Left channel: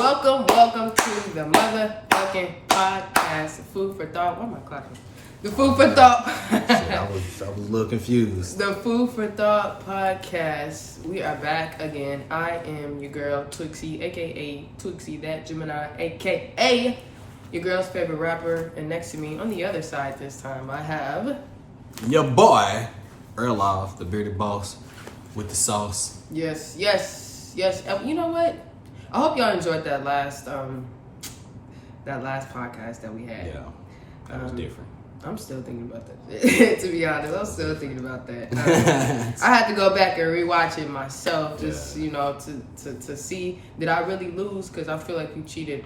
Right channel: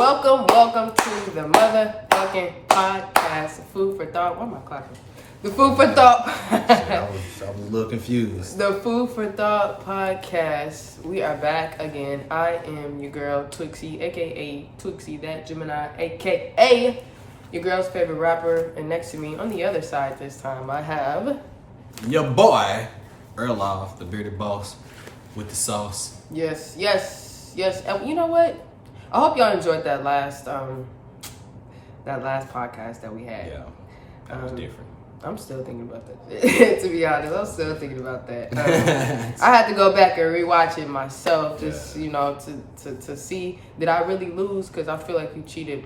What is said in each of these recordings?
welcome to the motherfucking podcast, Food for Thought. Why am I clapping? The Food for Thought. I was a little confused. The Food for Thought podcast. We are back again. I am your girl, Twixie, aka Twixie, that Gemini, aka your girl's favorite rapper. And next to me, on the other side this time, I have Your boy, Erloff, the bearded boss with the sauce. Yes. And you know what? I hope y'all enjoyed that last podcast that we had. Yeah, that was different. I'm still thinking about that. To be honest, I'm still thinking about that. I had to go back and rewatch it myself, just to see did I really lose, because I feel like you cheated,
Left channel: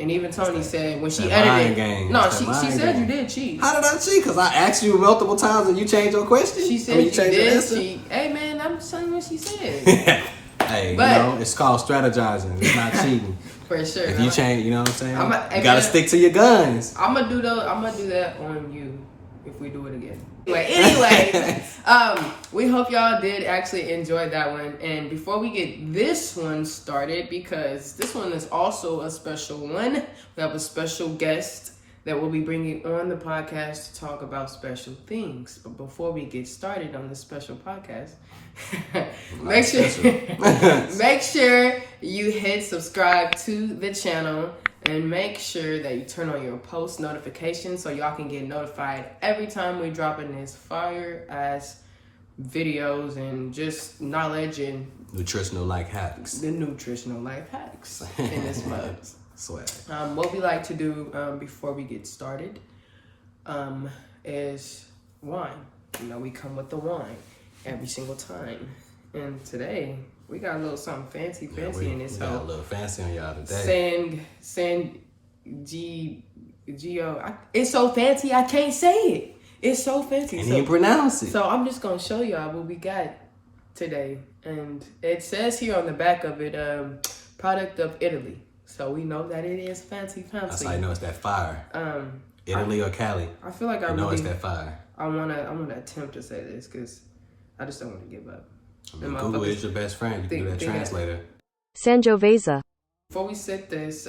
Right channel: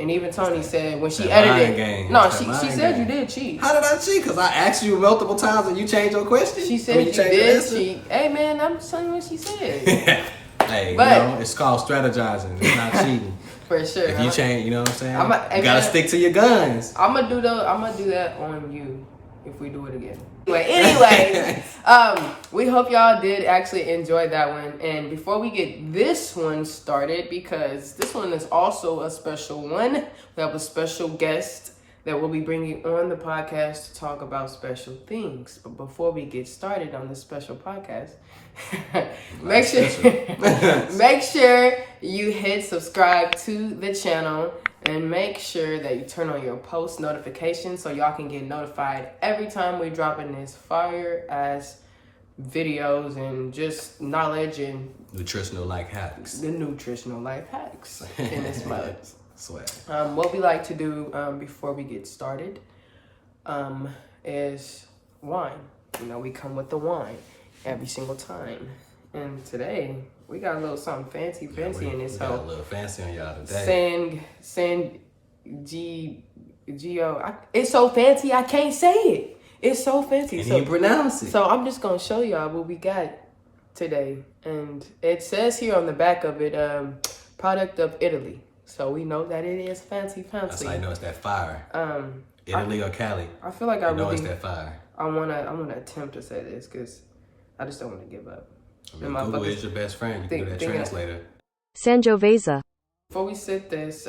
and even Tony said when she edited it. No, she said you did cheat. How did I cheat? Because I asked you multiple times and you changed your question? She said you did cheat. Hey man, I'm telling you what she said. Hey, but, it's called strategizing. It's not cheating. For sure. If you change, you know what I'm saying? You gotta stick to your guns. I'm gonna do that on you if we do it again. But anyway, we hope y'all did actually enjoy that one. And before we get this one started, because this one is also a special one, we have a special guest that we'll be bringing on the podcast to talk about special things. But before we get started on this special podcast, make sure you hit subscribe to the channel and make sure that you turn on your post notifications so y'all can get notified every time we drop in this fire ass videos and just knowledge and nutritional life hacks. The nutritional life hacks in this month. Swag. What we like to do before we get started is wine. You know, we come with the wine every single time. And today, we got a little something fancy in this. We got a little fancy on y'all today. It's so fancy, I can't say it. It's so fancy. Can't even pronounce it. So I'm just going to show y'all what we got today. And it says here on the back of it, product of Italy. So we know that it is fancy. That's how I know it's that fire. Italy or Cali. I feel like it's that fire. I'm gonna attempt to say this because I just don't want to give up. I mean, Google is your best friend. You can do that translator. Sangiovese. Before we sit this,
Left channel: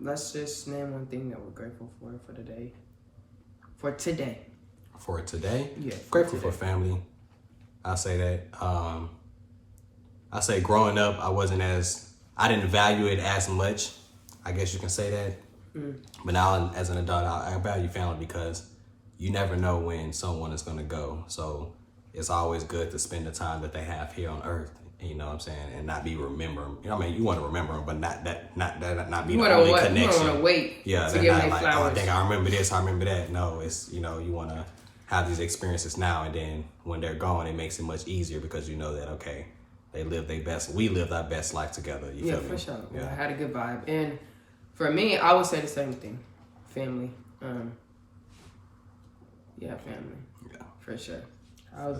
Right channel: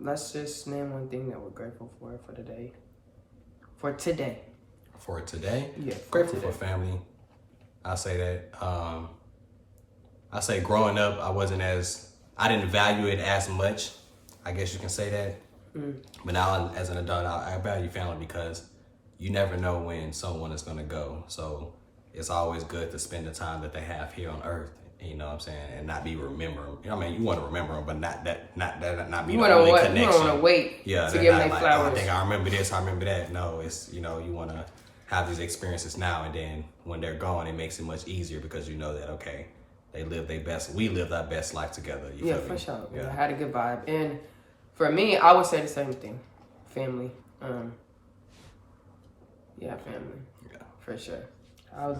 let's just name one thing that we're grateful for today. For today? Yeah. Grateful for family. I say that. I say growing up, I didn't value it as much. I guess you can say that. But now as an adult, I value family because you never know when someone is going to go. So it's always good to spend the time that they have here on earth. You know what I'm saying? And not be remembering. You know what I mean? You want to remember them, but not be the only connection. You don't want to wait. Yeah, they're not like, oh, I think I remember this, I remember that. No, it's, you want to have these experiences now, and then when they're gone, it makes it much easier because you know that, okay, we lived our best life together. You feel me? For sure. Yeah. I had a good vibe. And for me, I would say the same thing. Family. Family. Yeah. For sure. I'm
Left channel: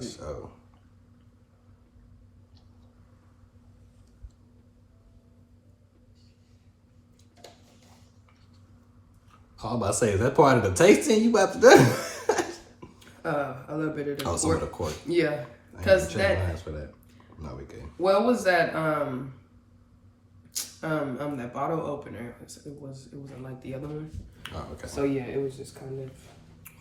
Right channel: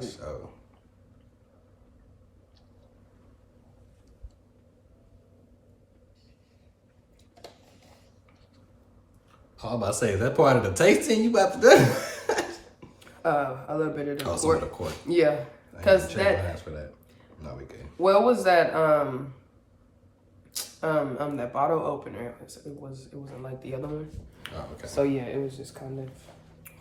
about to say, is that part of the tasting you about to do? A little bit of the some of the cork. Yeah. Because for that. No, we good. Well, was that that bottle opener? It wasn't like the other one. Oh, okay. So yeah, it was just kind of.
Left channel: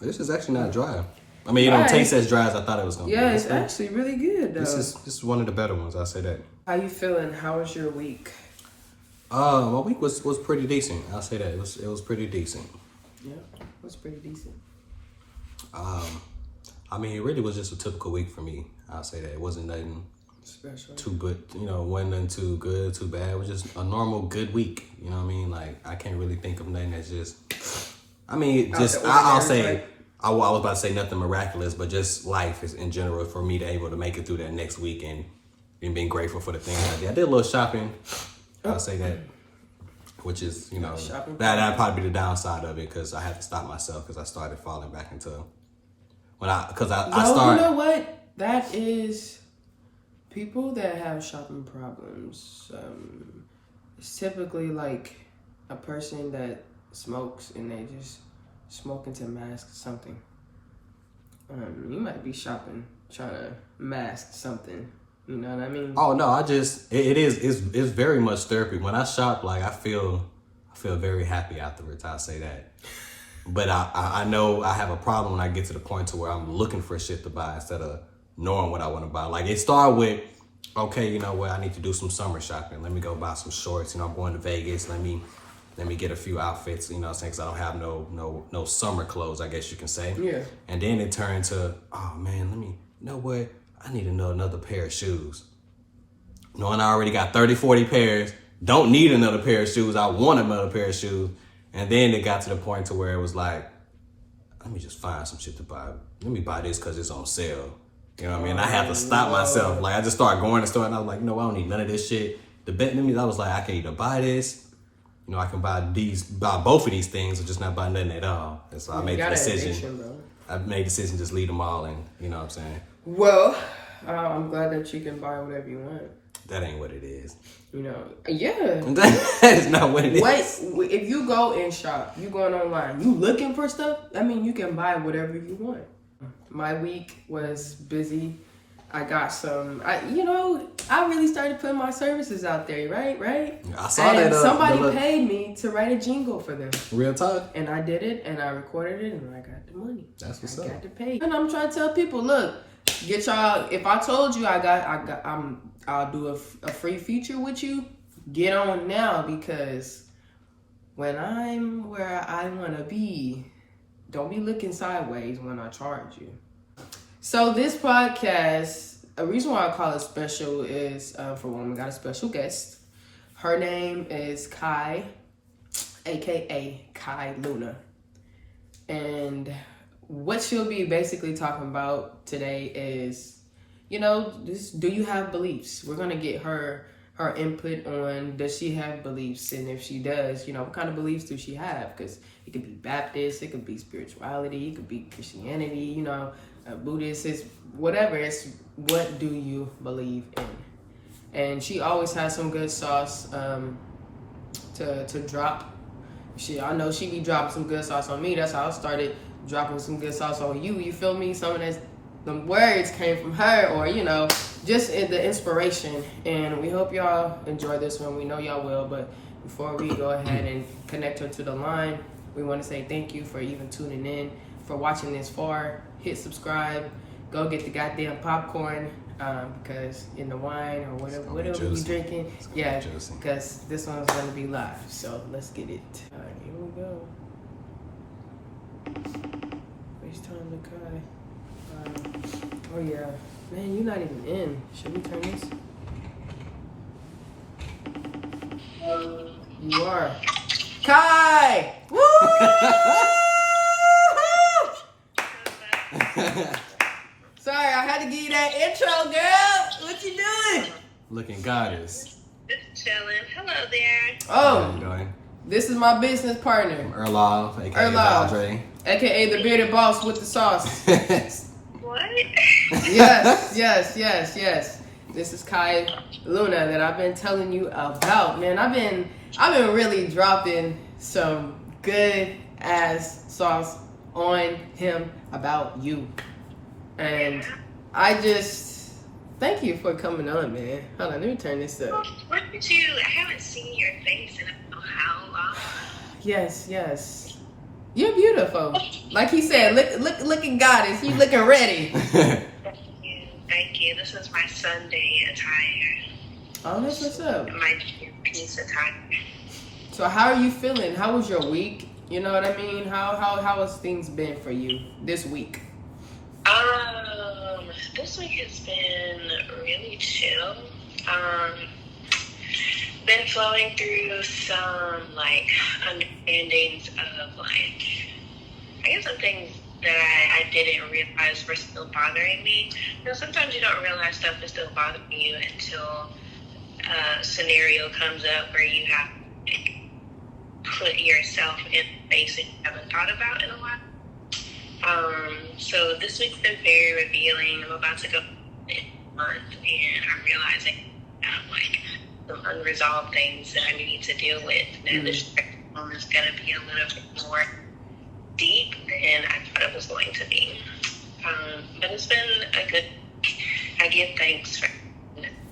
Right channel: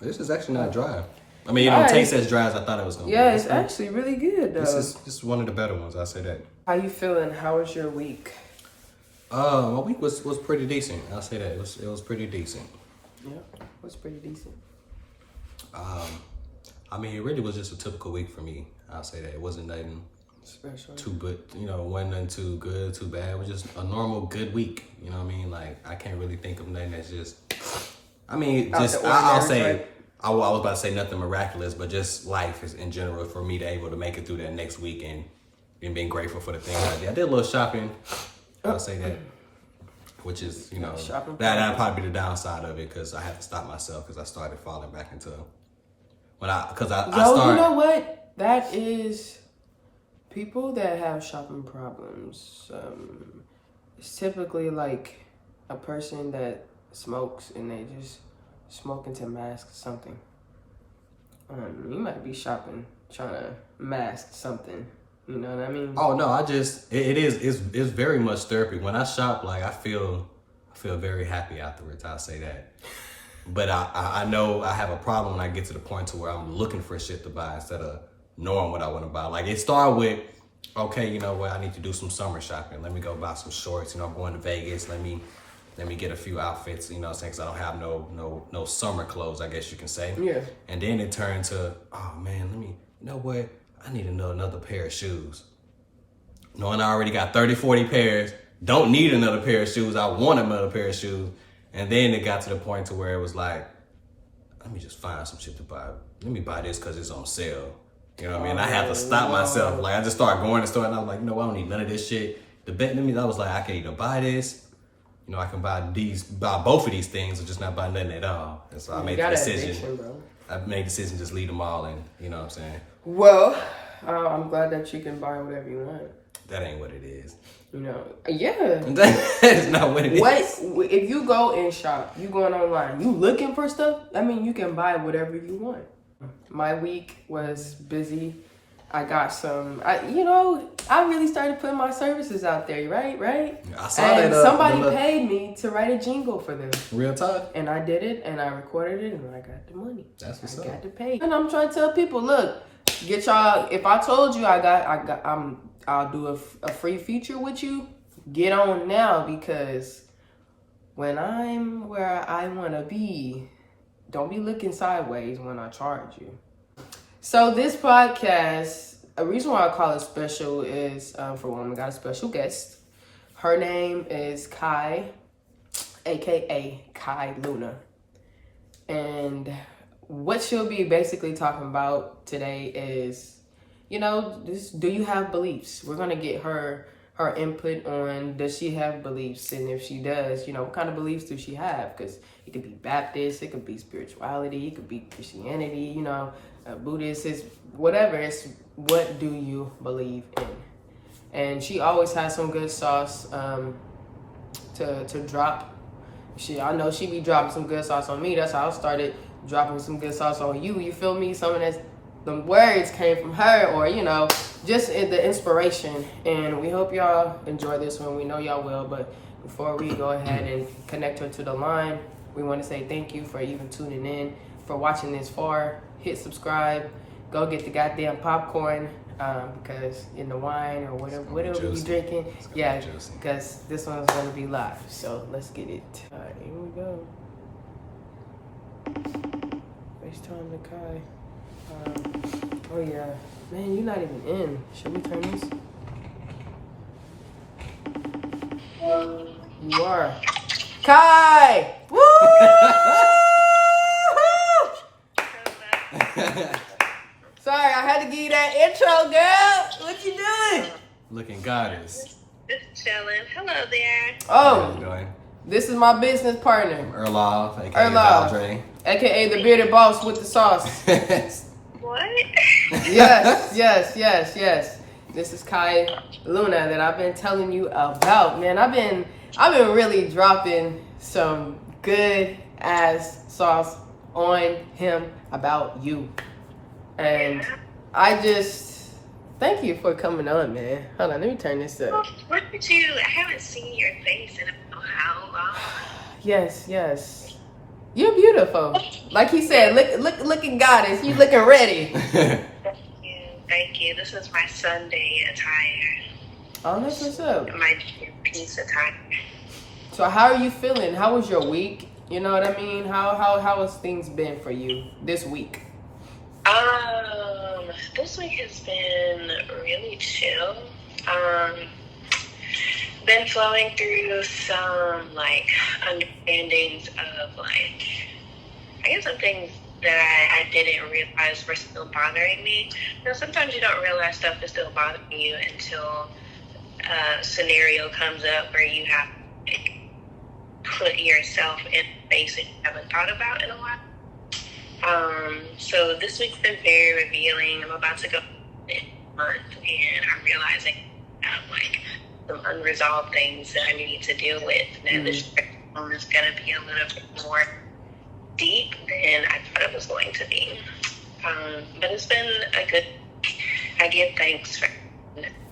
This is actually not dry. I mean, it don't taste as dry as I thought it was gonna be. Yeah, it's actually really good. This is one of the better ones. I say that. How you feeling? How was your week? My week was pretty decent. I'll say that it was pretty decent. Yeah, it was pretty decent. I mean, it really was just a typical week for me. I'll say that it wasn't nothing special, too good. Wasn't nothing too good, too bad. It was just a normal good week. You know what I mean? Like I can't really think of nothing that's just. I mean, I'll say. I was about to say nothing miraculous, but just life is in general for me to able to make it through that next week and being grateful for the things I did. I did a little shopping. I'll say that, which is, that'd probably be the downside of it because I had to stop myself because I started falling back into I started. You know what? That is people that have shopping problems. It's typically like a person that smokes and they just smoking to mask something. You might be shopping, trying to mask something You know what I mean? Oh no, it's very much therapy. When I shop, like I feel very happy afterwards. I'll say that. But I know I have a problem when I get to the point to where I'm looking for shit to buy instead of knowing what I want to buy. Like it started with, okay, you know what, I need to do some summer shopping. Let me go buy some shorts. You know, I'm going to Vegas. Let me get a few outfits. You know what I'm saying? Because I don't have no summer clothes, I guess you can say. Yeah. And then it turned to, oh man, you know what? I need to know another pair of shoes. Knowing I already got 30, 40 pairs, don't need another pair of shoes. I want another pair of shoes. And then it got to the point to where it was like, let me just find some shit to buy. Let me buy this because it's on sale. You know what I mean? I have to stop myself. Like I just started going to the store and I was like, you know, I don't need none of this shit. The bet to me, I was like, I can either buy this, you know, I can buy both of these things or just not buy nothing at all. And so I made the decision. I made the decision just leave them all and you know what I'm saying? Well, I'm glad that you can buy whatever you want. That ain't what it is. You know, yeah. That is not what it is. If you go and shop, you going online, you looking for stuff, I mean, you can buy whatever you want. My week was busy. I got I really started putting my services out there, right? I saw that. Somebody paid me to write a jingle for them. Real talk. And I did it, and I recorded it, and I got the money. That's what's up. I got to pay. And I'm trying to tell people, look, get y'all. If I told you I'll do a free feature with you, get on now because when I'm where I want to be, don't be looking sideways when I charge you. So this podcast, a reason why I call it special is, for one, we got a special guest. Her name is Kai, a.k.a. Kai Luna. And what she'll be basically talking about today is, you know, do you have beliefs? We're going to get her input on, does she have beliefs? And if she does, you know, what kind of beliefs does she have? Because it could be Baptist, it could be spirituality, it could be Christianity, you know, Buddhist, it's whatever. It's what do you believe in? And she always has some good sauce to drop. I know she be dropping some good sauce on me. That's how I started dropping some good sauce on you. You feel me? Some of the words came from her, or you know, just the inspiration. And we hope y'all enjoy this one. We know y'all will. But before we go ahead and connect her to the line, we want to say thank you for even tuning in, for watching this far. Hit subscribe. Go get the goddamn popcorn because in the wine or whatever you're drinking. Yeah, because this one's going to be live. So let's get it. All right, here we go. FaceTime the Kai. Oh yeah. Man, you're not even in. Should we turn this? You are. Kai! Woo! Sorry, I had to give you that intro, girl. What you doing? Looking goddess. Just chilling. Hello there. Oh, how you doing? This is my business partner. Erlov, aka Valdre. AKA the bearded boss with the sauce. What? Yes. This is Kai Luna that I've been telling you about. Man, I've been really dropping some good ass sauce on him about you. And I just thank you for coming on, man. Hold on, let me turn this up. What did you? I haven't seen your face in I don't know how long. Yes. You're beautiful. Like he said, looking goddess. You looking ready. Thank you. This is my Sunday attire. Oh, that's what's up. My piece attire. So how are you feeling? How was your week? You know what I mean? How has things been for you this week? This week has been really chill. Been flowing through some like understandings of like, I guess some things that I didn't realize were still bothering me. You know, sometimes you don't realize stuff is still bothering you until a scenario comes up where you have to put yourself in a space that you haven't thought about in a while. So this week's been very revealing. I'm about to go in a month and I'm realizing I have like some unresolved things that I need to deal with. And this one is going to be a little bit more deep than I thought it was going to be. But it's been a good, I give thanks for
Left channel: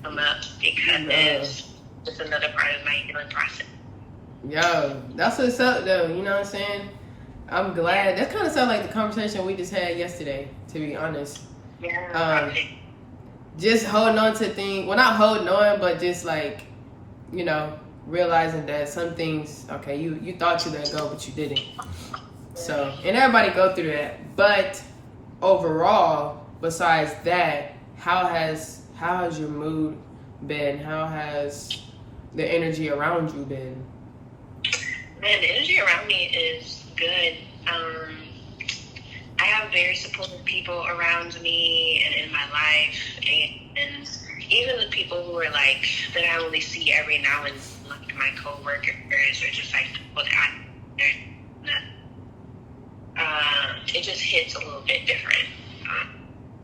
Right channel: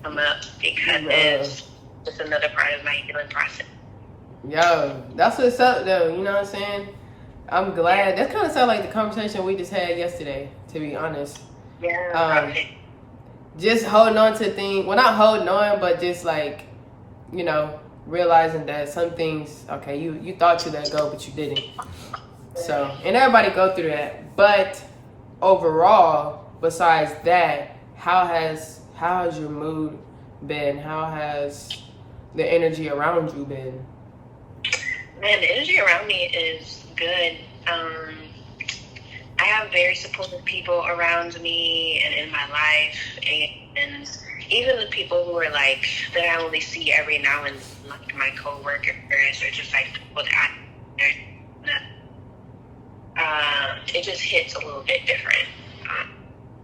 come up because it's another part of my healing process. Yo, that's what's up though, you know what I'm saying? I'm glad. That kind of sounds like the conversation we just had yesterday, to be honest. Yeah. Just holding on to things. Well, not holding on, but just like, you know, realizing that some things, okay, you thought you let go, but you didn't. So, and everybody go through that. But overall, besides that, how has your mood been? How has the energy around you been? Man, the energy around me is good. I have very supportive people around me and in my life, and even the people who are like that I only see every now and then, like my coworkers or just like people that it just hits a little bit different.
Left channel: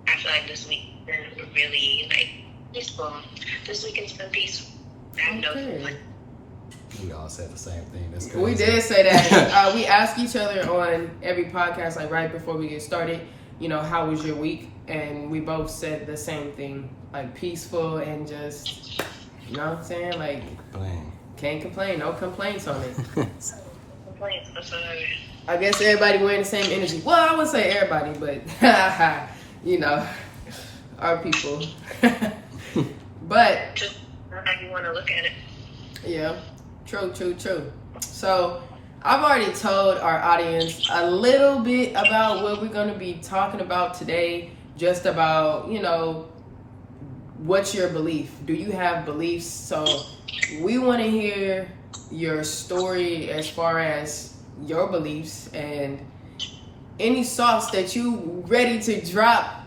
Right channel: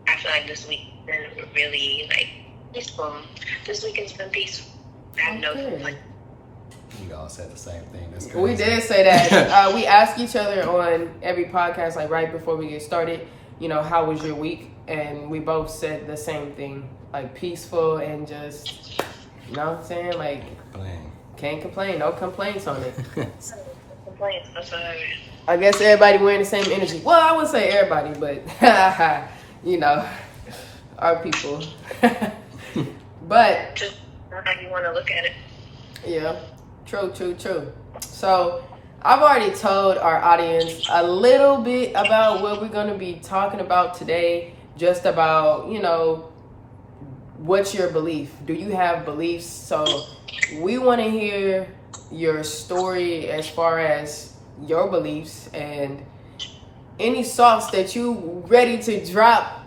I feel like this week has been really like peaceful. This weekend's been peaceful. I have no complaints. We all said the same thing. That's crazy. We did say that. We ask each other on every podcast, like right before we get started, you know, how was your week? And we both said the same thing, like peaceful and just, you know what I'm saying? Like, can't complain. No complaints on it. Complaints. I guess everybody wearing the same energy. Well, I would say everybody, but, you know, our people. But Just how you want to look at it. yeah. True. So, I've already told our audience a little bit about what we're going to be talking about today. Just about, you know, what's your belief? Do you have beliefs? So, we want to hear your story as far as your beliefs and any sauce that you ready to drop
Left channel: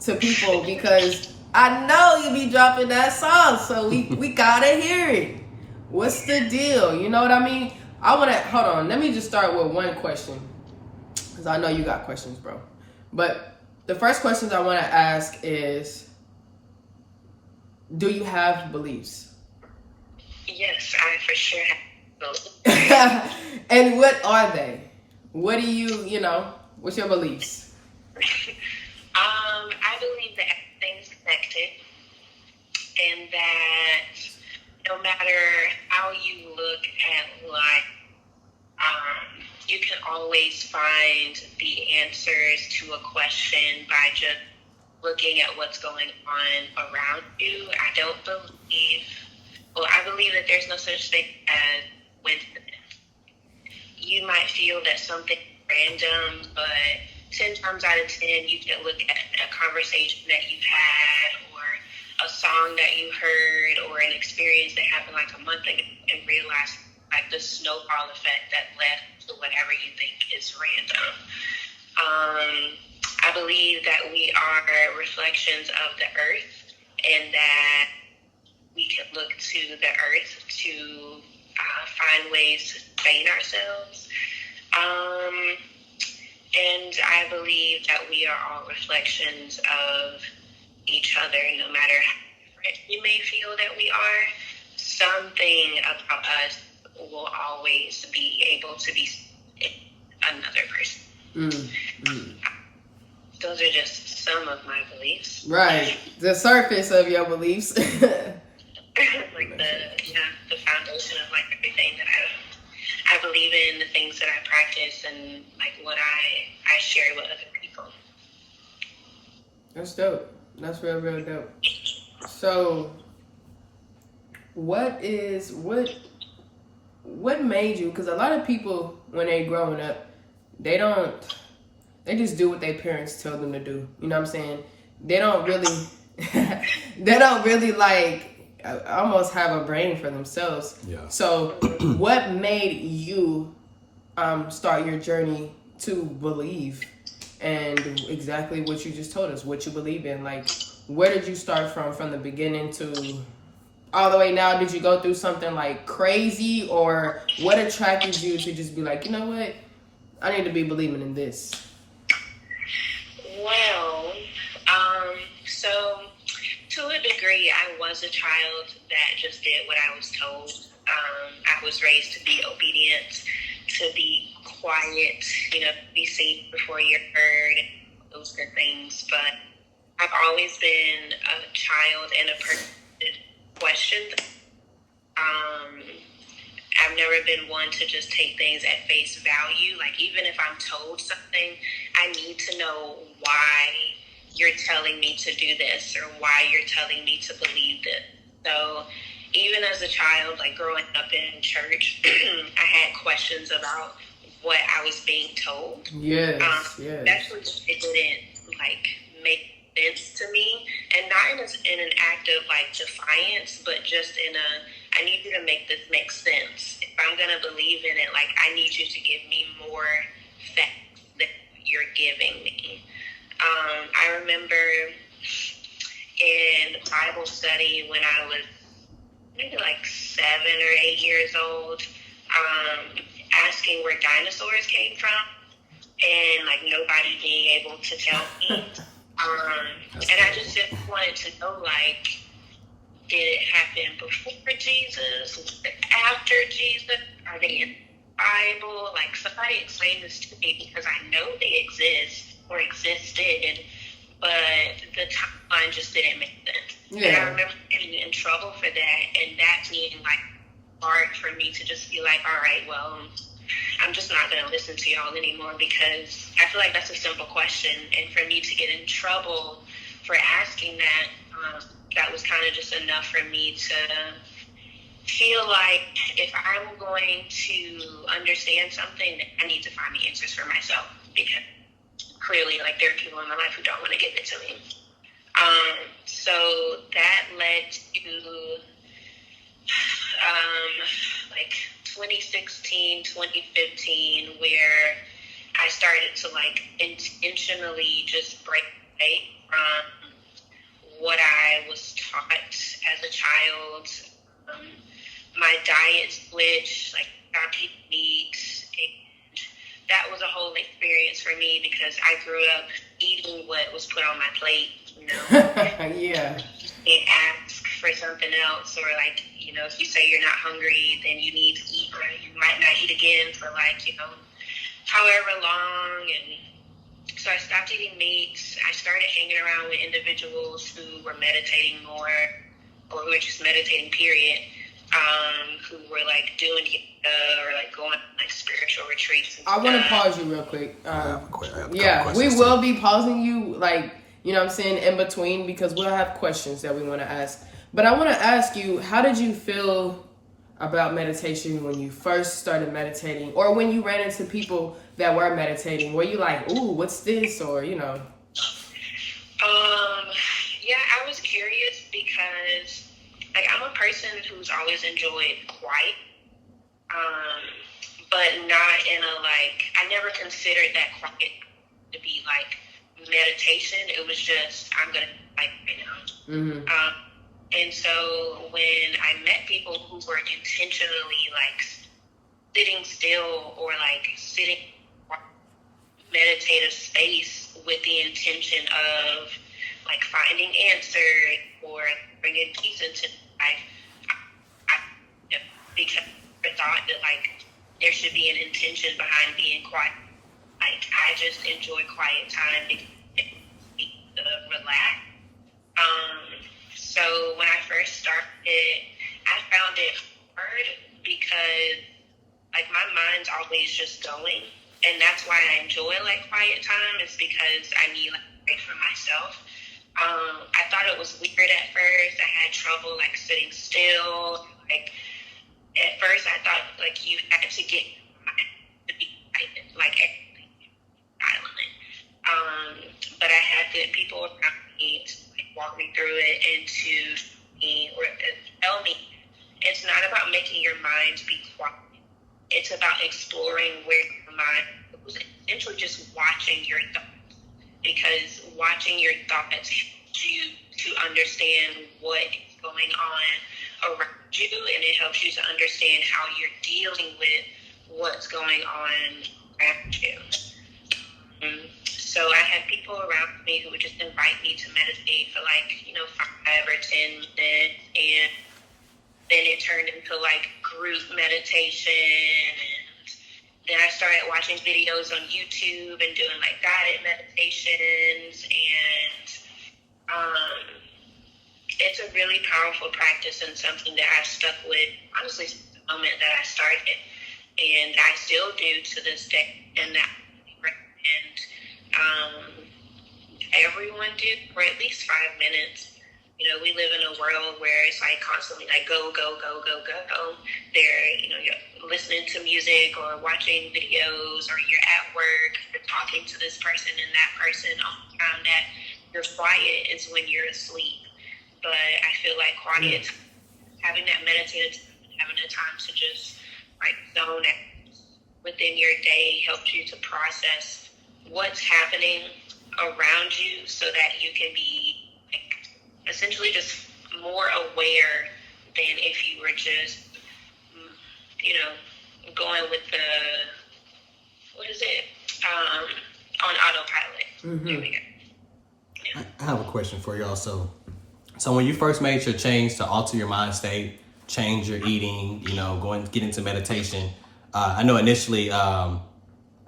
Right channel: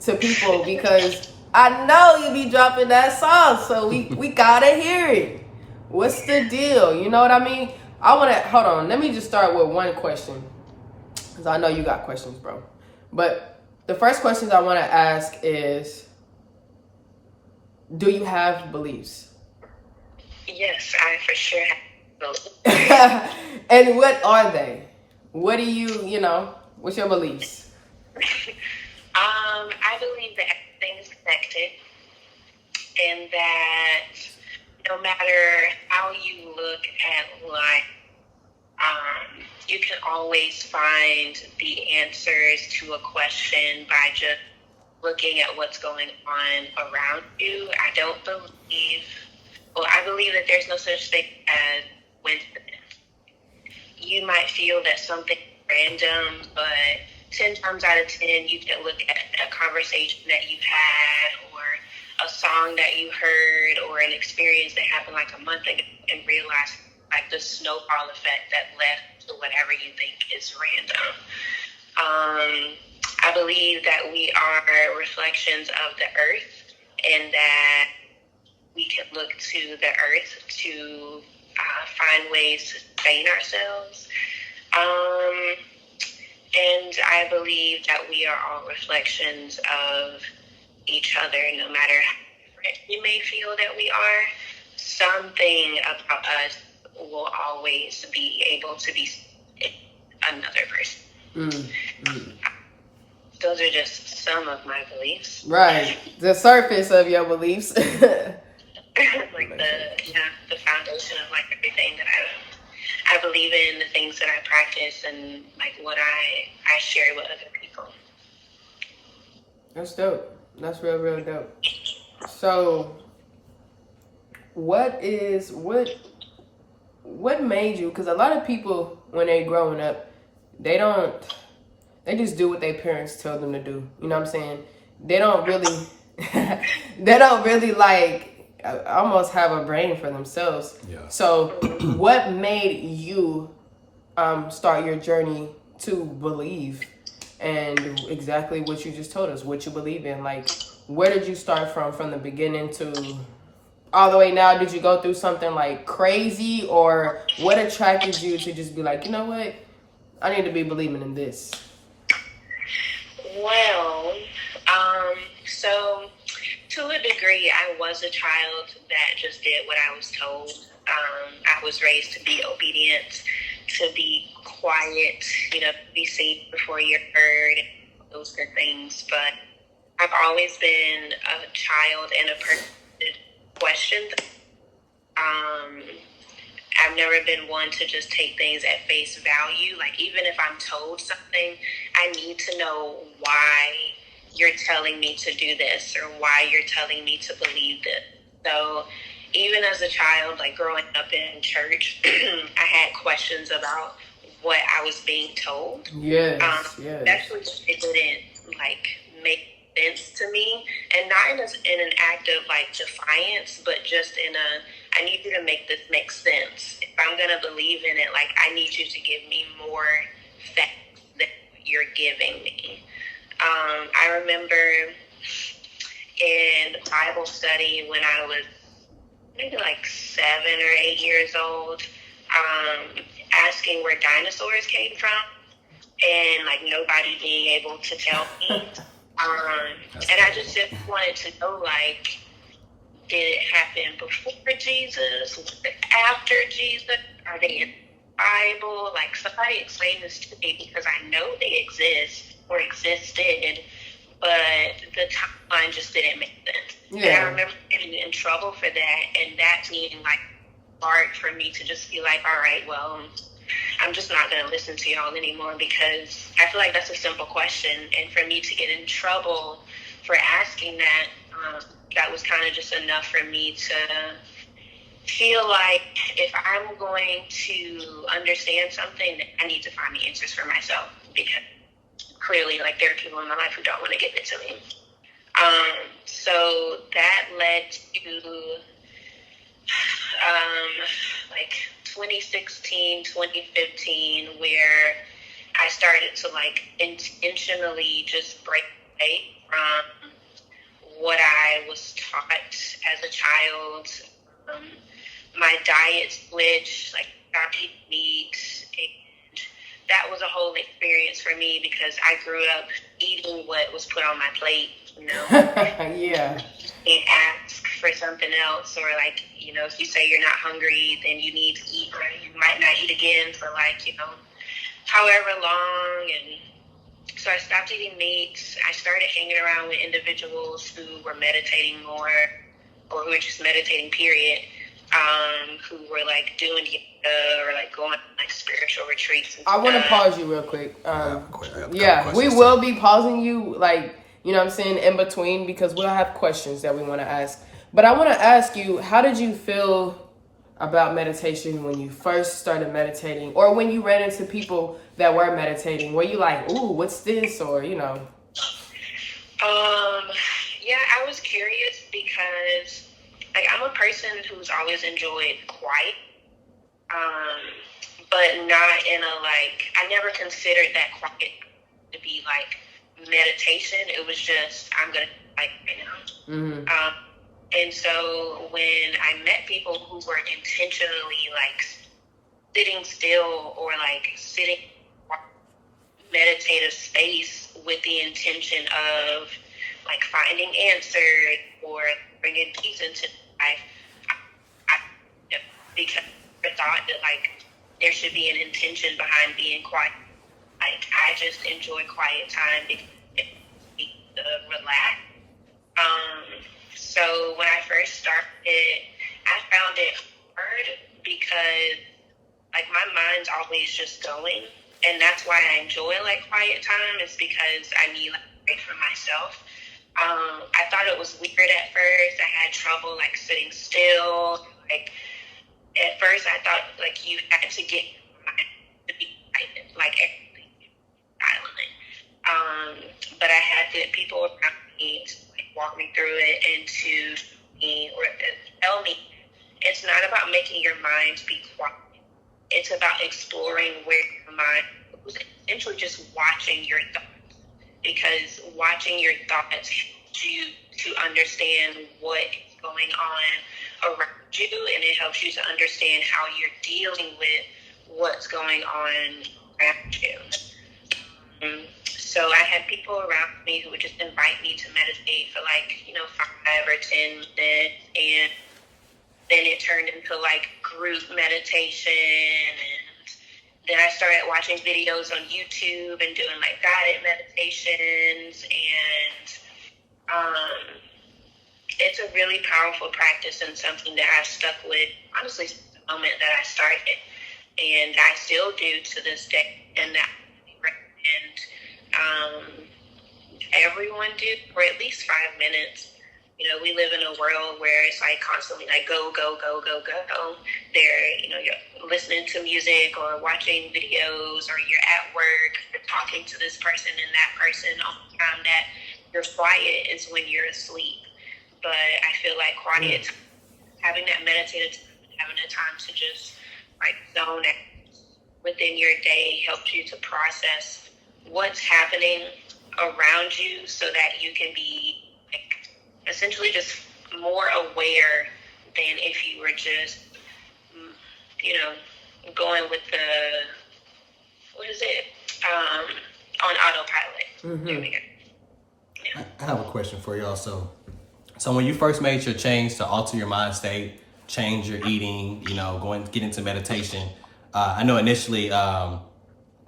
to people, because I know you be dropping that sauce. So, we got to hear it. What's the deal? You know what I mean? Hold on. Let me just start with one question, because I know you got questions, bro. But the first question I want to ask is, do you have beliefs? Yes, I for sure have. And what are they? What do you know, what's your beliefs? I believe that everything is connected, and that no matter how you look at life, you can always find the answers to a question by just looking at what's going on around you. I believe that there's no such thing as coincidence. You might feel that something random, but 10 times out of 10, you can look at a conversation that you've had, or a song that you heard, or an experience that happened like a month ago, and realize like the snowball effect that led to whatever you think is random. I believe that we are reflections of the earth, and that we can look to the earth to find ways to sustain ourselves. And I believe that we are all reflections of each other, no matter how different we may feel that we are. Something about us will always be able to be another person. Those are just some of my beliefs. Right. The surface of your beliefs. Like the foundation of like everything that I believe in, the things that I practice, and like what I share with other people. That's dope. That's real dope. So, what made you? Because a lot of people, when they growing up, they just do what their parents tell them to do. You know what I'm saying? They don't really like almost have a brain for themselves. Yeah. So, what made you start your journey to believe? And exactly what you just told us, what you believe in. Like, where did you start from the beginning to all the way now? Did you go through something like crazy, or what attracted you to just be like, you know what, I need to be believing in this? Well, so to a degree, I was a child that just did what I was told. I was raised to be obedient, to be quiet, be seen before you're heard, those good things. But I've always been a child and a person questions. I've never been one to just take things at face value. Like, even if I'm told something, I need to know why you're telling me to do this or why you're telling me to believe this. So even as a child, like growing up in church, I had questions about what I was being told. Yes. Actually, it didn't like make sense to me, and not in an act of like defiance, but just in a, I need you to make this make sense. If I'm gonna believe in it, like I need you to give me more facts than you're giving me. I remember in Bible study when I was maybe like 7 or 8 years old, asking where dinosaurs came from, and like nobody being able to tell me. And I just wanted to know, like, did it happen before Jesus? Was it after Jesus? Are they in the Bible? Like, somebody explain this to me, because I know they exist or existed, but the timeline just didn't make sense. Yeah. And I remember getting in trouble for that, and that being like hard for me to just be like, all right, well, I'm just not going to listen to y'all anymore, because I feel like that's a simple question. And for me to get in trouble for asking that, that was kind of just enough for me to feel like if I'm going to understand something, I need to find the answers for myself, because clearly, like, there are people in my life who don't want to give it to me. So that led to like 2016, 2015, where I started to like intentionally just break away from what I was taught as a child. My diet switched, like stopped eating meat, and that was a whole experience for me, because I grew up eating what was put on my plate, you know. Yeah. And ask for something else, or like, you know, if you say you're not hungry, then you need to eat, or you might not eat again for like, you know, however long. And so I stopped eating meat. I started hanging around with individuals who were meditating more, or who were just meditating, period, who were like doing yoga or like going on like spiritual retreats. I want to pause you real quick. Yeah, we will be pausing you, like, you know what I'm saying, in between, because we'll have questions that we want to ask. But I want to ask you, how did you feel about meditation when you first started meditating, or when you ran into people that were meditating? Were you like, ooh, what's this? Or, you know? Yeah, I was curious, because like I'm a person who's always enjoyed quiet, but not in a like, I never considered that quiet to be like meditation. It was just, I'm gonna like right now. Mm-hmm. And so when I met people who were intentionally like sitting still, or like sitting meditative space with the intention of like finding answers or bringing peace into life, I because I thought that like there should be an intention behind being quiet. Like, I just enjoy quiet time because it makes me relax. So when I first started, I found it hard, because like my mind's always just going, and that's why I enjoy like quiet time, is because I need like a break for myself. I thought it was weird at first. I had trouble like sitting still. Like at first, I thought like you had to get your mind to be quiet, like everything silent. But I had good people around me to like walk me through it, and to me or tell me it's not about making your mind be quiet. It's about exploring where your mind goes, essentially just watching your thoughts, because watching your thoughts helps you to understand what is going on around you, and it helps you to understand how you're dealing with what's going on around you. So I had people around me who would just invite me to meditate for like, 5 or 10 minutes, and then it turned into like group meditation, and then I started watching videos on YouTube and doing like guided meditations, and it's a really powerful practice and something that I stuck with, honestly, since the moment that I started. And I still do to this day. And that I recommend everyone do for at least 5 minutes. You know, we live in a world where it's like constantly like go, go, go, go, go. They're, you know, you're listening to music or watching videos, or you're at work, you're talking to this person and that person. All the time that you're quiet is when you're asleep. But I feel like quiet time, having that meditative time, having the time to just like zone out within your day helps you to process what's happening around you so that you can be like essentially just more aware than if you were just, you know, going with the, what is it, on autopilot. There we go. I have a question for y'all. So when you first made your change to alter your mind state, change your eating, you know, get into meditation, I know initially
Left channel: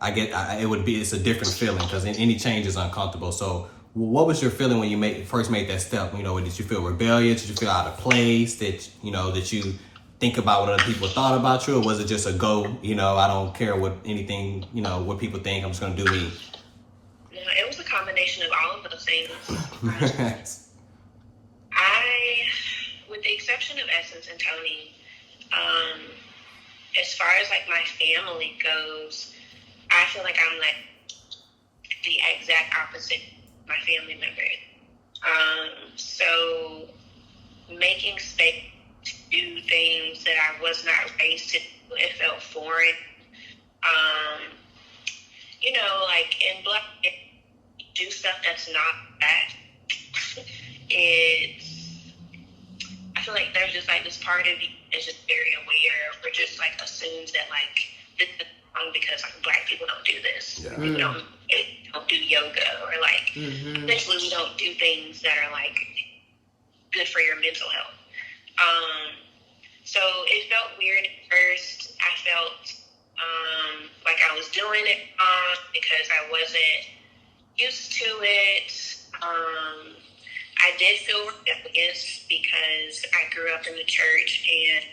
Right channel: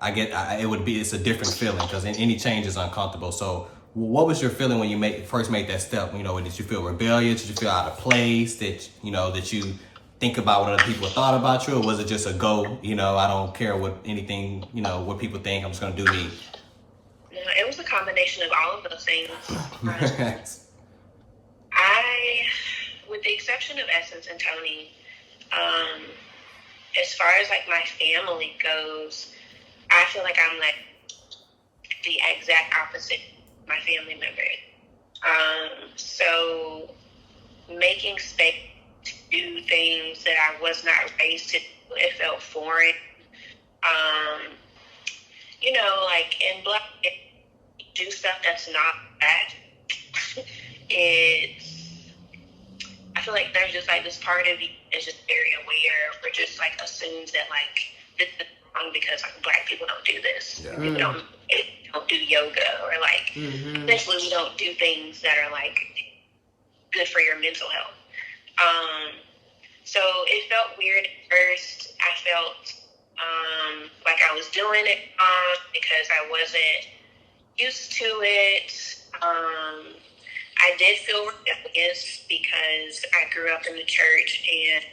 it's a different feeling because any change is uncomfortable. So what was your feeling when you first made that step? You know, did you feel rebellious? Did you feel out of place? That you think about what other people thought about you? Or was it just a go, you know, I don't care what anything, you know, what people think, I'm just going to do me? It was a combination of all of those things. With the exception of Essence and Tony, as far as like my family goes, I feel like I'm like the exact opposite of my family member. So making space to do things that I was not raised to do, it felt foreign. You know, like in Black, do stuff that's not bad. I feel like there's just like this part of you is just very aware, or just like assumes that like this is wrong because like Black people don't do this. Yeah. We don't do yoga, or like essentially we don't do things that are like good for your mental health. So it felt weird at first. I felt like I was doing it because I wasn't used to it. I did feel rebellious because I grew up in the church, and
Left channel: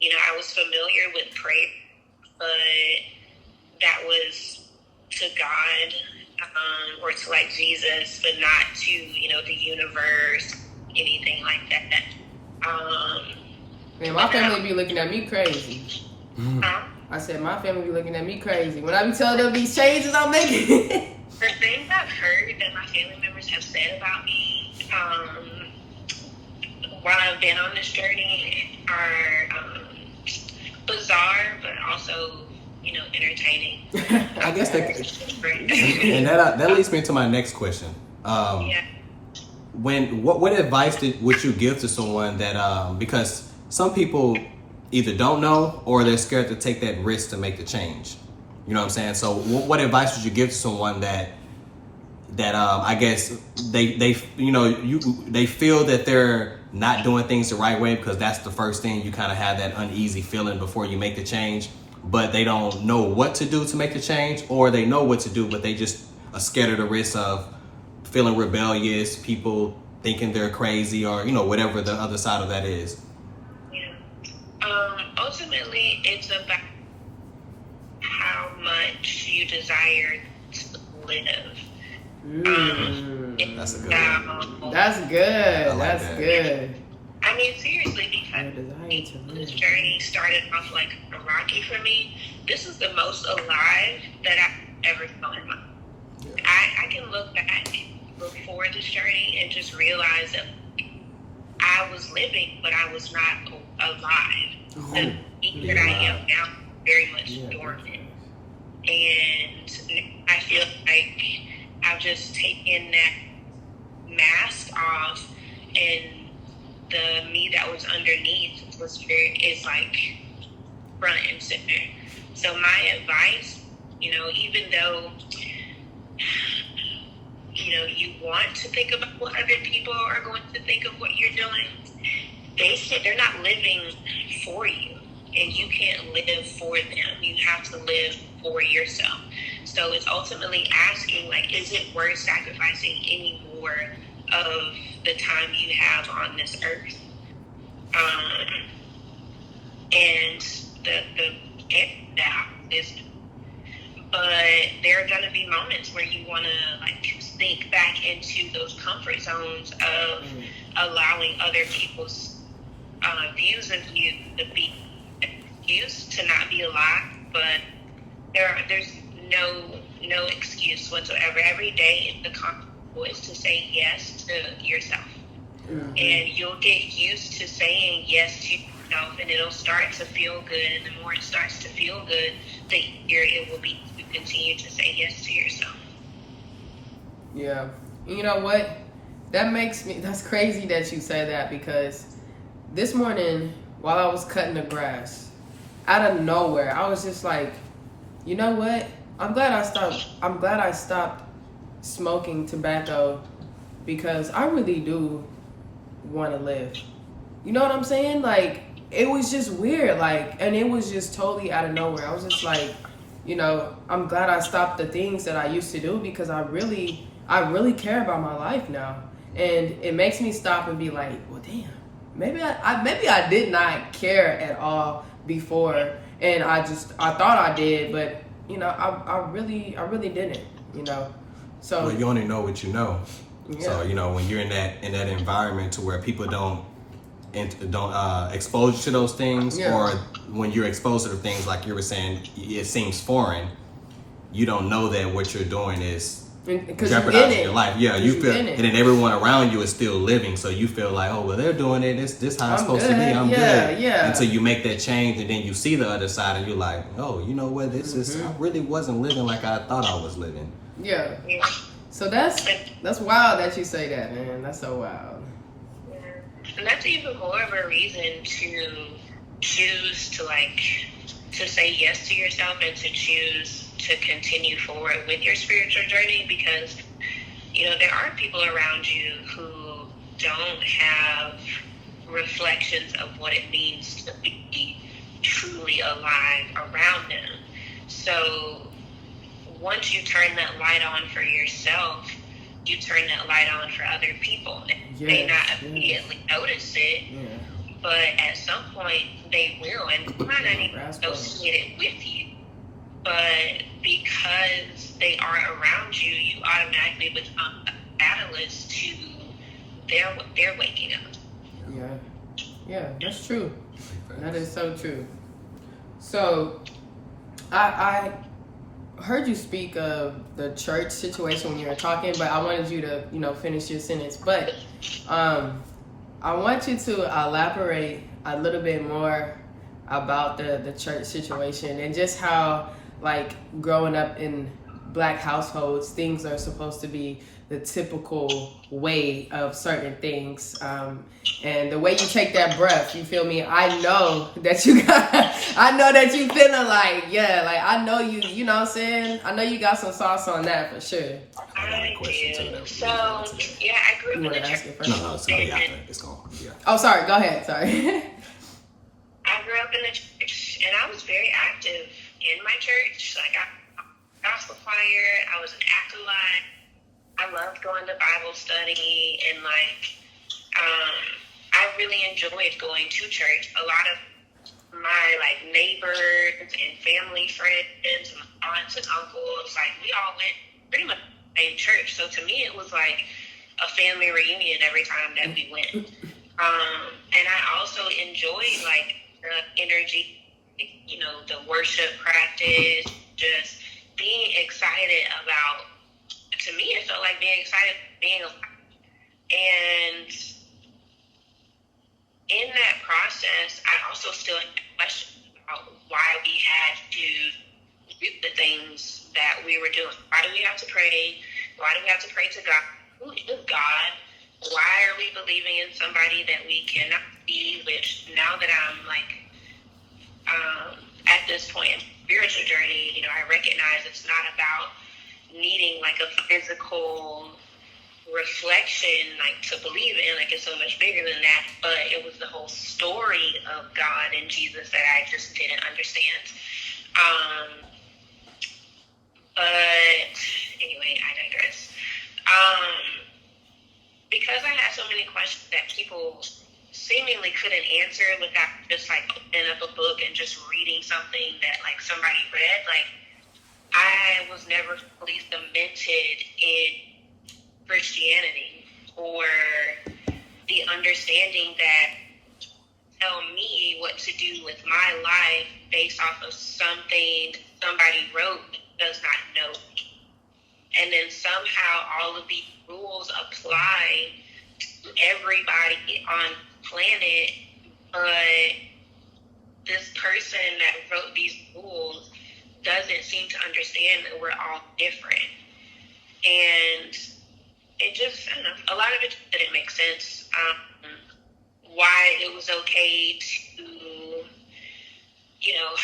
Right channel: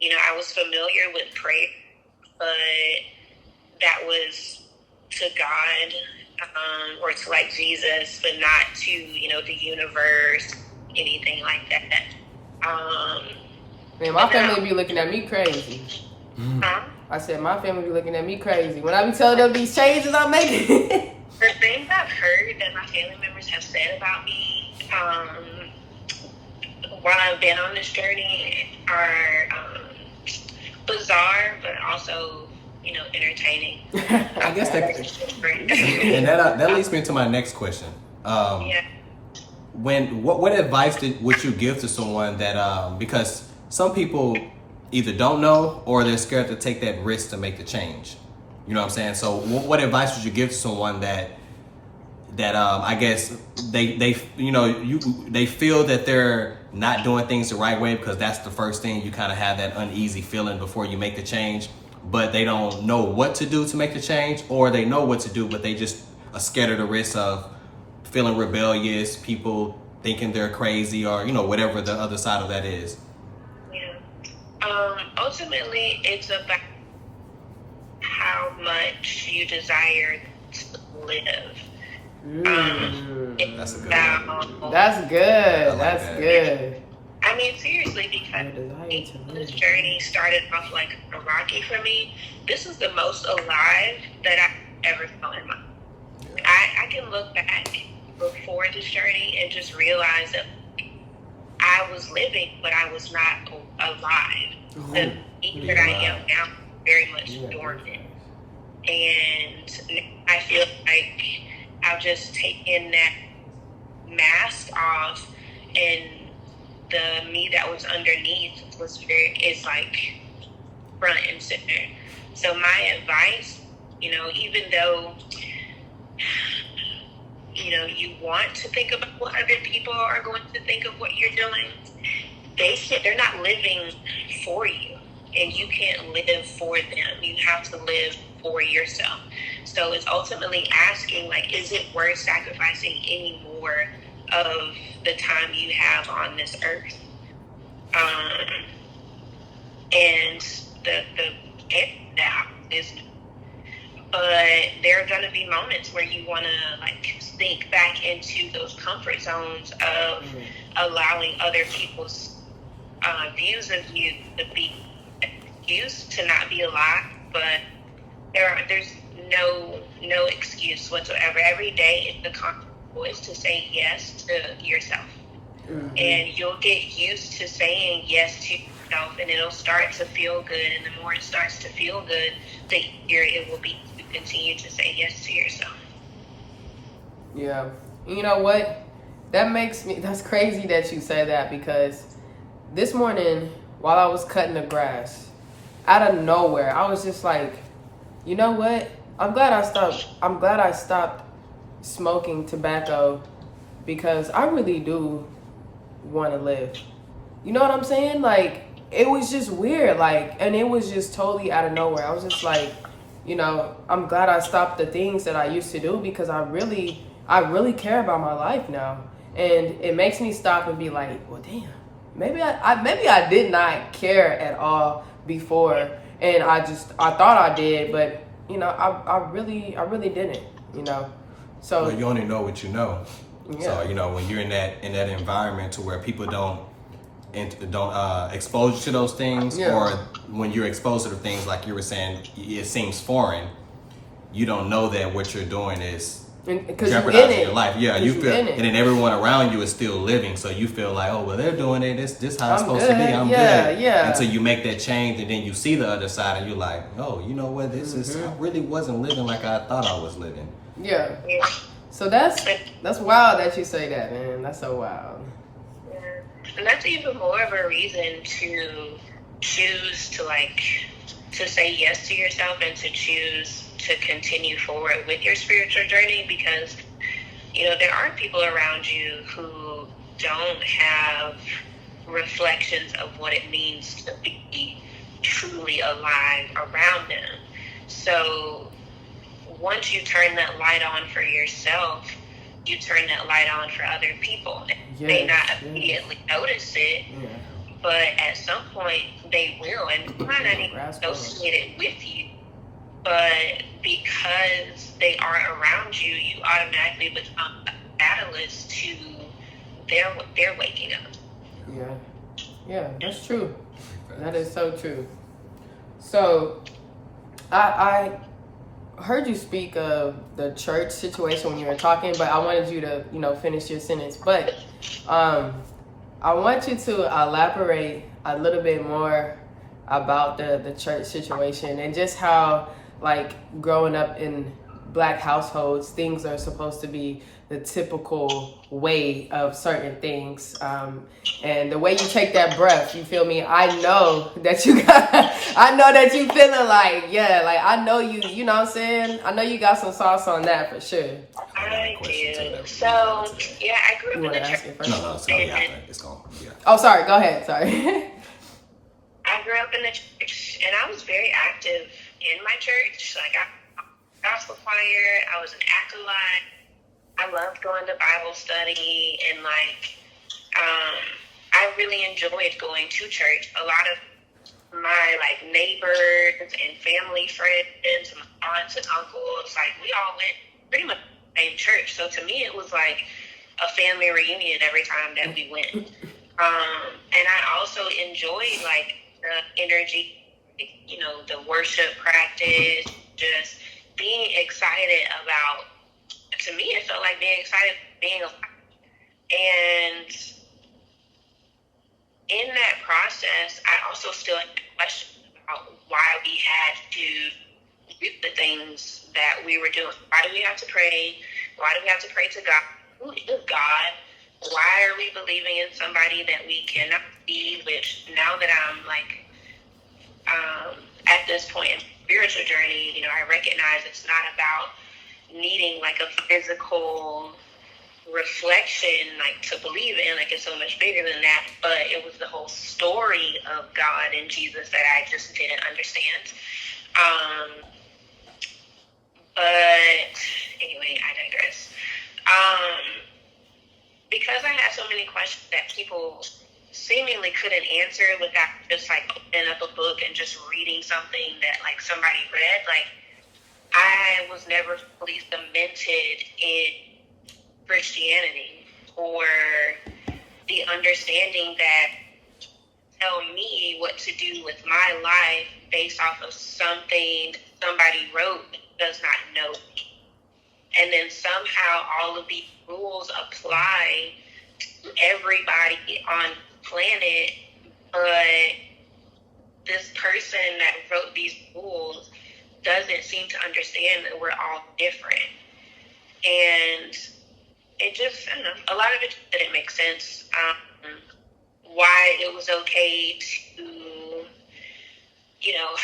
you know, I was familiar with prayer, but that was to God or to like Jesus, but not to, you know, the universe, anything like that. Man, my family be looking at me crazy. I said my family be looking at me crazy when I be telling them these changes I'm making. The things I've heard that my family members have said about me while I've been on this journey are bizarre, but also, you know, entertaining. I guess and that leads me to my next question. What advice would you give to someone that because some people either don't know or they're scared to take that risk to make the change? You know what I'm saying? So what advice would you give to someone that I guess they feel that they're not doing things the right way, because that's the first thing, you kind of have that uneasy feeling before you make the change, but they don't know what to do to make the change, or they know what to do but they just are scared of the risk of feeling rebellious, people thinking they're crazy, or, you know, whatever the other side of that is. Yeah. Ultimately, it's about how much you desire to live. That's a good one. That's good. I like That's that. good. I mean, seriously, because this journey started off like a rocky for me. This is the most alive that I've ever felt in my life. Yeah. I can look back before this journey and just realize that I was living, but I was not alive. The me that I am now very much dormant. And I feel like I've just taken that mask off, and the me that was underneath is like front and center. So my advice, you know, even though, you know, you want to think about what other people are going to think of what you're doing, they're not living for you, and you can't live for them. You have to live for yourself. So it's ultimately asking, like, is it worth sacrificing any more of the time you have on this earth. And that is, but there are going to be moments where you want to like sink back into those comfort zones of allowing other people's views of you to be excused, to not be a lie. But there's no excuse whatsoever. Every day the conscious choice to say yes to yourself. And you'll get used to saying yes to yourself, and it'll start to feel good. And the more it starts to feel good, the easier it will be to continue to say yes to yourself. Yeah. You know what? That's crazy that you said that, because this morning while I was cutting the grass, out of nowhere, I was just like, you know what? I'm glad I stopped smoking tobacco, because I really do want to live. You know what I'm saying? Like, it was just weird, like, and it was just totally out of nowhere. I was just like, you know, I'm glad I stopped the things that I used to do, because I really care about my life now. And it makes me stop and be like, well, damn, maybe I did not care at all before, and I thought I did, but you know, I really didn't, you know. So well, you only know what you know. Yeah. So, you know, when you're in that environment to where people don't expose you to those things, or when you're exposed to the things, like you were saying, it seems foreign. You don't know that what you're doing is jeopardizing your life. Yeah, you feel, and then everyone around you is still living, so you feel like, oh, well, they're doing it. This how it's supposed to be. I'm good. Yeah. Until you make that change, and then you see the other side, and you're like, oh, you know what? This is, I really wasn't living like I thought I was living. Yeah. So that's wild that you say that, man. That's so wild. And that's even more of a reason to choose to say yes to yourself, and to choose to continue forward with your spiritual journey, because, you know, there are people around you who don't have reflections of what it means to be truly alive around them. So once you turn that light on for yourself, you turn that light on for other people. They may not immediately notice it, but at some point they will, and they might not even associate it with you. But because they are around you, you automatically become a catalyst to their waking up. Yeah, that's true. That is so true. So, I heard you speak of the church situation when you were talking, but I wanted you to, you know, finish your sentence. But I want you to elaborate a little bit more about the church situation, and just how, like, growing up in Black households, things are supposed to be the typical way of certain things, and the way you take that breath, you feel me? I know that you feeling like, like, I know you know what I'm saying? I know you got some sauce on that for sure. I got a question too. So, yeah, I grew up in the church. No, it's gonna be after. It's gonna be after. Oh, sorry. Go ahead. Sorry. I grew up in the church, and I was very active in my church. Like, I gospel choir, I was an acolyte. I loved going to Bible study, and I really enjoyed going to church. A lot of my neighbors and family friends, my aunts and uncles, we all went pretty much to the same church. So to me, it was like a family reunion every time that we went. And I also enjoyed the energy, you know, the worship practice, just being excited about. To me, it felt like being excited, being alive. And in that process, I also still had questions about why we had to do the things that we were doing. Why do we have to pray? Why do we have to pray to God? Who is God? Why are we believing in somebody that we cannot see? Which now that I'm at this point in spiritual journey, you know, I recognize it's not about needing a physical reflection to believe in. It's so much bigger than that. But it was the whole story of God and Jesus that I just didn't understand. But anyway, I digress. so many questions that people seemingly couldn't answer without just like opening up a book and just reading something that like somebody read. Like, I was never fully cemented in Christianity or the understanding that tell me what to do with my life based off of something somebody wrote does not know. And then somehow all of these rules apply to everybody on the planet, but this person that wrote these rules doesn't seem to understand that we're all different. And it just, I don't know, a lot of it didn't make sense. Why it was okay to, you know,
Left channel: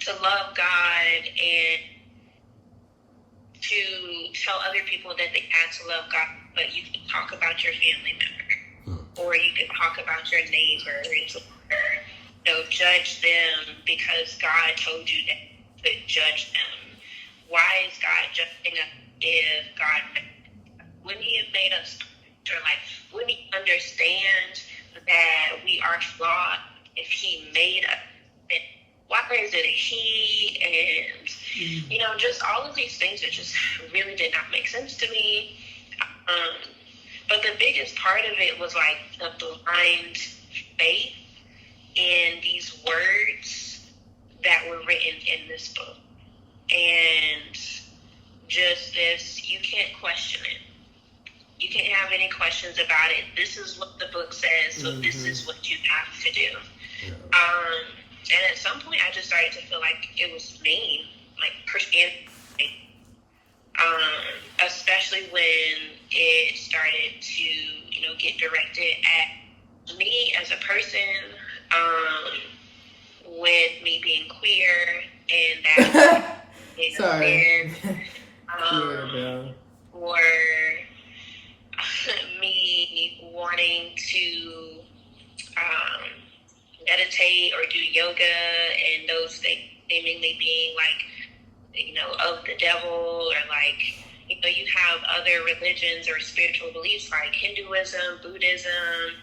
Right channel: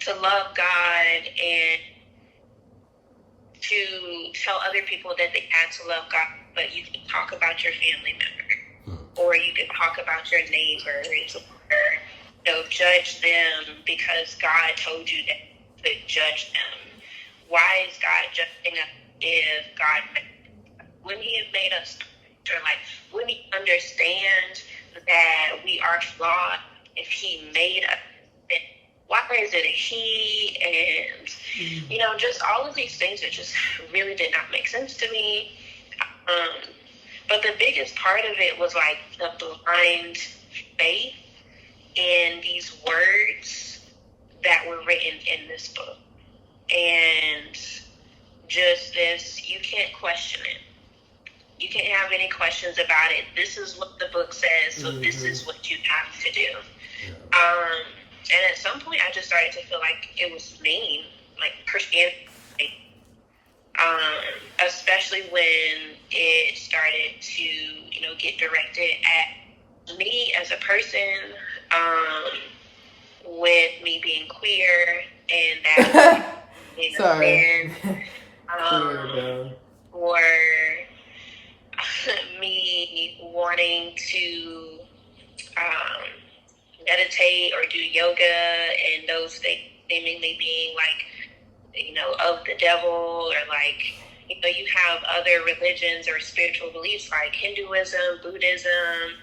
to love God and to tell other people that they had to love God, but you can talk about your family member, or you can talk about your neighbors, or, you know, judge them because God told you to judge them. Why is God judging us if God, wouldn't He have made us perfect? Or like, wouldn't He understand that we are flawed if He made us? And why is it a He? And, you know, just all of these things that just really did not make sense to me. But the biggest part of it was like the blind faith in these words that were written in this book. And just this, you can't question it. You can't have any questions about it. This is what the book says, so this is what you have to do. Yeah. And at some point, I just started to feel like it was mean, like Christianity. Especially when it started to, you know, get directed at me as a person, with me being queer, and that being a sin, or me wanting to meditate or do yoga, and those things seemingly being like, you know, of the devil, or like, you know, you have other religions or spiritual beliefs like Hinduism, Buddhism,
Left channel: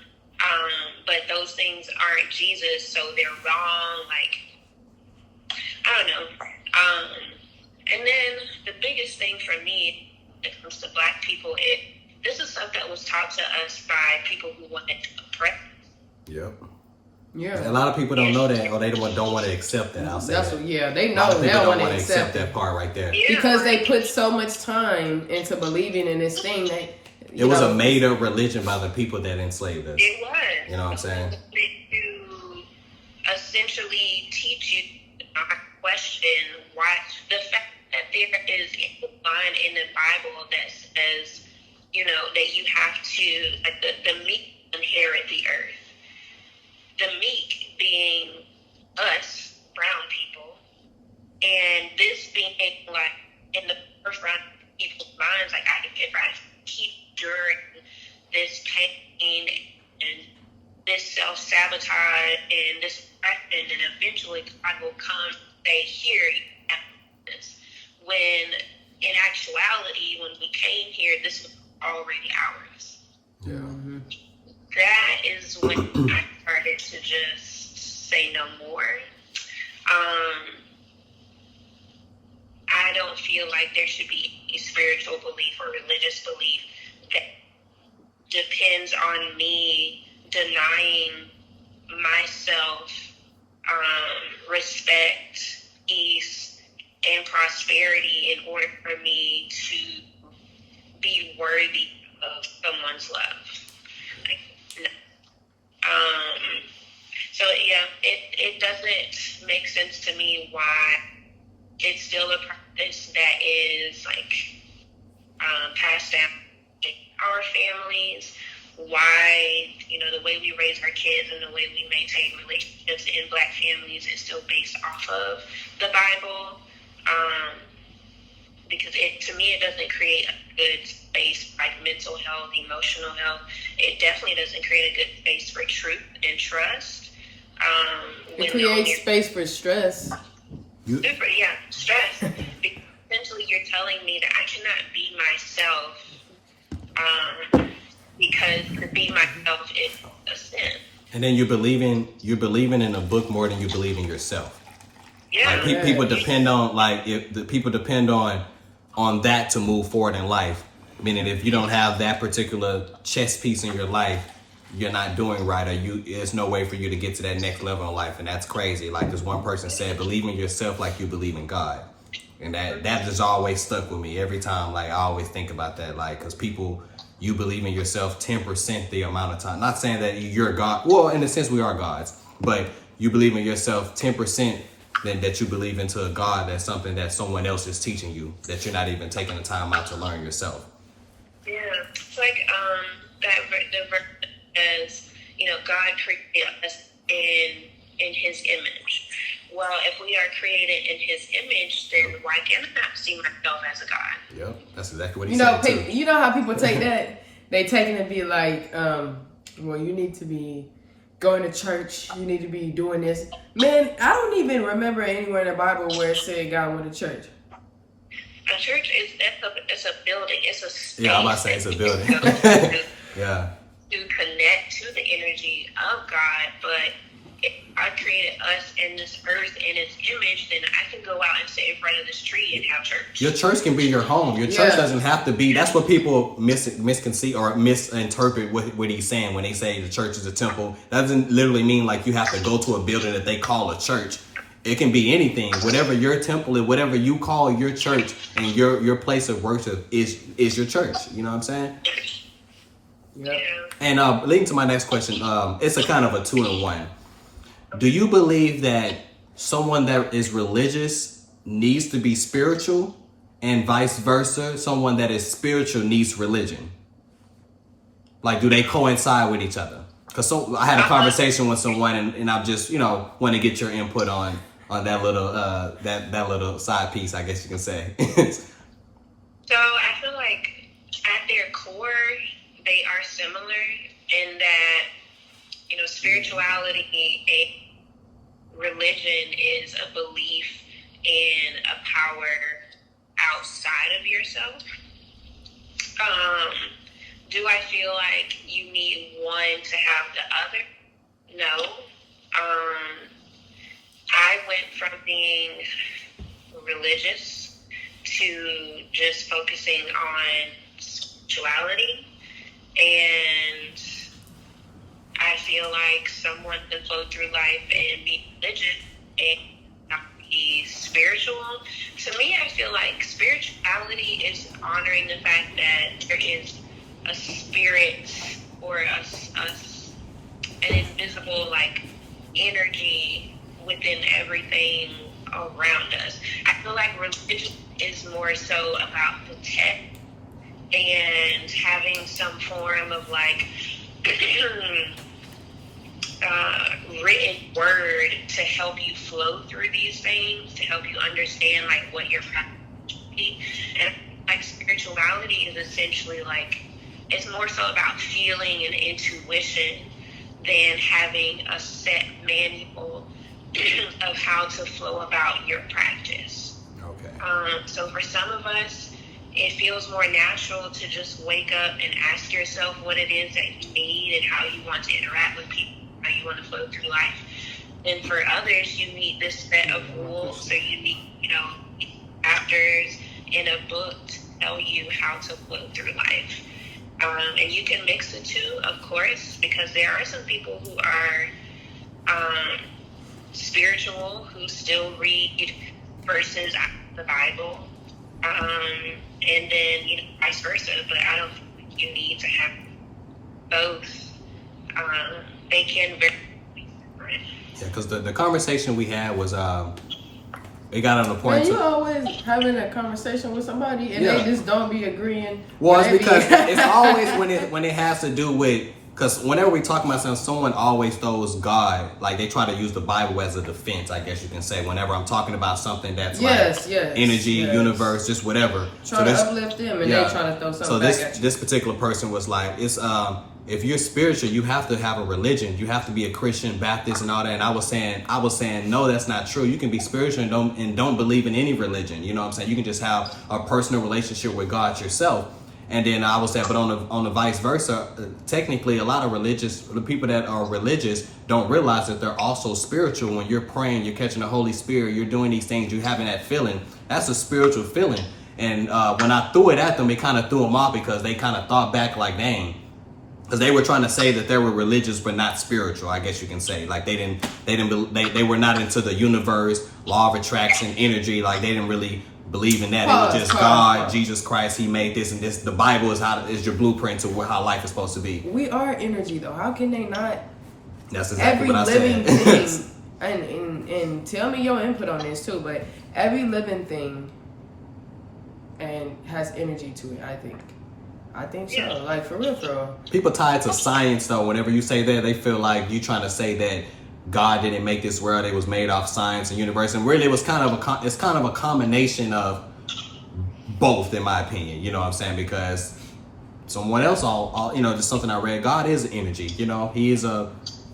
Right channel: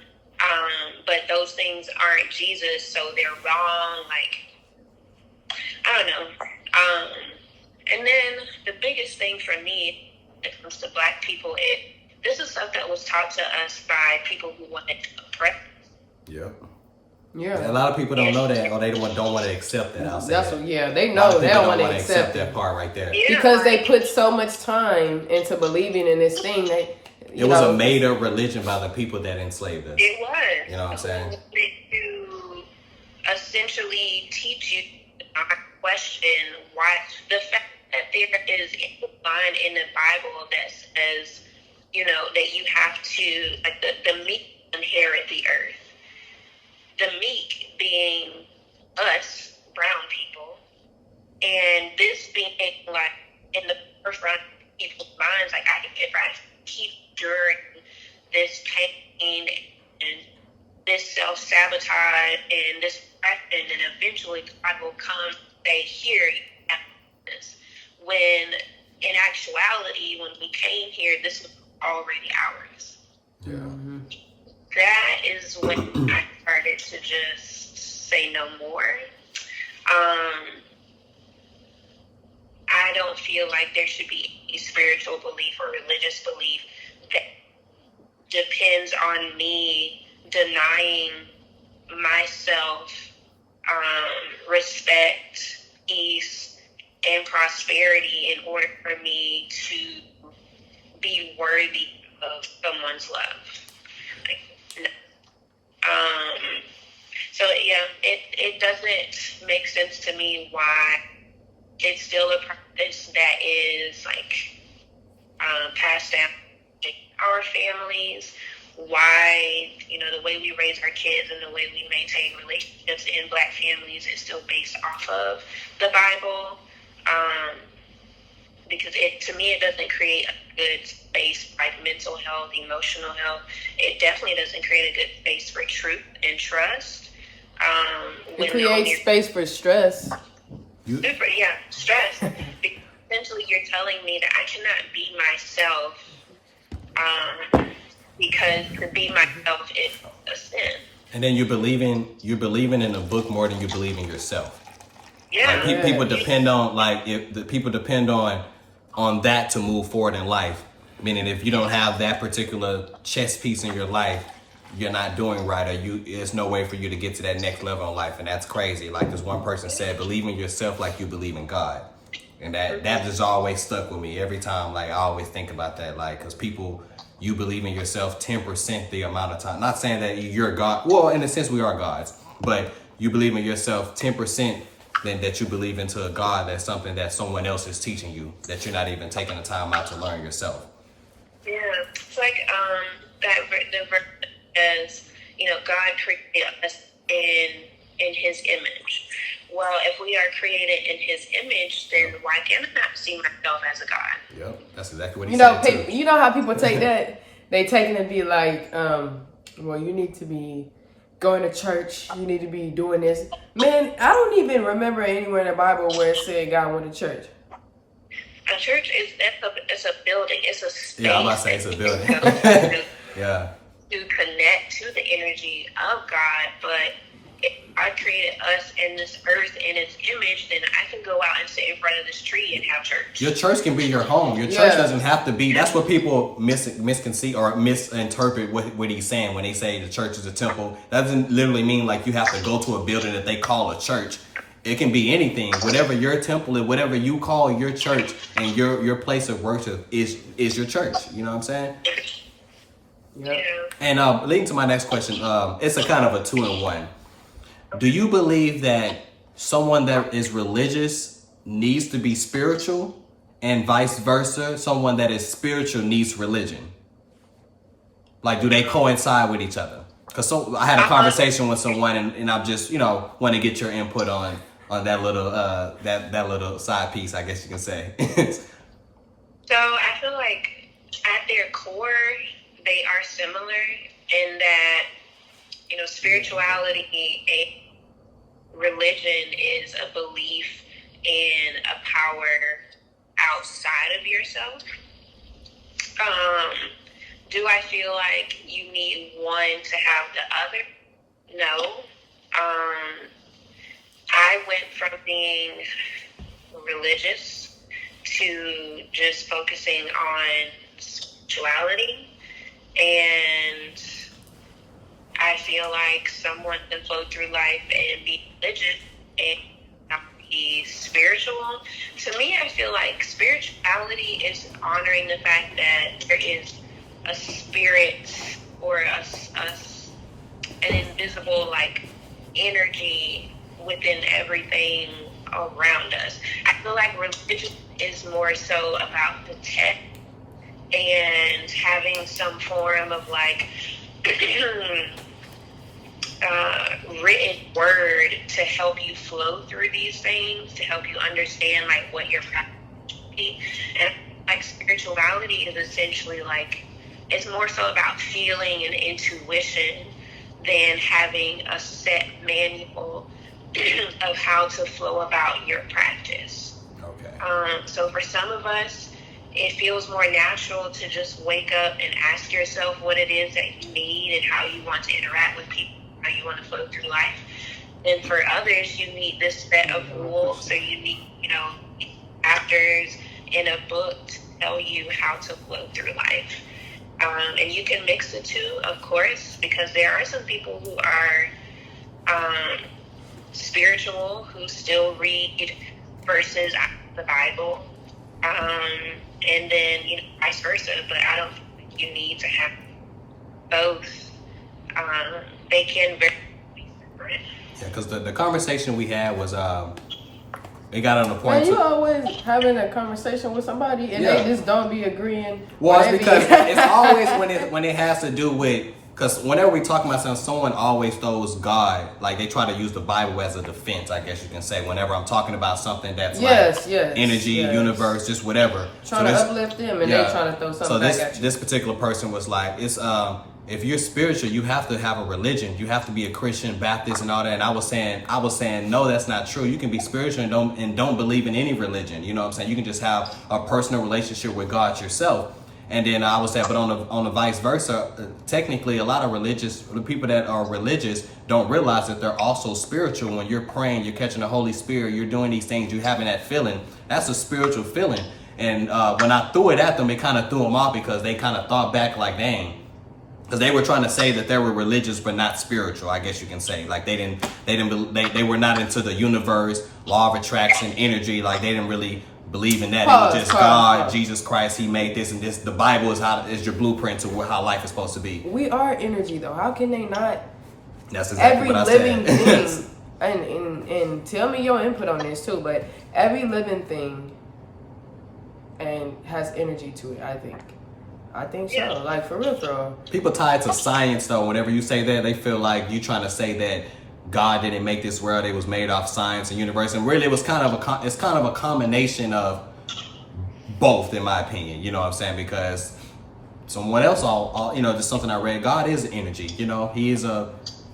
but those things aren't Jesus, so they're wrong. Like, I don't know. And then the biggest thing for me when it comes to Black people, this is stuff that was taught to us by people who wanted to oppress. Yep. Yeah. A lot of people don't know that, or they don't want to accept that. I'll say that. Yeah, they know. A lot of people don't want to accept accept that part right there. Yeah. Because they put so much time into believing in this thing that it was a made-up religion by the people that enslaved us. It was. You know what I'm saying? To essentially teach you to not question why the fact that there is a line in the Bible that says, you know, that you have to, like, the meek inherit the earth. The meek being us, brown people, and this being like in the forefront of people's minds, like, if I keep enduring this pain and this self-sabotage and this depression, and eventually God will come and say, here, you have this. When in actuality, when we came here, this was already ours. Yeah. Mm-hmm. That is when I started to just say no more. I don't feel like there should be any spiritual belief or religious belief that depends on me denying myself respect, peace, and prosperity in order for me to be worthy of someone's love. So yeah, it doesn't make sense to me why it's still a practice that is like passed down to our families. Why, you know, the way we raise our kids and the way we maintain relationships in Black families is still based off of the Bible. Because to me, it doesn't create a good space for like mental health, emotional health. It definitely doesn't create a good space for truth and trust. It creates space for stress. Stress. Because essentially, you're telling me that I cannot be myself because to be myself is a sin. And then you're believing in a book more than you believe in yourself. Yeah. Like people depend on, like, if the people depend on that to move forward in life. Meaning if you don't have that particular chess piece in your life, you're not doing right, or there's no way for you to get to that next level in life. And that's crazy. Like this one person said, believe in yourself like you believe in God. And that just always stuck with me every time. Like I always think about that, like, because you believe in yourself 10% the amount of time. Not saying that you're God. Well, in a sense, we are gods, but you believe in yourself 10% than that you believe into a God. That's something that someone else is teaching you, that you're not even taking the time out to learn yourself. Yeah, it's like the verse says, God created us in His image. Well, if we are created in His image, then why can't I not see myself as a God? Yep, that's exactly what he said too. You know how people take that? They take it and be like, well, you need to be going to church. You need to be doing this. Man, I don't even remember anywhere in the Bible where it said God went to church. A church it's a building. It's a space. Yeah, I'm about to say it's a building. Yeah. To connect to the energy of God, but if I created us in this earth in its image, then I can go out and sit in front of this tree and have church. Your church can be your home. Your church doesn't have to be. That's what people misconceive or misinterpret what he's saying when they say the church is a temple. That doesn't literally mean like you have to go to a building that they call a church. It can be anything. Whatever your temple is, whatever you call your church and your place of worship is your church. You know what I'm saying? Yeah. And leading to my next question, it's a kind of a 2-in-1. Do you believe that someone that is religious needs to be spiritual, and vice versa, someone that is spiritual needs religion? Like, do they coincide with each other? Because I had a conversation with someone, and I'm just, want to get your input on that little that little side piece, I guess you can say. So I feel like at their core, they are similar in that, spirituality and religion is a belief in a power outside of yourself. Do I feel like you need one to have the other? No. I went from being religious to just focusing on spirituality, and I feel like someone can flow through life and be religious and not be spiritual. To me, I feel like spirituality is honoring the fact that there is a spirit or an invisible energy within everything around us. I feel like religion is more so about the text and having some form of written word to help you flow through these things, to help you understand what your practice should be. And spirituality is essentially it's more so about feeling and intuition than having a set manual of how to flow about your practice. Okay. So for some of us, it feels more natural to just wake up and ask yourself what it is that you need and how you want to interact with people, how you want to flow through life. And for others, you need this set of rules, or you need, chapters in a book to tell you how to flow through life. And you can mix the two, of course, because there are some people who are spiritual who still read verses out of the Bible, and then vice versa. But I don't think you need to have both. They can very be separate. Yeah, because the conversation we had was it got on the point. You always having a conversation with somebody and they just don't be agreeing. Well, it's because it's always when it has to do with, because whenever we talk about something, someone always throws God, they try to use the Bible as a defense, I guess you can say, whenever I'm talking about something that's energy, universe, just whatever. Trying to uplift them and they're trying to throw something back at you. This particular person was like, it's if you're spiritual, you have to have a religion. You have to be a Christian, Baptist, and all that. And I was saying, no, that's not true. You can be spiritual and don't believe in any religion. You know what I'm saying? You can just have a personal relationship with God yourself. And then I would say, but on the vice versa, technically a lot of the people that are religious don't realize that they're also spiritual. When you're praying, you're catching the Holy Spirit, you're doing these things, you're having that feeling. That's a spiritual feeling. And when I threw it at them, it kind of threw them off because they kind of thought back like, dang. Because they were trying to say that they were religious but not spiritual, I guess you can say. Like they were not into the universe, law of attraction, energy. Like they didn't really believe in that. It was just God, Jesus Christ, he made this and this. The Bible is your blueprint to how life is supposed to be. We are energy though. How can they not? That's exactly what I said. Thing, and tell me your input on this too, but every living thing and has energy to it, I think so. Like for real. People tie it to science though. Whenever you say that, they feel like you trying to say that God didn't make this world; it was made off science and universe. And really, it was kind of a combination of both, in my opinion. You know what I'm saying? Because someone else, just something I read. God is energy. You know, he is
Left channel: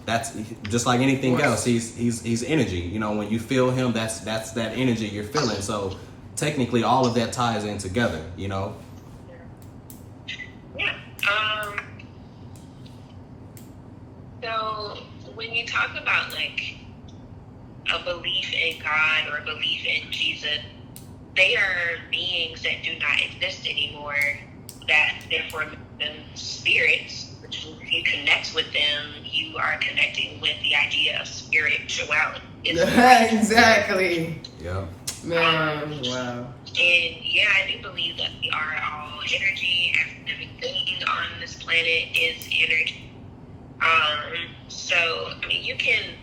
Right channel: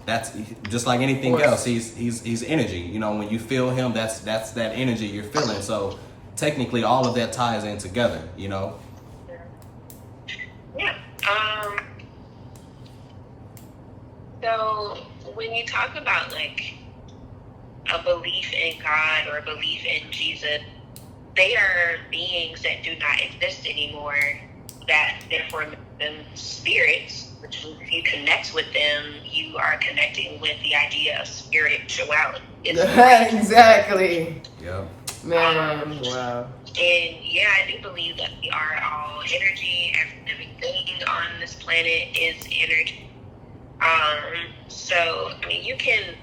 that's just like anything else. He's energy. You know, when you feel him, that's that energy you're feeling. So technically, all of that ties in together. You know. Yeah. So when you talk about like a belief in God or a belief in Jesus, they are beings that do not exist anymore, that therefore make them spirits, which if you connect with them, you are connecting with the idea of spirituality. Exactly. Yeah. Man, wow. And yeah, I do believe that we are all energy. Everything on this planet is energy. So, I mean, you can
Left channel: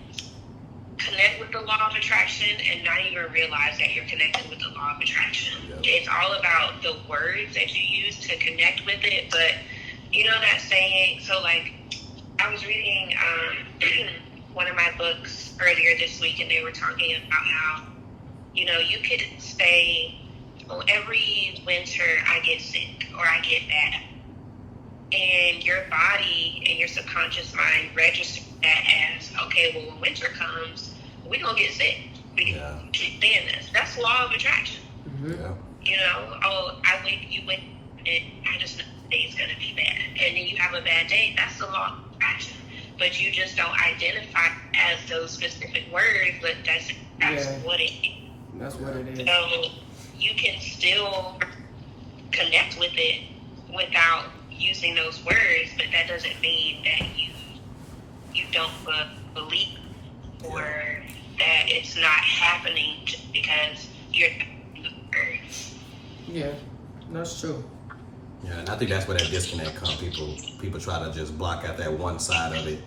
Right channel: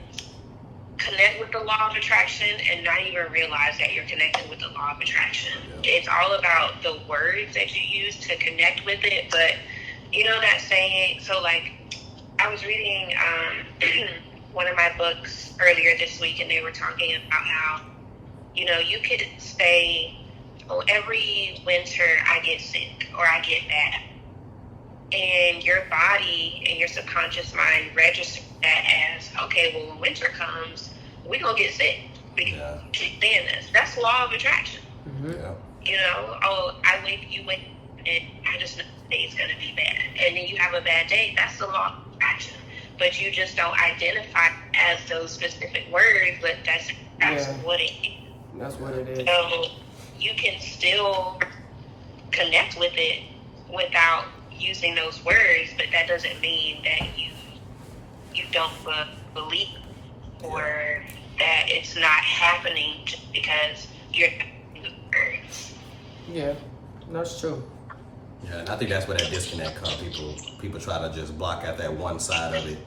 connect with the law of attraction and not even realize that you're connected with the law of attraction. Yep. It's all about the words that you use to connect with it. But, you know that saying, so like, I was reading one of my books earlier this week, and they were talking about how, you know, you could say, oh, every winter I get sick or I get bad. And your body and your subconscious mind register that as, okay, well, when winter comes, we're going to get sick. We keep saying this. That's law of attraction. Mm-hmm. Yeah. You know, oh, you wake and I just know the day's going to be bad. And then you have a bad day. That's the law of attraction. But you just don't identify as those specific words, but that's what it is. That's what it is. So you can still connect with it without using those words, but that doesn't mean that you don't believe or that it's not happening just because you're using the words. Yeah, that's true. Yeah, and I think that's where that disconnect comes. People try to just block out that one side of it,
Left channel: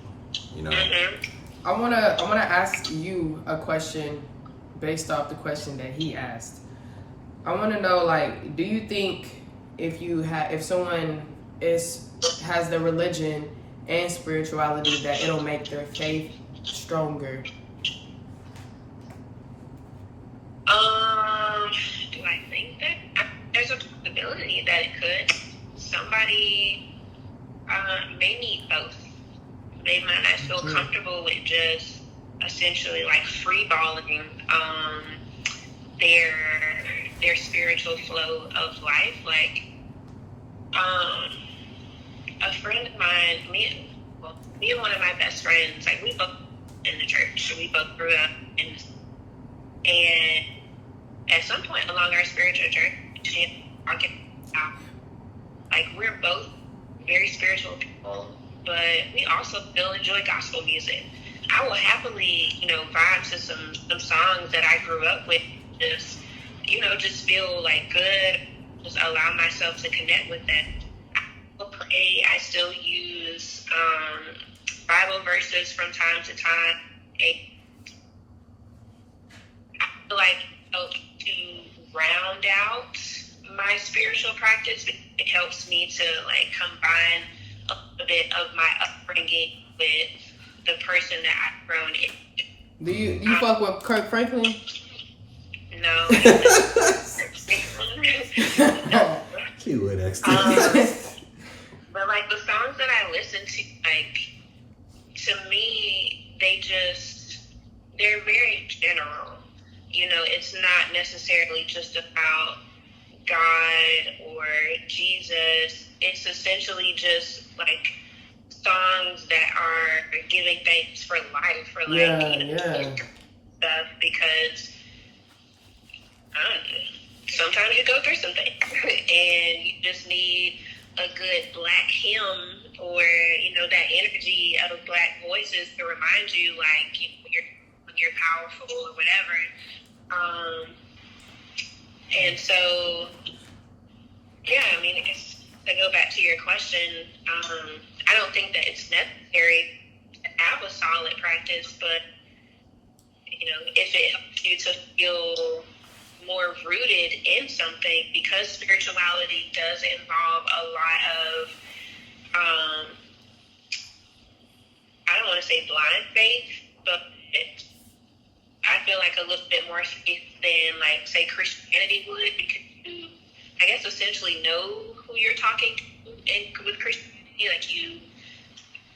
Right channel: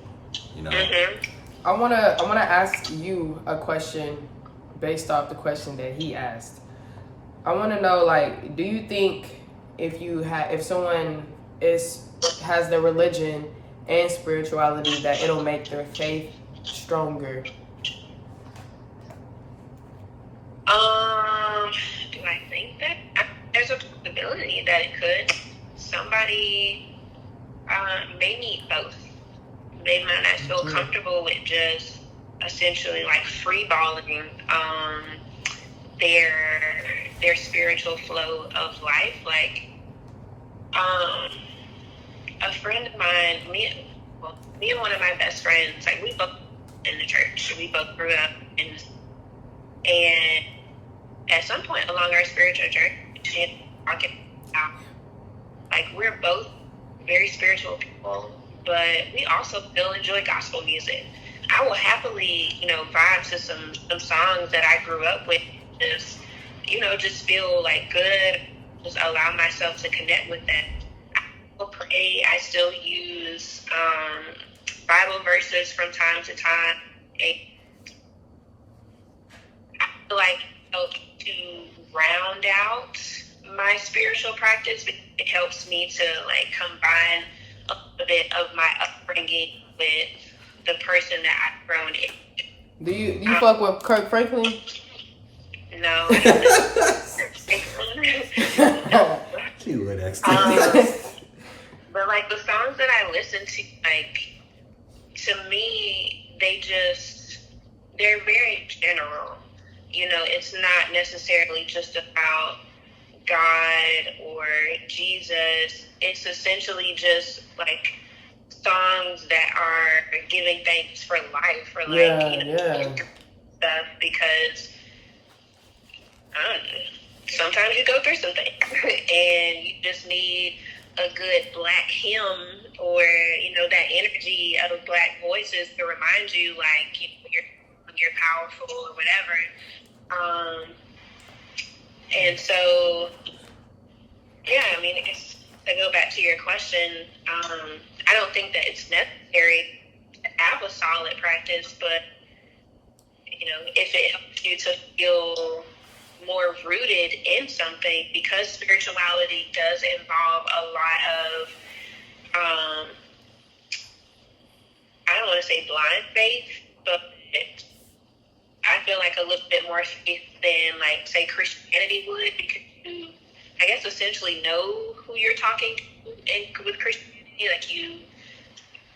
you know. Mm-hmm. I wanna ask you a question based off the question that he asked. I want to know, like, do you think if someone has the religion and spirituality, that it'll make their faith stronger? Do I think that? There's a possibility that it could. Somebody may need both. They might not feel comfortable with just essentially like freeballing their spiritual flow of life. Like a friend of mine, me and one of my best friends, like we both in the church. We both grew up and at some point along our spiritual journey, like we're both very spiritual people, but we also still enjoy gospel music. I will happily, vibe to some songs that I grew up with, just feel like good, just allow myself to connect with that. I still pray, I still use Bible verses from time to time, and I feel like to round out my spiritual practice, it helps me to like combine a bit of my upbringing with the person that I've grown into. Do you fuck with Kirk Franklin? No, I don't. She would ask. But like the songs that I listen to, like to me, they're very general. It's not necessarily just about God or Jesus. It's essentially just like songs that are giving thanks for life, for stuff, because sometimes you go through something and you just need a good black hymn, or that energy of black voices to remind you, like, you're powerful or whatever. And so, yeah, I mean, to go back to your question, I don't think that it's necessary to have a solid practice, but if it helps you to feel more rooted in something, because spirituality does involve a lot of, I don't want to say blind faith, but I feel like a little bit more faith than, like, say, Christianity would, because you, I guess, essentially know who you're talking to, and with Christianity, like, you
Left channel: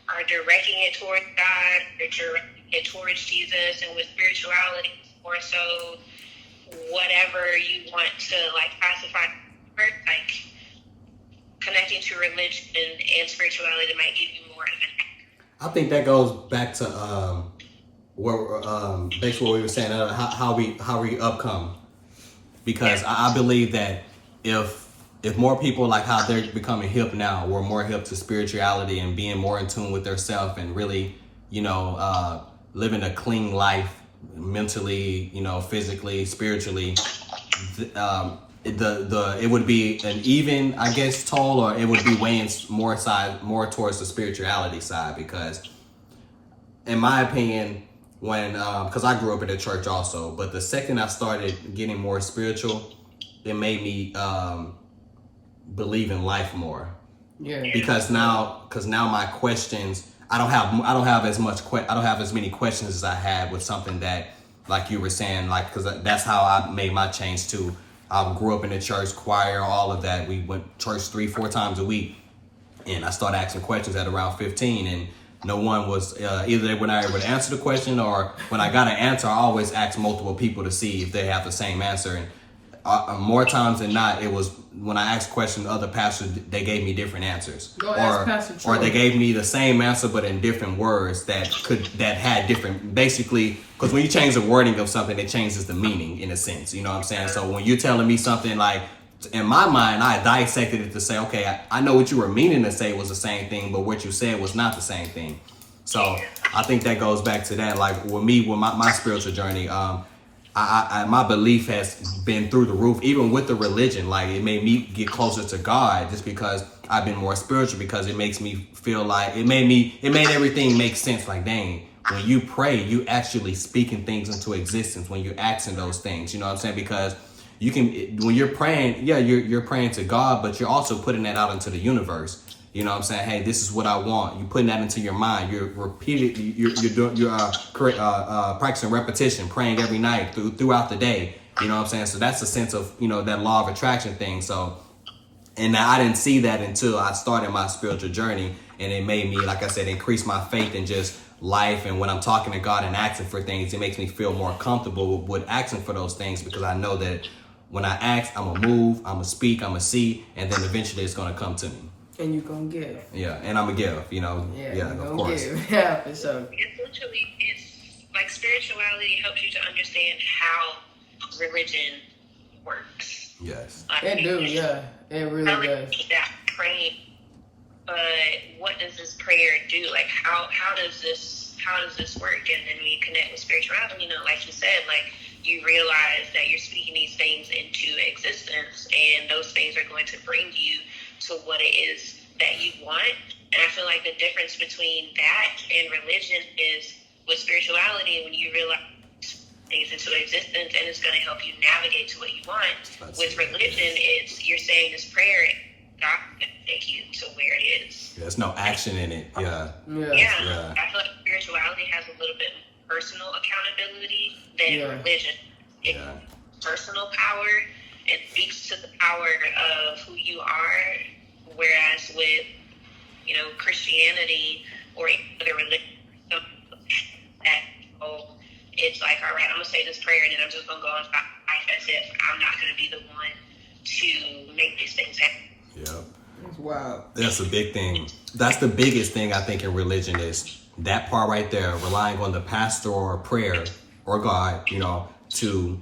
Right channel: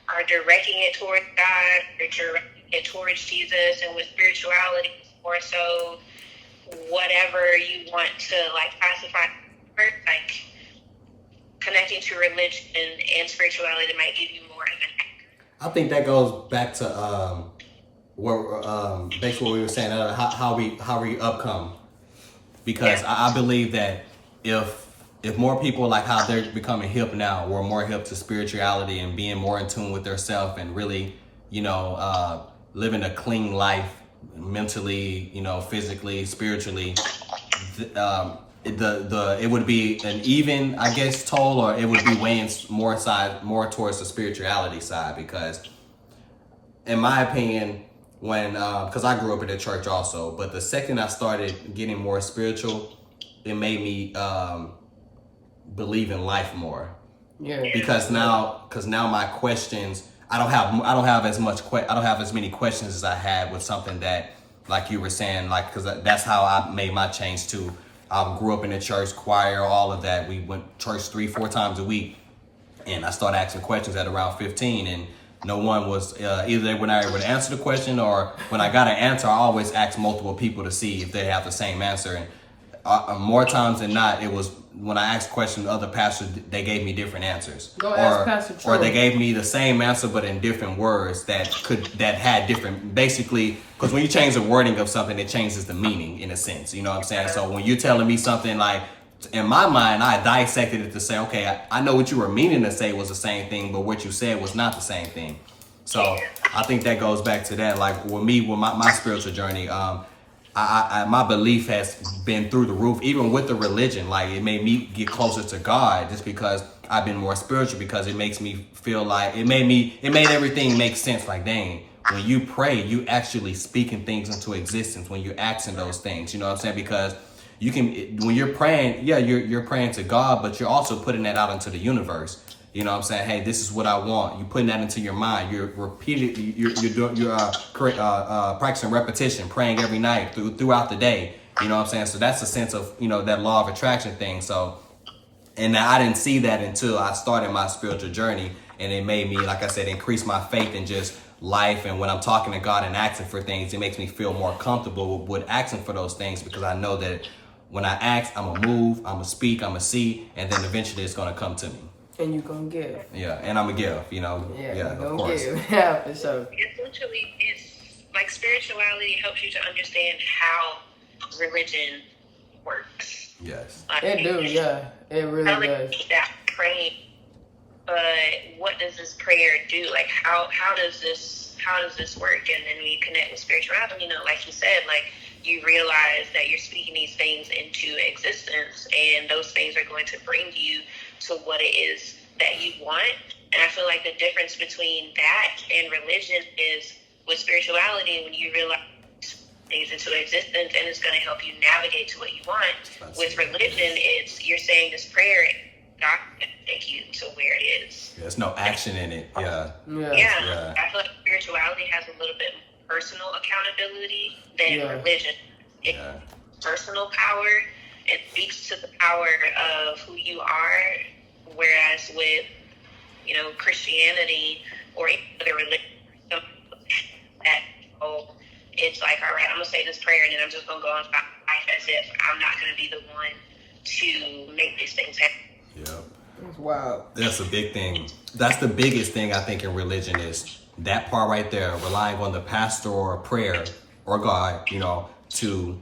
are directing it towards God, or directing it towards Jesus, and with spirituality, it's more so whatever you want to, like, classify, like, connecting to religion and spirituality might give you more of an. I think that goes back to basically what we were saying, how we upcome, because I believe that if more people, like how they're becoming hip now, were more hip to spirituality and being more in tune with themselves and really, living a clean life mentally, physically, spiritually, it would be an even, I guess, toll, or it would be weighing more towards the spirituality side, because in my opinion, when because I grew up in the church also, but the second I started getting more spiritual, it made me believe in life more. Yeah. Because now my questions, I don't have as many questions as I had with something that, like you were saying, like, because that's how I made my change too. I grew up in the church choir, all of that. We went to church 3-4 times a week, and I started asking questions at around 15, and no one was either they were not able to answer the question, or when I got an answer, I always asked multiple people to see if they have the same answer. And more times than not, it was when I asked questions to other pastors, they gave me different answers, or they gave me the same answer but in different words that had different, basically, because when you change the wording of something, it changes the meaning in a sense. You know what I'm saying? So when you're telling me something, like, in my mind, I dissected it to say, okay, I know what you were meaning to say was the same thing, but what you said was not the same thing. So I think that goes back to that. Like with me, with my spiritual journey, my belief has been through the roof, even with the religion. Like, it made me get closer to God just because I've been more spiritual, because it makes me feel like it made everything make sense. Like, dang, when you pray, you actually speaking things into existence when you're asking those things. You know what I'm saying? Because you can, when you're praying, yeah, you're praying to God, but you're also putting that out into the universe. You know what I'm saying? Hey, this is what I want. You're putting that into your mind. You're repeatedly, you're practicing repetition, praying every night throughout the day. You know what I'm saying? So that's a sense of, that law of attraction thing. So, and I didn't see that until I started my spiritual journey, and it made me, like I said, increase my faith in just life. And when I'm talking to God and asking for things, it makes me feel more comfortable with asking for those things, because I know that when I ask, I'm going to move, I'm going to speak, I'm going to see, and then eventually it's going to come to me. And you're going to give. Yeah, and I'm going to give, Yeah, of course. Yeah, for sure. Essentially, it's like spirituality helps you to understand how religion works. Yes. It do, yeah. It really does. That praying, but what does this prayer do? Like, how does this work? And then when you connect with spirituality, like you said, like, you realize that you're speaking these things into existence, and those things are going to bring you to what it is that you want. And I feel like the difference between that and religion is, with spirituality, when you realize things into existence and it's going to help you navigate to what you want. With religion, it's you're saying this prayer and God can take you to where it is. Yeah, there's no action in it. Yeah. I feel like spirituality has a little bit personal accountability than religion. It's personal power. It speaks to the power of who you are, whereas with, Christianity or other religion, it's like, all right, I'm going to say this prayer and then I'm just going to go on life as if I'm not going to be the one to make these things happen. Yep. Wow. That's a big thing. That's the biggest thing I think in religion is that part right there, relying on the pastor or prayer or God, to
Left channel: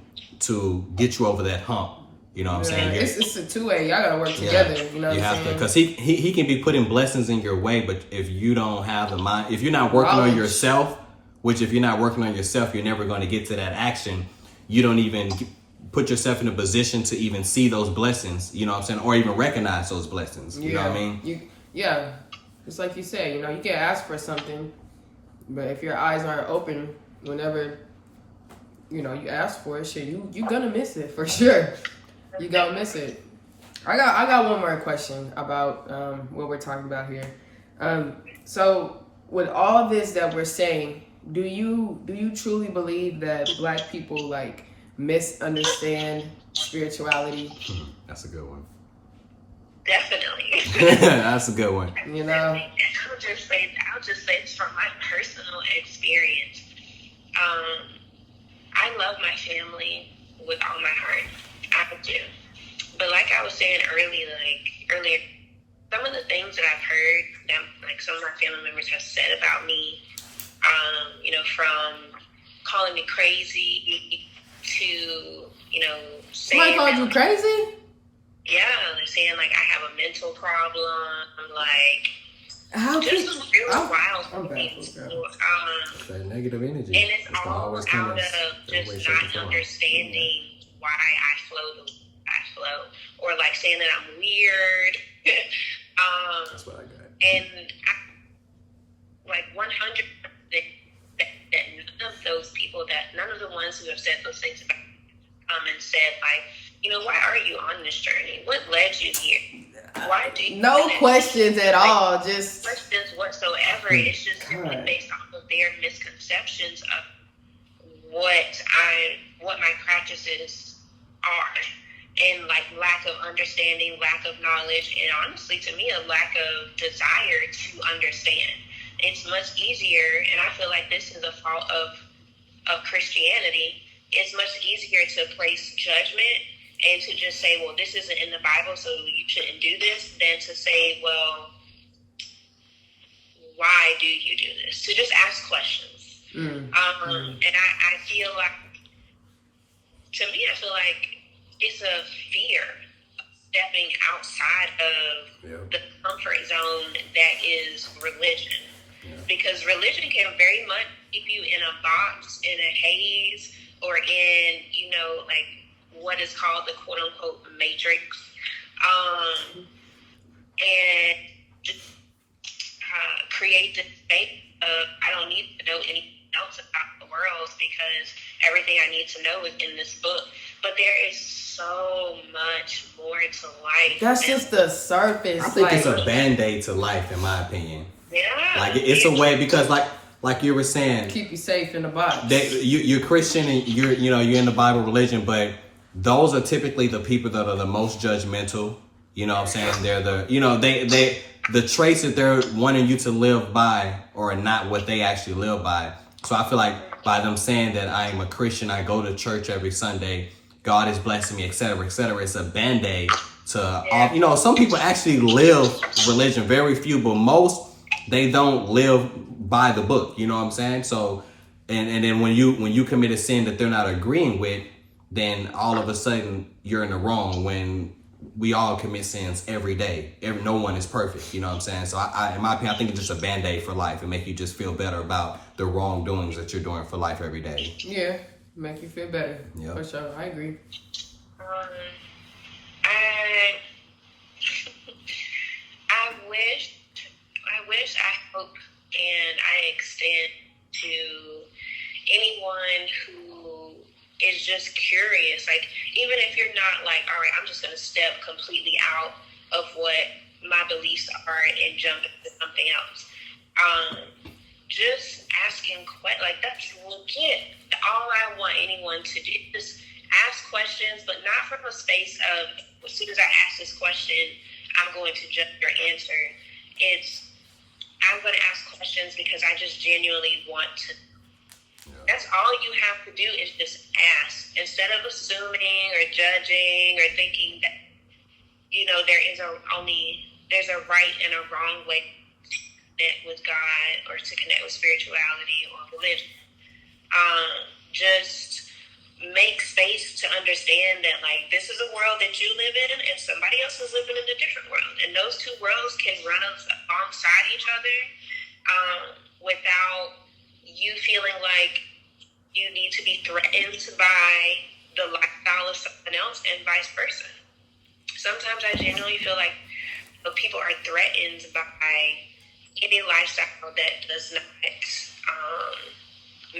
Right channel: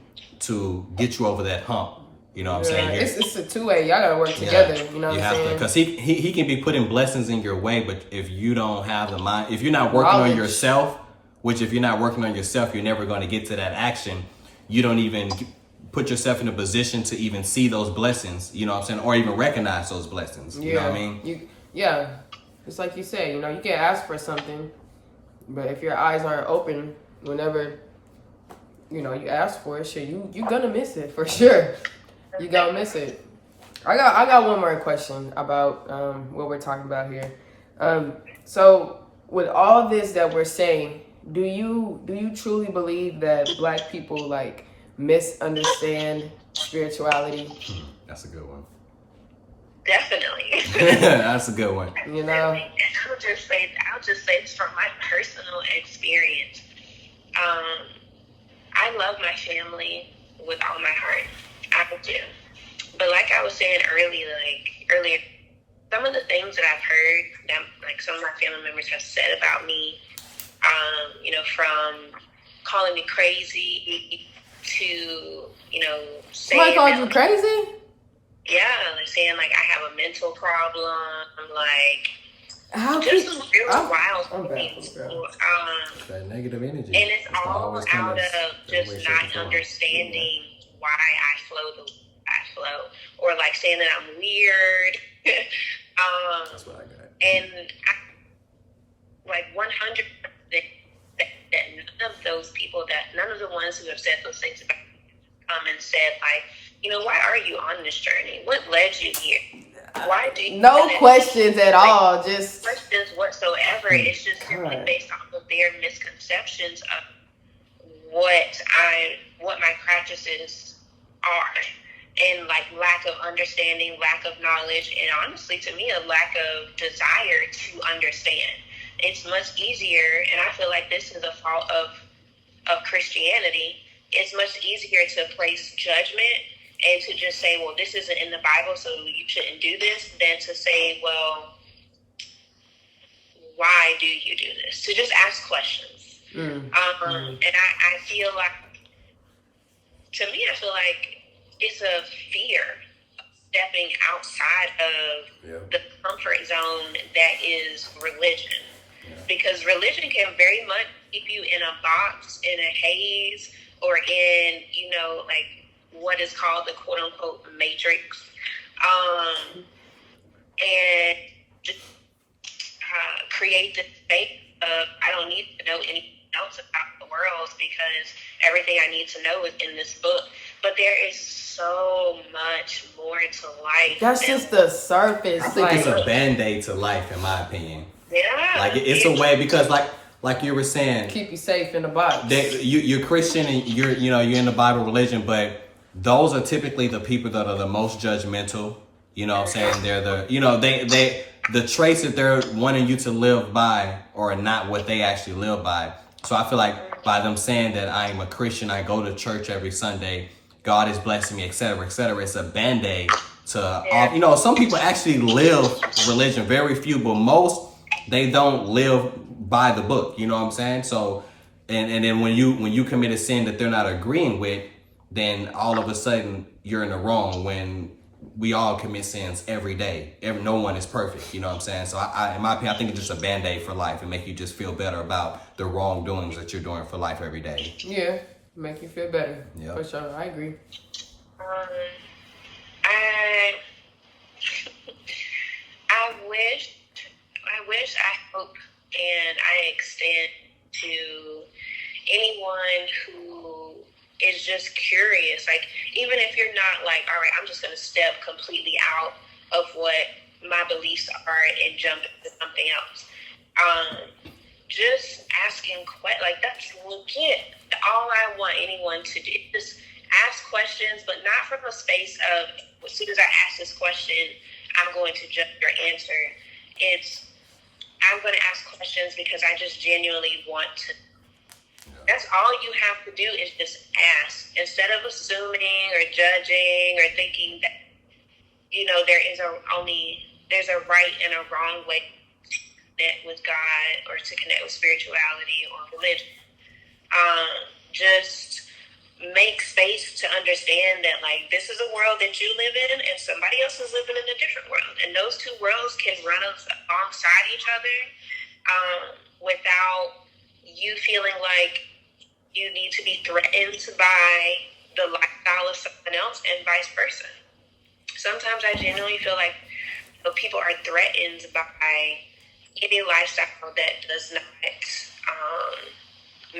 get you over that hump. You know what I'm saying? It's a two-way. Y'all gotta work together. You know what I'm saying? Because he can be putting blessings in your way, but if you don't have the mind, if you're not working on yourself, if you're not working on yourself, you're never going to get to that action. You don't even put yourself in a position to even see those blessings, you know what I'm saying? Or even recognize those blessings, you know what I mean? It's like you said, you can ask for something, but if your eyes aren't open whenever, you ask for it, you're gonna miss it for sure. You gonna miss it. I got one more question about what we're talking about here. So with all this that we're saying, do you truly believe that Black people misunderstand spirituality? That's a good one. Definitely. That's a good one. I'll just say this from my personal experience. I love my family with all my heart. I do. But like I was saying earlier, some of the things that I've heard that some of my family members have said about me, from calling me crazy to, saying somebody called you crazy? Yeah, saying I have a mental problem, How just some really wild I'm things. That negative energy. And it's all out of just not understanding why I flow the way I flow, or saying that I'm weird. That's what I got. And 100% that none of those people, none of the ones who have said those things about me come and said why are you on this journey? What led you here? Why do you? No questions at all. Just questions whatsoever. It's just simply based off of their misconceptions of what my practices are, and lack of understanding, lack of knowledge, and honestly, to me, a lack of desire to understand. It's much easier, and I feel like this is a fault of Christianity. It's much easier to place judgment and to just say, well, this isn't in the Bible, so you shouldn't do this, than to say, well, why do you do this? To just ask questions. And I feel I feel like it's a fear of stepping outside of the comfort zone that is religion. Yeah. Because religion can very much keep you in a box, in a haze, or in, what is called the quote-unquote matrix. And just create this space of, I don't need to know anything else about the world because everything I need to know is in this book. But there is so much more to life. That's just the surface. I think it's a Band-Aid to life, in my opinion. Yeah. It's a way, because like you were saying, keep you safe in the box. You're Christian and you're in the Bible religion, but those are typically the people that are the most judgmental. You know what I'm saying? They're the traits that they're wanting you to live by are not what they actually live by. So I feel like by them saying that I am a Christian, I go to church every Sunday, God is blessing me, etc., it's a Band-Aid to some people actually live religion, very few, but most, they don't live by the book, you know what I'm saying? So, and then when you commit a sin that they're not agreeing with, then all of a sudden you're in the wrong, when we all commit sins every day. No one is perfect, you know what I'm saying? So I in my opinion, I think it's just a Band-Aid for life. It make you just feel better about the wrongdoings that you're doing for life every day. Yeah, make you feel better. Yeah, for sure. I agree. I hope, and I extend to anyone who is just curious, even if you're not all right, I'm just going to step completely out of what my beliefs are and jump into something else. Just asking questions, that's legit. All I want anyone to do is just ask questions, but not from a space of, as soon as I ask this question, I'm going to judge your answer. I'm going to ask questions because I just genuinely want to. Yeah. That's all you have to do is just ask. Instead of assuming or judging or thinking that there's a right and a wrong way to connect with God or to connect with spirituality or religion. Just make space to understand that, like, this is a world that you live in and somebody else is living in a different world. And those two worlds can run alongside each other without you feeling like you need to be threatened by the lifestyle of someone else and vice versa. Sometimes I genuinely feel like people are threatened by any lifestyle that does not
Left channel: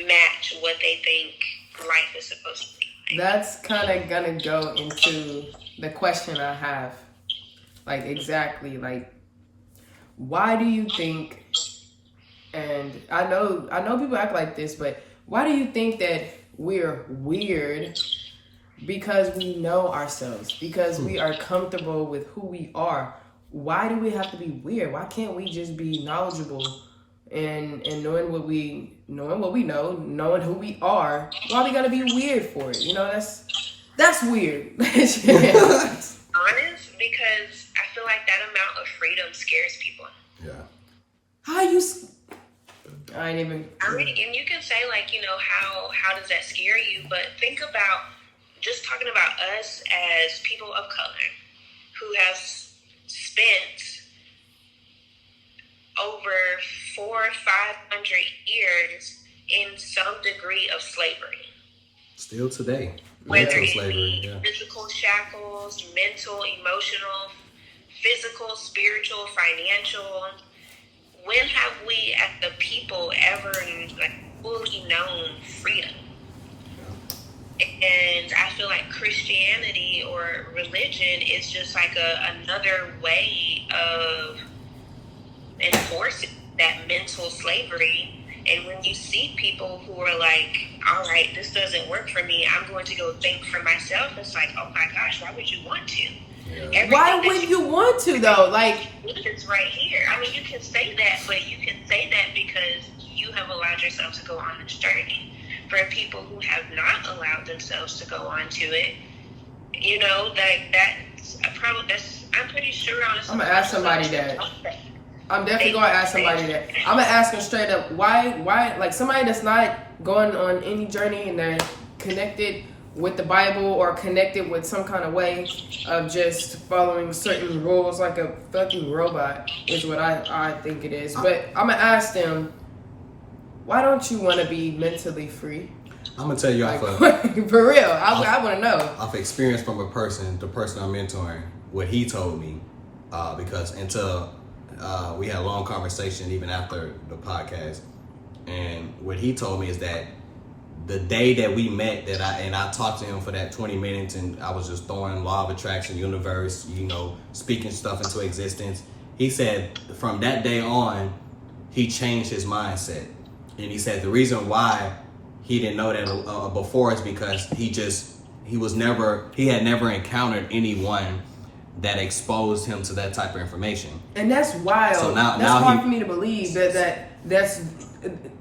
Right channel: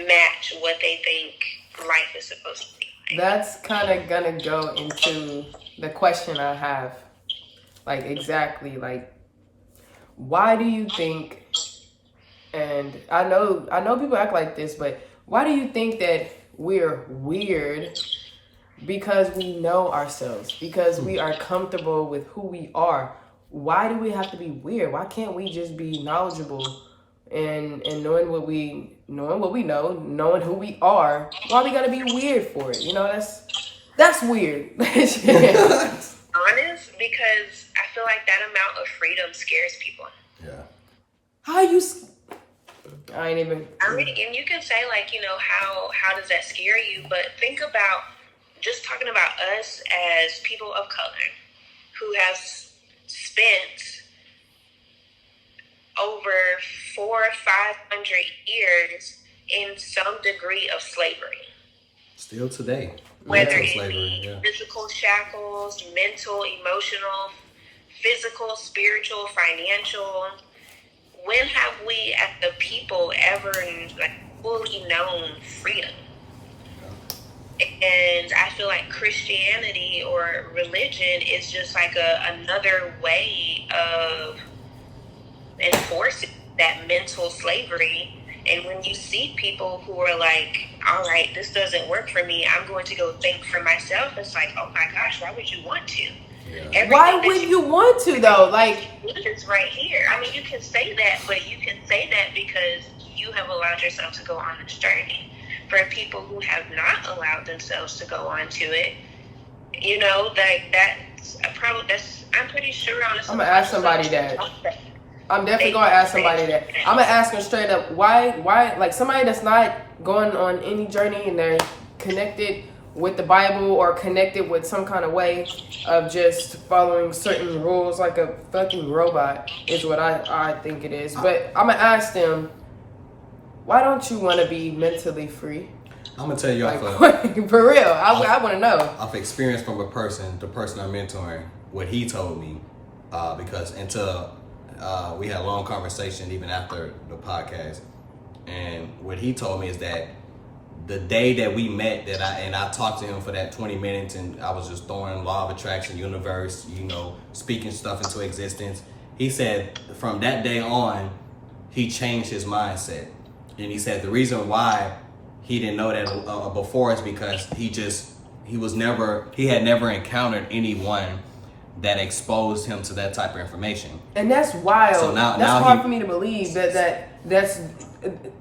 match what they think life is supposed to be like. That's kind of gonna go into the question I have. Like, exactly, like, why do you think, and I know people act like this, but why do you think that we're weird? Because we know ourselves, because we are comfortable with who we are. Why do we have to be weird? Why can't we just be knowledgeable and knowing what we know, knowing who we are? Why we gotta be weird for it? You know, that's weird. Honest, because I feel like that amount of freedom scares people. Yeah. I ain't even. I mean, and you can say, like, how does that scare you? But think about just talking about us as people of color who have spent over 400 or 500 years in some degree of slavery. Still today. Whether Mental it slavery, be yeah. physical shackles, mental, emotional, physical, spiritual, financial. When have we, as the people, ever fully known freedom? And I feel like Christianity or religion is just like another way of enforcing that mental slavery. And when you see people who are like, all right, this doesn't work for me, I'm going to go think for myself, it's like, oh my gosh, why would you want to? Yeah. Why would you want to, though? Like, it's right here. I mean, you can say that, but you can say that because you have allowed yourself to go on this journey. For people who have not allowed themselves to go on to it, I'm pretty sure, honestly. I'm gonna ask somebody that. I'm definitely gonna ask somebody that. I'm gonna ask them straight up, why, like, somebody that's not going on any journey and they're connected with the Bible or connected with some kind of way of just following certain rules like a fucking robot is what I think it is. But I'm gonna ask them, why don't you want to be mentally free? I'm gonna tell you off for real. I want to know. Off experience from the person I'm mentoring, what he told me, because until we had a long conversation even after the podcast, and what he told me is that the day that we met, I talked to him for that 20 minutes, and I was just throwing law of attraction, universe, speaking stuff into existence. He said from that day on, he changed his mindset. And he said the reason why he didn't know that before is because he had never encountered anyone that exposed him to that type of information. And that's wild. So that's hard for me to believe that's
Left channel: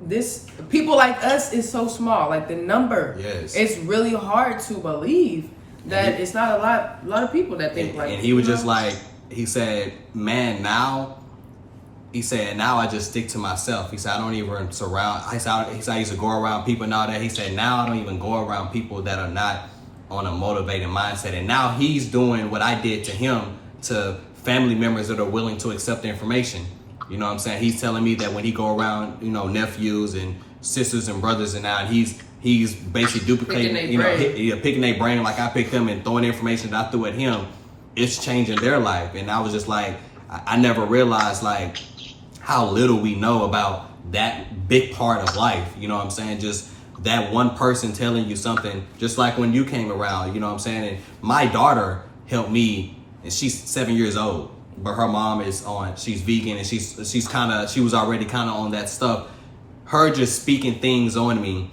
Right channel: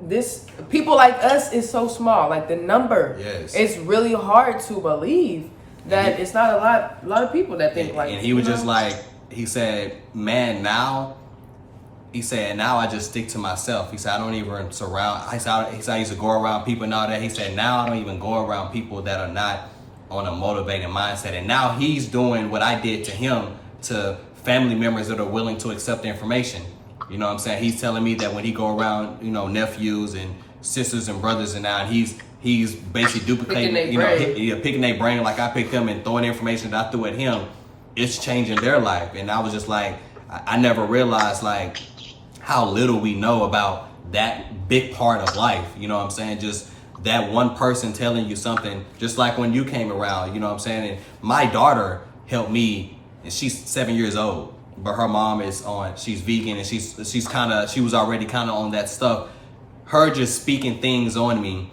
this people like us is so small. Like, the number, yes, it's really hard to believe that it's not a lot of people that think like. And he was just like, he said, man, now I just stick to myself. He said, I don't even surround. He said, I used to go around people and all that. He said, now I don't even go around people that are not on a motivated mindset. And now he's doing what I did to him to family members that are willing to accept the information. You know what I'm saying? He's telling me that when he go around, nephews and sisters and brothers and now, and he's basically duplicating, picking their brain like I picked them and throwing the information that I threw at him. It's changing their life. And I was just like, I never realized like how little we know about that big part of life. You know what I'm saying? Just that one person telling you something, just like when you came around, you know what I'm saying? And my daughter helped me, and she's 7 years old, but her mom she's vegan, and she was already kind of on that stuff. Her just speaking things on me,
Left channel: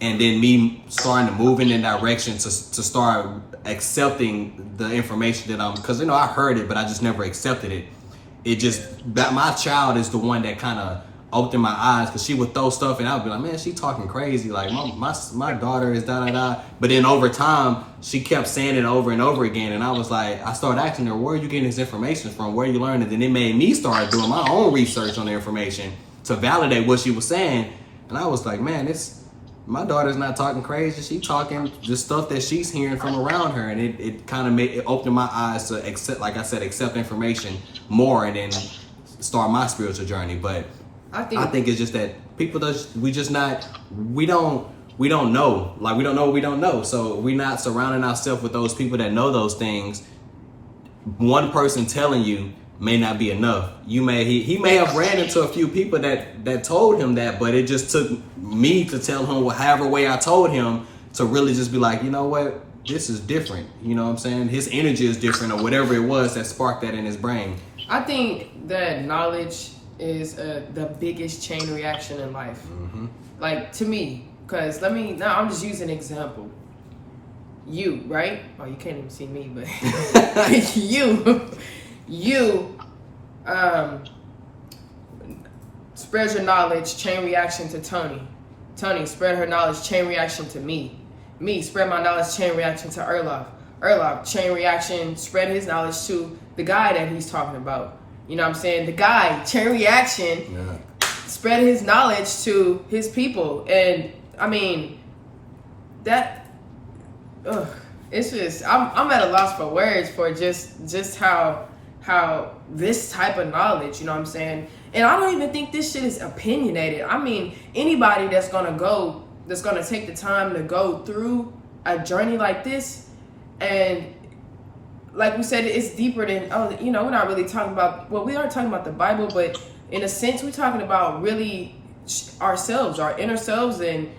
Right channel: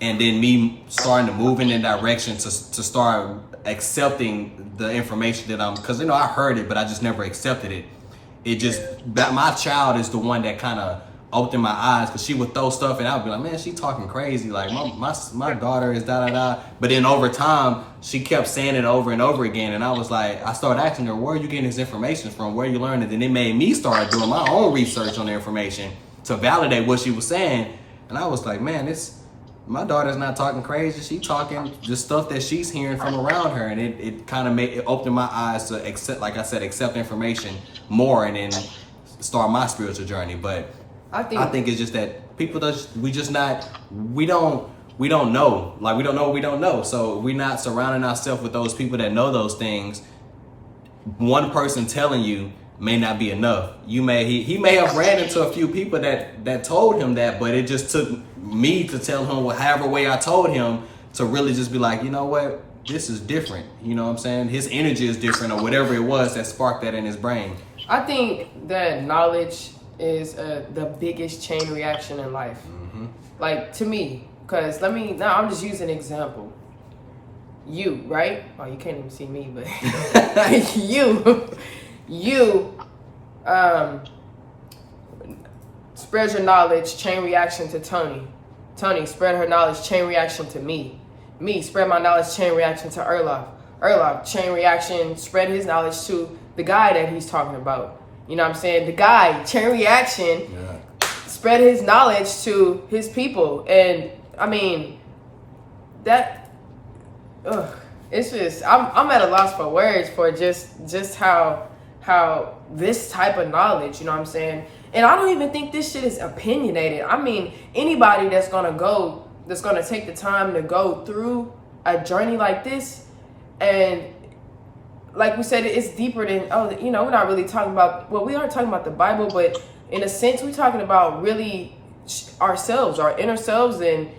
and then me starting to move in that direction to start accepting the information that because I heard it, but I just never accepted it. It just, my child is the one that kind of opened my eyes, because she would throw stuff and I would be like, man, she talking crazy. Like my daughter is da. But then over time, she kept saying it over and over again. And I was like, I started asking her, where are you getting this information from? Where you learning it? And it made me start doing my own research on the information to validate what she was saying. And I was like, man, my daughter's not talking crazy. She talking just stuff that she's hearing from around her. And it kind of opened my eyes to accept information more and then start my spiritual journey. But I think it's just that we don't know. Like, we don't know what we don't know. So we're not surrounding ourselves with those people that know those things. One person telling you may not be enough. He may have ran into a few people that told him that, but it just took me to tell him however way I told him to really just be like, you know what, this is different. You know what I'm saying? His energy is different, or whatever it was that sparked that in his brain. I think that knowledge is the biggest chain reaction in life. Mm-hmm. Like, to me, because I'm just using an example. You, right? Oh, you can't even see me, but you spread your knowledge, chain reaction to Tony. Tony spread her knowledge, chain reaction to me. Me spread my knowledge, chain reaction to Erlof, chain reaction, spread his knowledge to the guy that he's talking about. You know what I'm saying? The guy, chain reaction, spread his knowledge to his people. And I mean, it's just, I'm at a loss for words for just how this type of knowledge, you know what I'm saying? And I don't even think this shit is opinionated. I mean, anybody that's gonna take the time to go through a journey like this, and like we said, it's deeper than, we're not really talking about, we are talking about the Bible, but in a sense, we're talking about really ourselves, our inner selves, and,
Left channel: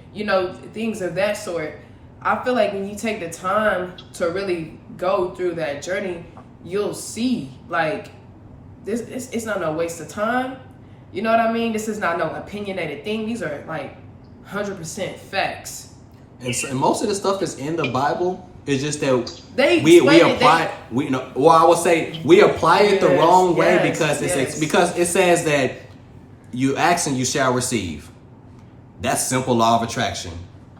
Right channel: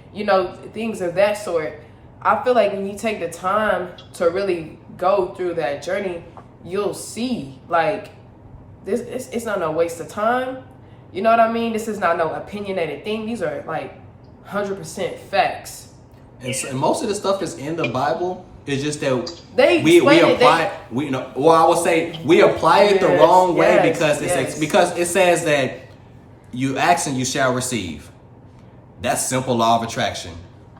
things of that sort. I feel like when you take the time to really go through that journey, you'll see, like, it's not no waste of time. You know what I mean? This is not no opinionated thing. These are, like, 100% facts. And most of the stuff that's in the Bible, it's just that we apply it. I would say we apply it the wrong way because it says that you ask and you shall receive. That's simple law of attraction.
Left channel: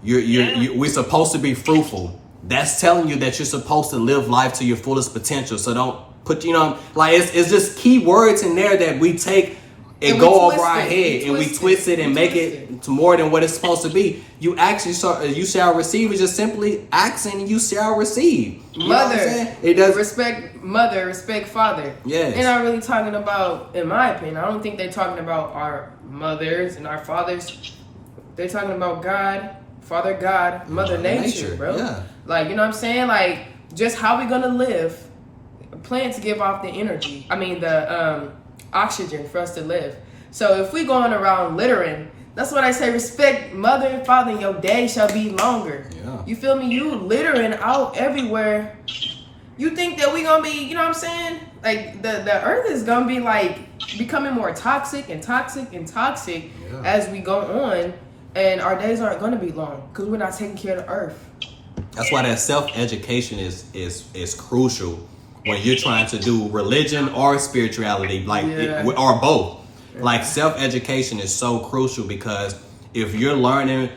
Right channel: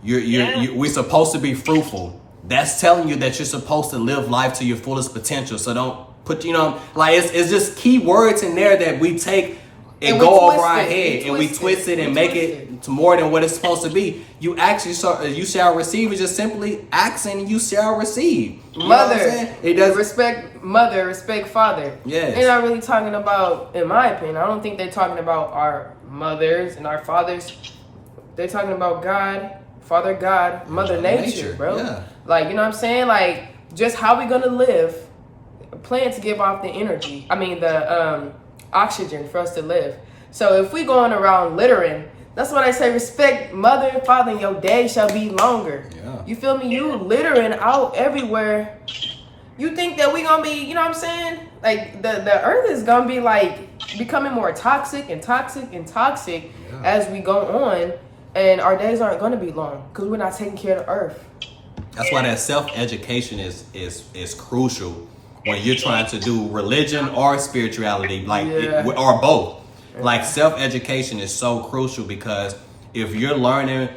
We're supposed to be fruitful. That's telling you that you're supposed to live life to your fullest potential. So don't put it's just key words in there that we take and go over our head and we twist it and make it to more than what it's supposed to be. You shall receive is just simply asking and you shall receive. You know what I'm saying? It does respect mother, respect father. Yes. They're not really talking about, in my opinion, I don't think they're talking about our mothers and our fathers. They're talking about God, Father God, Mother Nature, bro. Yeah. Like, you know what I'm saying? Like, just how we gonna live. Plants give off the energy. The oxygen for us to live. So if we going around littering, that's what I say, respect mother and father, and your day shall be longer. Yeah. You feel me? You littering out everywhere. You think that we gonna be, you know what I'm saying? Like, the earth is gonna be, like, becoming more toxic and toxic and toxic as we go on, and our days aren't gonna be long because we're not taking care of the earth. That's why that self-education is crucial when you're trying to do religion or spirituality, or both. Yeah. Like, self-education is so crucial because if you're learning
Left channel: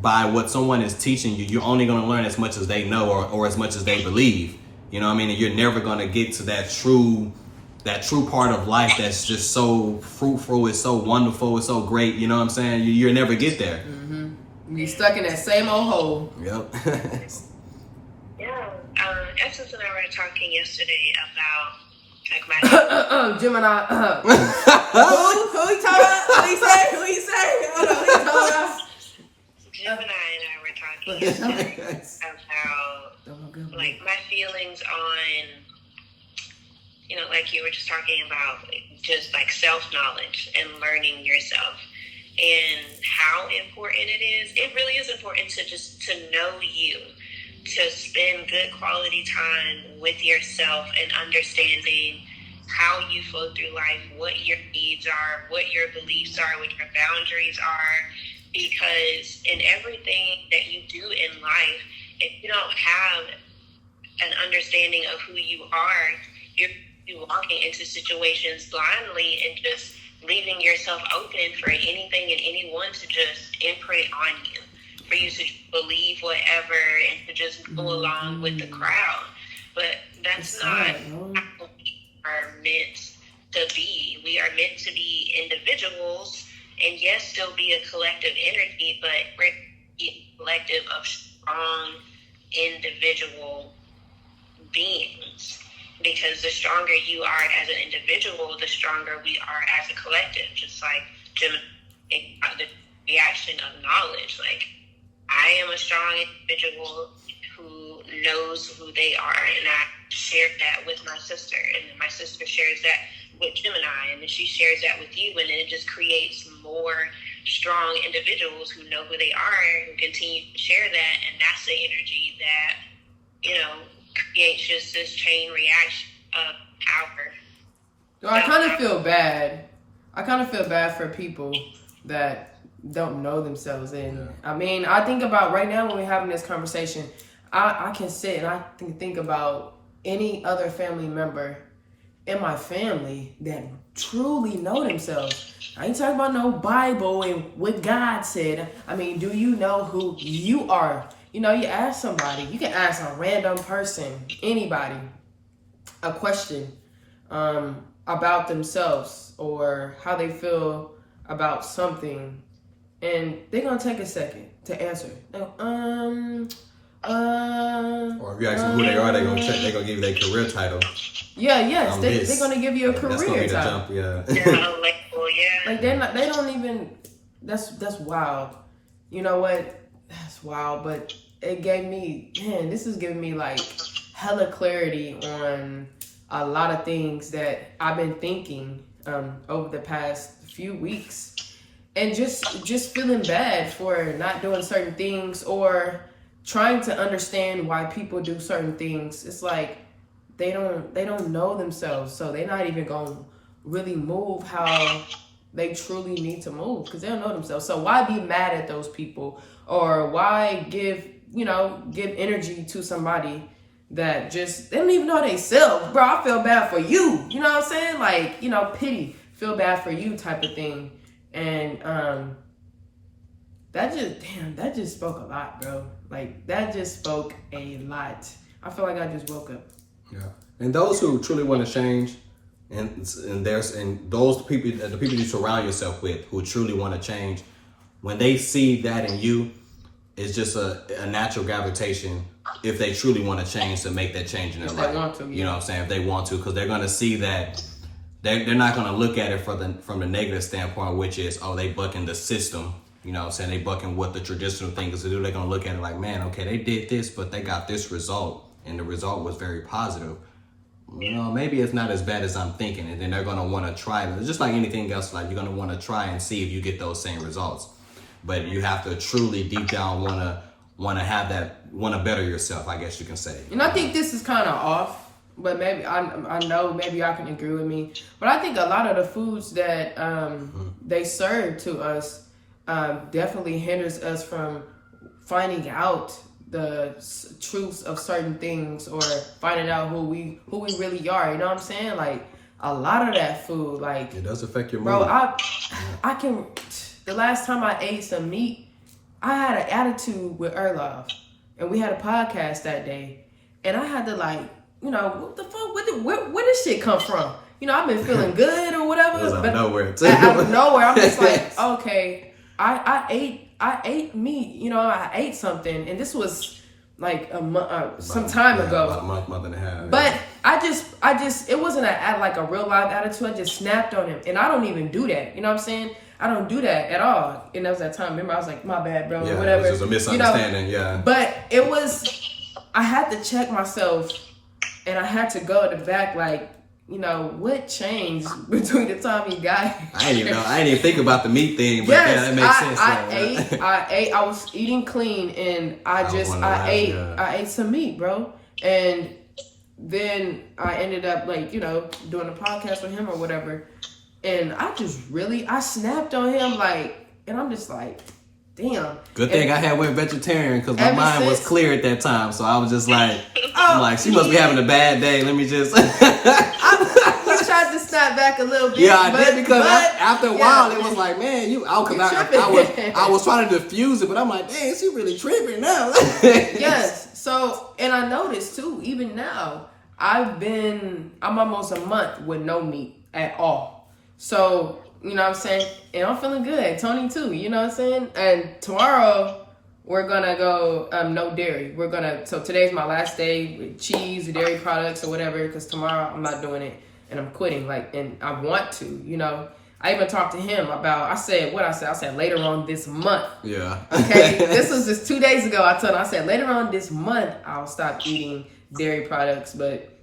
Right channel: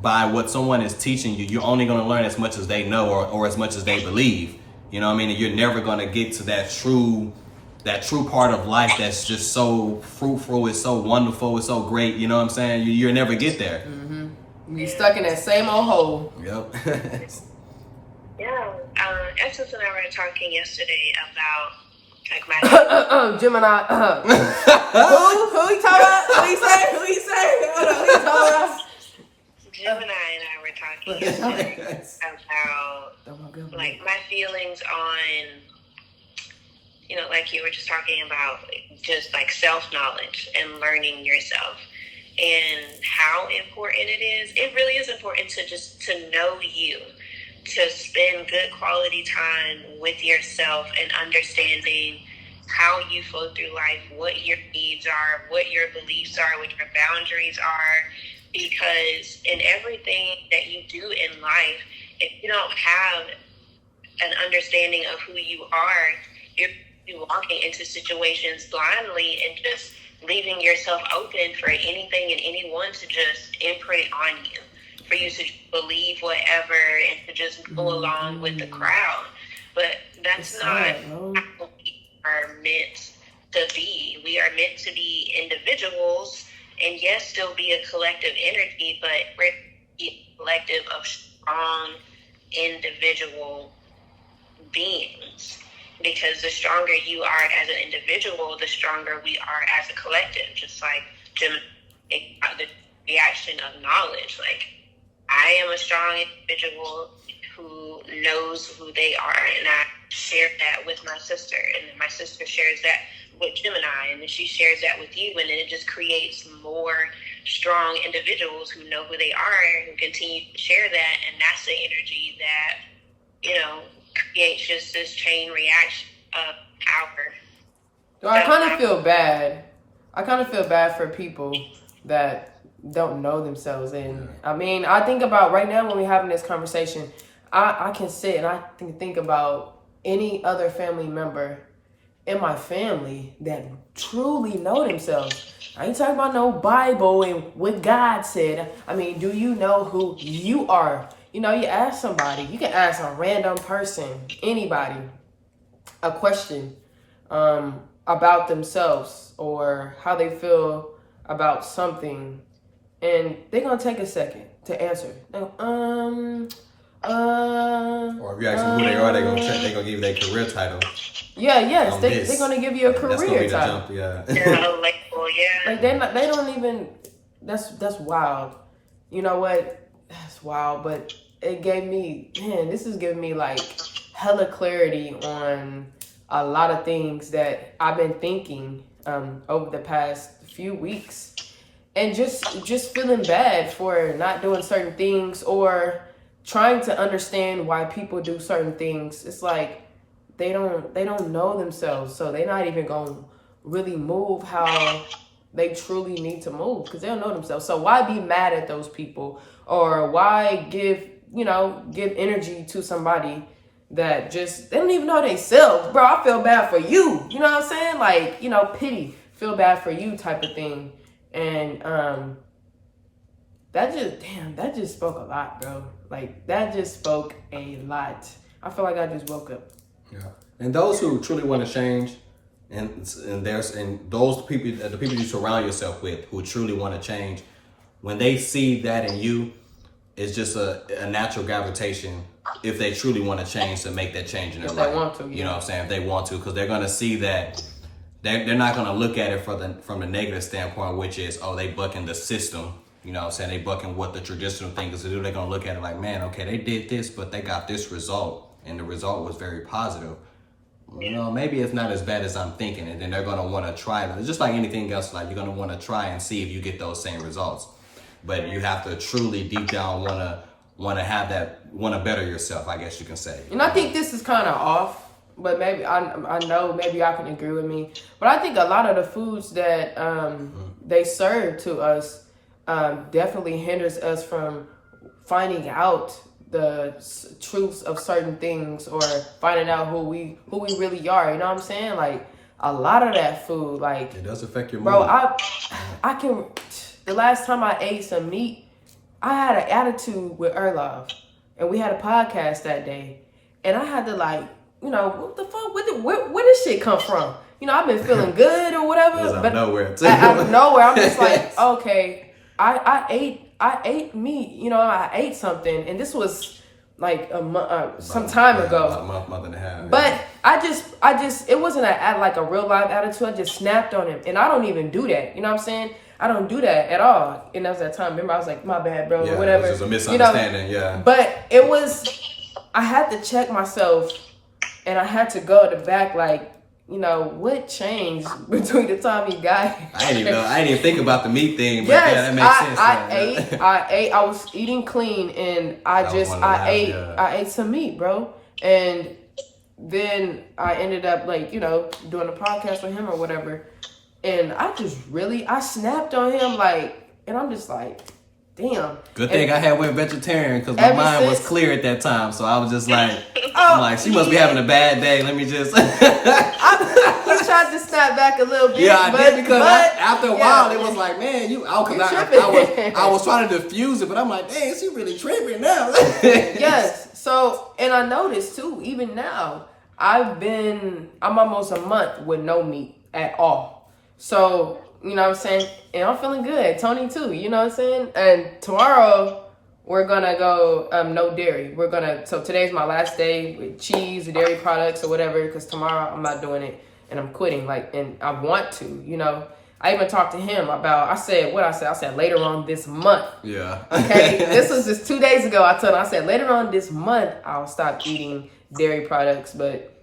by what someone is teaching you, you're only going to learn as much as they know or as much as they believe. You know what I mean? And you're never going to get to that true part of life that's just so fruitful, it's so wonderful, it's so great. You know what I'm saying? You'll never get there. Mm-hmm. You're stuck in that same old hole. Yep. Essence and I were talking yesterday about, like, my... Gemini. Who he told us? Who he say? Who he told us? Gemini and I were talking yesterday about, like, my feelings on, like you were just talking about, just, like, self-knowledge and learning yourself and how important it is. It really is important to know you, to spend good quality time with yourself and understanding how you flow through life, what your needs are, what your beliefs are, what your boundaries are, because in everything that you do in life, if you don't have an understanding of who you are, you're walking into situations blindly and just leaving yourself open for anything and anyone to just imprint on you, for you to believe whatever and to just go along with the crowd. But that's not how we are meant to be. We are meant to be individuals, and yes, still be a collective energy, but we're a collective of strong individual beings. Because the stronger you are as an individual, the stronger we are as a collective. Just like the reaction of knowledge. Like, I am a strong individual who knows who they are, and I share that with my sister, and then my sister shares that with Gemini, and then she shares that with you, and then it just creates more strong individuals who know who they are, who continue to share that, and that's the energy that, creates just this chain reaction of power. So I kind of feel bad. I kind of feel bad for people that don't know themselves. And I mean, I think about right now when we're having this conversation, I can sit and I can think about any other family member in my family that truly know themselves. I ain't talking about no Bible and what God said. I mean, do you know who you are? You ask somebody, you can ask a random person, anybody, a question about themselves or how they feel about something, and they're going to take a second to answer. Or if you ask them who they are, they're going to give you their career title. Yeah, yes, they're going to give you a career title. That's going to be the jump, Like, they don't even, that's wild. You know what? That's wild, but it gave me, this is giving me like hella clarity on a lot of things that I've been thinking over the past few weeks, and just feeling bad for not doing certain things or trying to understand why people do certain things. It's like they don't know themselves, so they're not even gonna really move how they truly need to move because they don't know themselves. So why be mad at those people, or why give energy to somebody that just, they don't even know themselves? Bro, I feel bad for you. You know what I'm saying? Like, pity, feel bad for you type of thing. And that just spoke a lot, bro. Like, that just spoke a lot. I feel like I just woke up. Yeah. And those who truly want to change, and those people, the people you surround yourself with who truly want to change, when they see that in you, it's just a natural gravitation if they truly want to change, to make that change in their life. They want to, yeah. You know what I'm saying? If they want to, because they're going to see that they're not going to look at it from the negative standpoint, which is, they bucking the system. You know what I'm saying? They bucking what the traditional thing is to do. They're going to look at it like, man, okay, they did this, but they got this result, and the result was very positive. Maybe it's not as bad as I'm thinking, and then they're going to want to try it. Just like anything else, like, you're going to want to try and see if you get those same results. But you have to truly deep down want to better yourself, I guess you can say. And I think this is kind of off, but maybe I know maybe y'all can agree with me. But I think a lot of the foods that they serve to us definitely hinders us from finding out the truths of certain things, or finding out who we really are. You know what I'm saying? Like, a lot of that food, like, it does affect your mood. Bro, I can. The last time I ate some meat, I had an attitude with Erlov, and we had a podcast that day, and I had to, like, what the fuck? Where this shit come from? I've been feeling good or whatever. It was out of nowhere, too. Out of nowhere, I'm just like, okay, I ate meat. I ate something, and this was like some time ago. About a month and a half. But yeah. I just, it wasn't like a real live attitude. I just snapped on him, and I don't even do that. You know what I'm saying? I don't do that at all. And that was that time. Remember, I was like, my bad, bro. Yeah, whatever. It was just a misunderstanding, yeah. But it was, I had to check myself, and I had to go to the back, like, what changed between the time you got here? I didn't even think about the meat thing, but yes, yeah, that makes sense. I ate. I was eating clean, and I ate some meat, bro. And then I ended up, like, doing a podcast with him or whatever. And I snapped on him, like, and I'm just like, damn. Good thing I had went vegetarian, because my mind was clear at that time. So I was just like, I'm like, she must be having a bad day. Let me just. I tried to sat back a little bit. Yeah, I did because but, after a while it was like, man, I was trying to diffuse it, but I'm like, dang, she really tripping now. Yes. So, and I noticed too, even now, I'm almost a month with no meat at all. So, you know what I'm saying? And I'm feeling good. Tony too, you know what I'm saying? And tomorrow we're gonna go no dairy. So today's my last day with cheese, dairy products or whatever, because tomorrow I'm not doing it and I'm quitting. And I want to, you know. I even talked to him about, I said later on this month. Yeah. Okay. This was just 2 days ago. I said later on this month I'll stop eating dairy products. But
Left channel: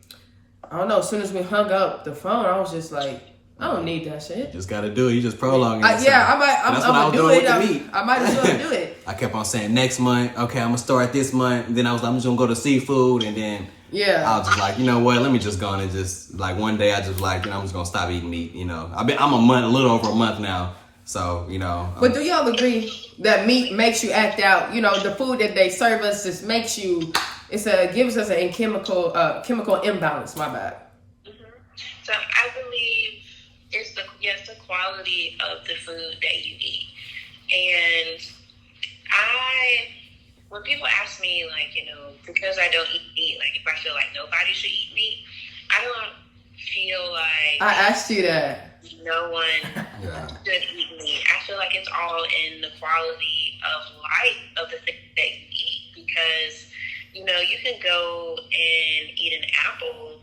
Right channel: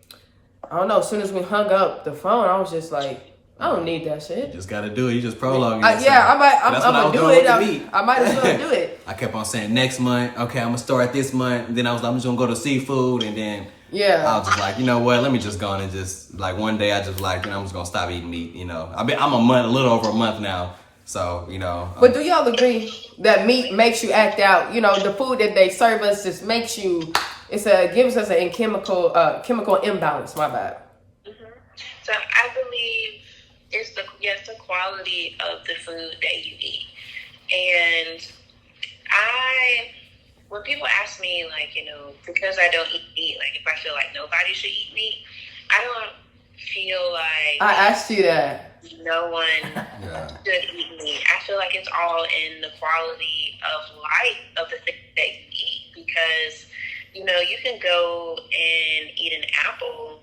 I don't know, as soon as we hung up the phone, I was just like, I don't need that shit. You just gotta do it. You just prolonging it. That's what I was doing with the meat. I might as well do it. I kept on saying next month. Okay, I'm gonna start this month. And then I'm just gonna go to seafood, and then I was just like, you know what? Let me just go on and just like one day I just like, I'm just gonna stop eating meat. You know, I'm a little over a month now. So you know. But do y'all agree that meat makes you act out? You know, the food that they serve us just makes you. Gives us a chemical imbalance. My bad. Mm-hmm. So I believe it's the quality of the food that you eat. And when people ask me, like, you know, because I don't eat meat, like if I feel like nobody should eat meat, I don't feel like I asked you that. No one should eat meat. I feel like it's all in the quality of life of the things that you eat, because you know, you can go and eat an apple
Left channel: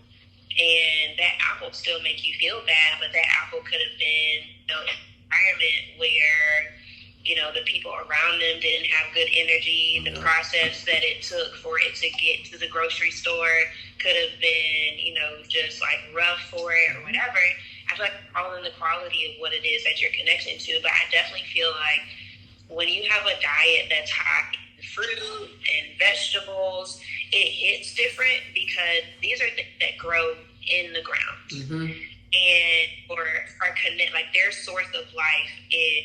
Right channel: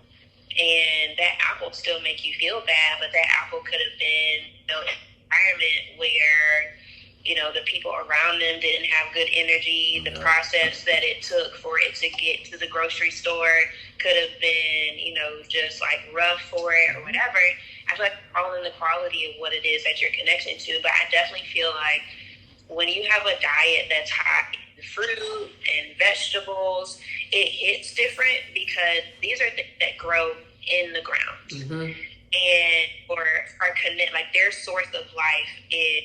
and that apple still make you feel bad, but that apple could have been, you know, an environment where, you know, the people around them didn't have good energy. The process that it took for it to get to the grocery store could have been, you know, just like rough for it or whatever. I feel like it's all in the quality of what it is that you're connected to. But I definitely feel like when you have a diet that's high in fruit and vegetables, it hits different because these are things that grow in the ground. Mm-hmm. And or are connect, like their source of life is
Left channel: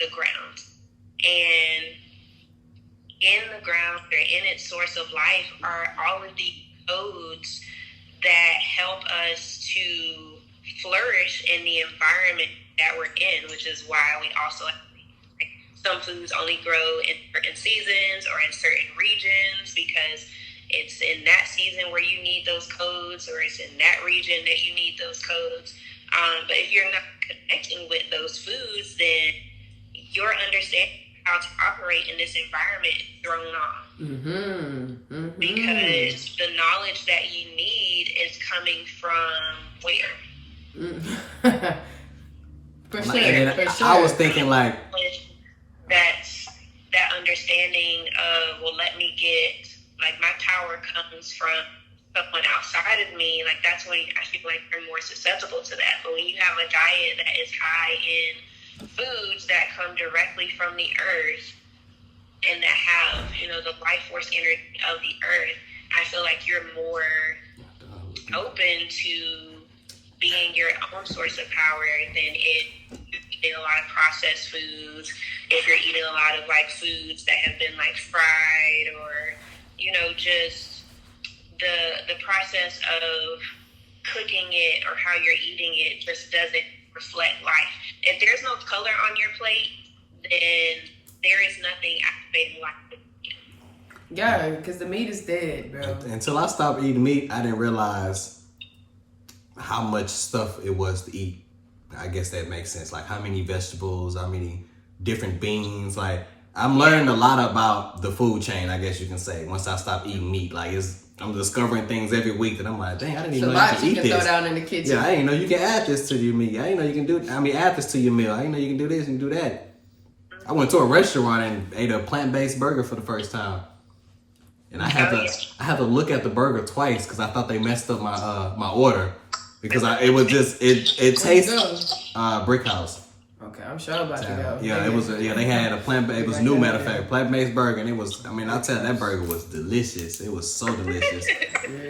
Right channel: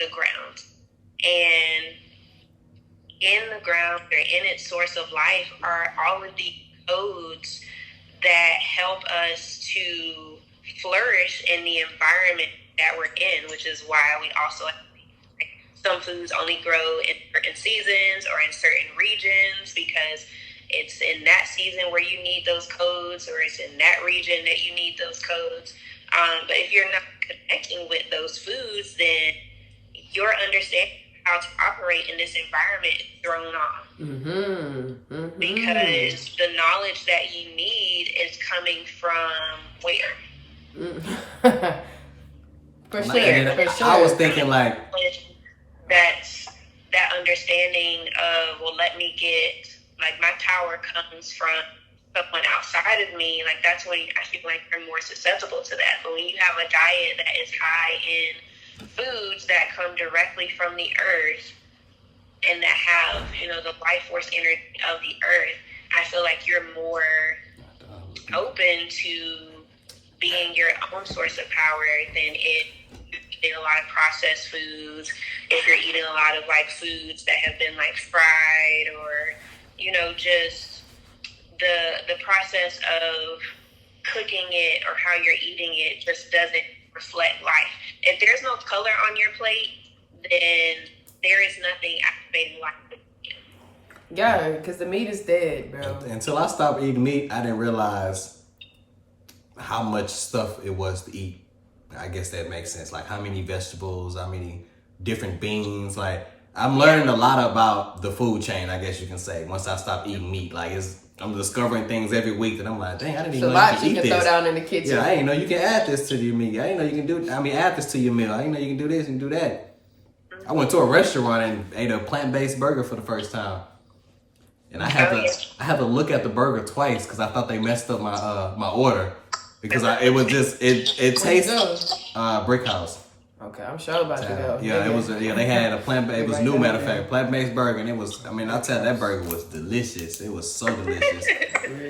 the ground. And in the ground or in its source of life are all of the codes that help us to flourish in the environment that we're in, which is why we also some foods only grow in certain seasons or in certain regions because it's in that season where you need those codes, or it's in that region that you need those codes. But if you're not connecting with those foods, then your understanding how to operate in this environment is thrown off. Mm-hmm. Mm-hmm. Because the knowledge that you need is coming from where? Mm-hmm. For sure. I was thinking like that understanding of, well, let me get, like, my power comes from someone outside of me. Like, that's when I feel like you're more susceptible to that. But when you have a diet that is high in foods that come directly from the earth and that have, you know, the life force energy of the earth, I feel like you're more open to being your own source of power than if you're eating a lot of processed foods, if you're eating a lot of like foods that have been like fried, or, you know, just the process of cooking it or how you're eating it just doesn't reflect life. If there's no color on your plate, then there is nothing activating life. Yeah, because the meat is dead, bro. Until I stopped eating meat, I didn't realize how much stuff it was to eat. I guess that makes sense. Like how many vegetables, how many different beans. Like I'm learning a lot about the food chain, I guess you can say, once I stopped eating meat. Like I'm discovering things every week that I'm like, dang, I didn't even know you can eat this. Throw down in the kitchen. Yeah, I didn't know you can add this to your meat. I didn't know you can add this to your meal. I didn't know you can do this and do that. I went to a restaurant and ate a plant-based burger for the first time. And I had to look at the burger twice because I thought they messed up my order. Because it tastes Brick House. Okay, I'm sure about to go. Yeah, it was. They had a plant-based. It was new, matter of fact, plant-based burger, and it was. I mean, I'll tell you, that burger was delicious. It was so delicious.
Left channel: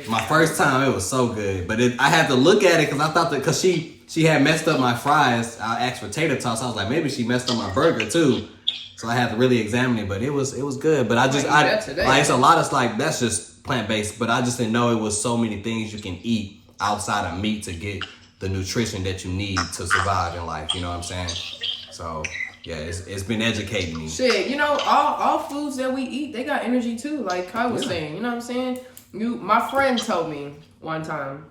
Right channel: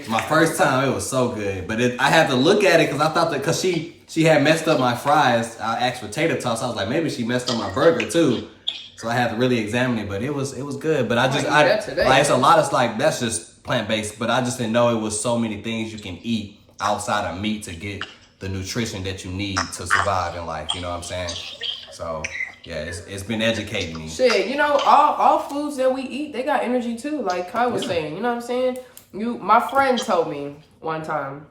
My first time, it was so good. But I had to look at it because I thought that because she had messed up my fries. I asked for tater tots. I was like, maybe she messed up my burger too. So I had to really examine it. But it was good. But it's a lot of like that's just plant-based. But I just didn't know it was so many things you can eat outside of meat to get the nutrition that you need to survive in life. You know what I'm saying? So yeah, it's been educating me. Shit, you know, all foods that we eat, they got energy too. Like Kai was saying, you know what I'm saying? My friend told me one time,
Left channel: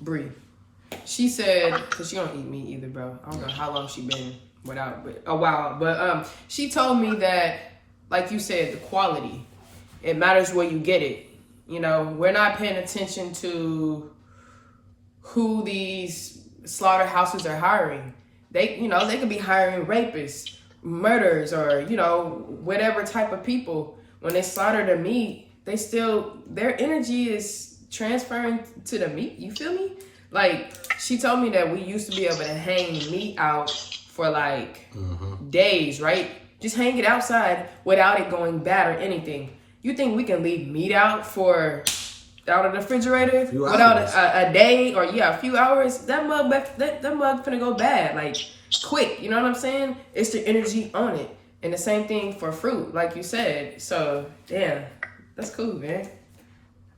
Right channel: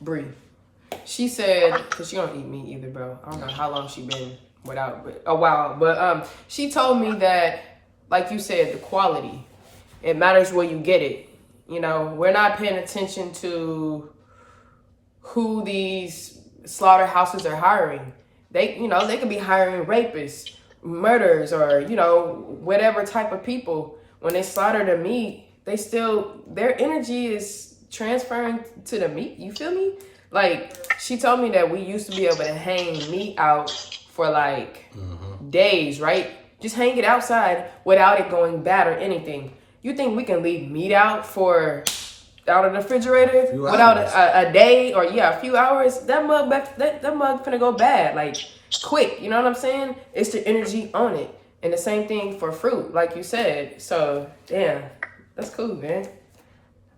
Bree, she said, because she don't eat meat either, bro. I don't know how long she been without, but a while. But she told me that, like you said, the quality, it matters where you get it. You know, we're not paying attention to who these slaughterhouses are hiring. They could be hiring rapists, murderers, or, you know, whatever type of people. When they slaughter the meat, their energy is transferring to the meat. You feel me? Like, she told me that we used to be able to hang meat out for like days, right? Just hang it outside without it going bad or anything. You think we can leave meat out of the refrigerator without a day or a few hours? That mug finna go bad, like quick. You know what I'm saying? It's the energy on it, and the same thing for fruit, like you said. So damn, that's cool, man.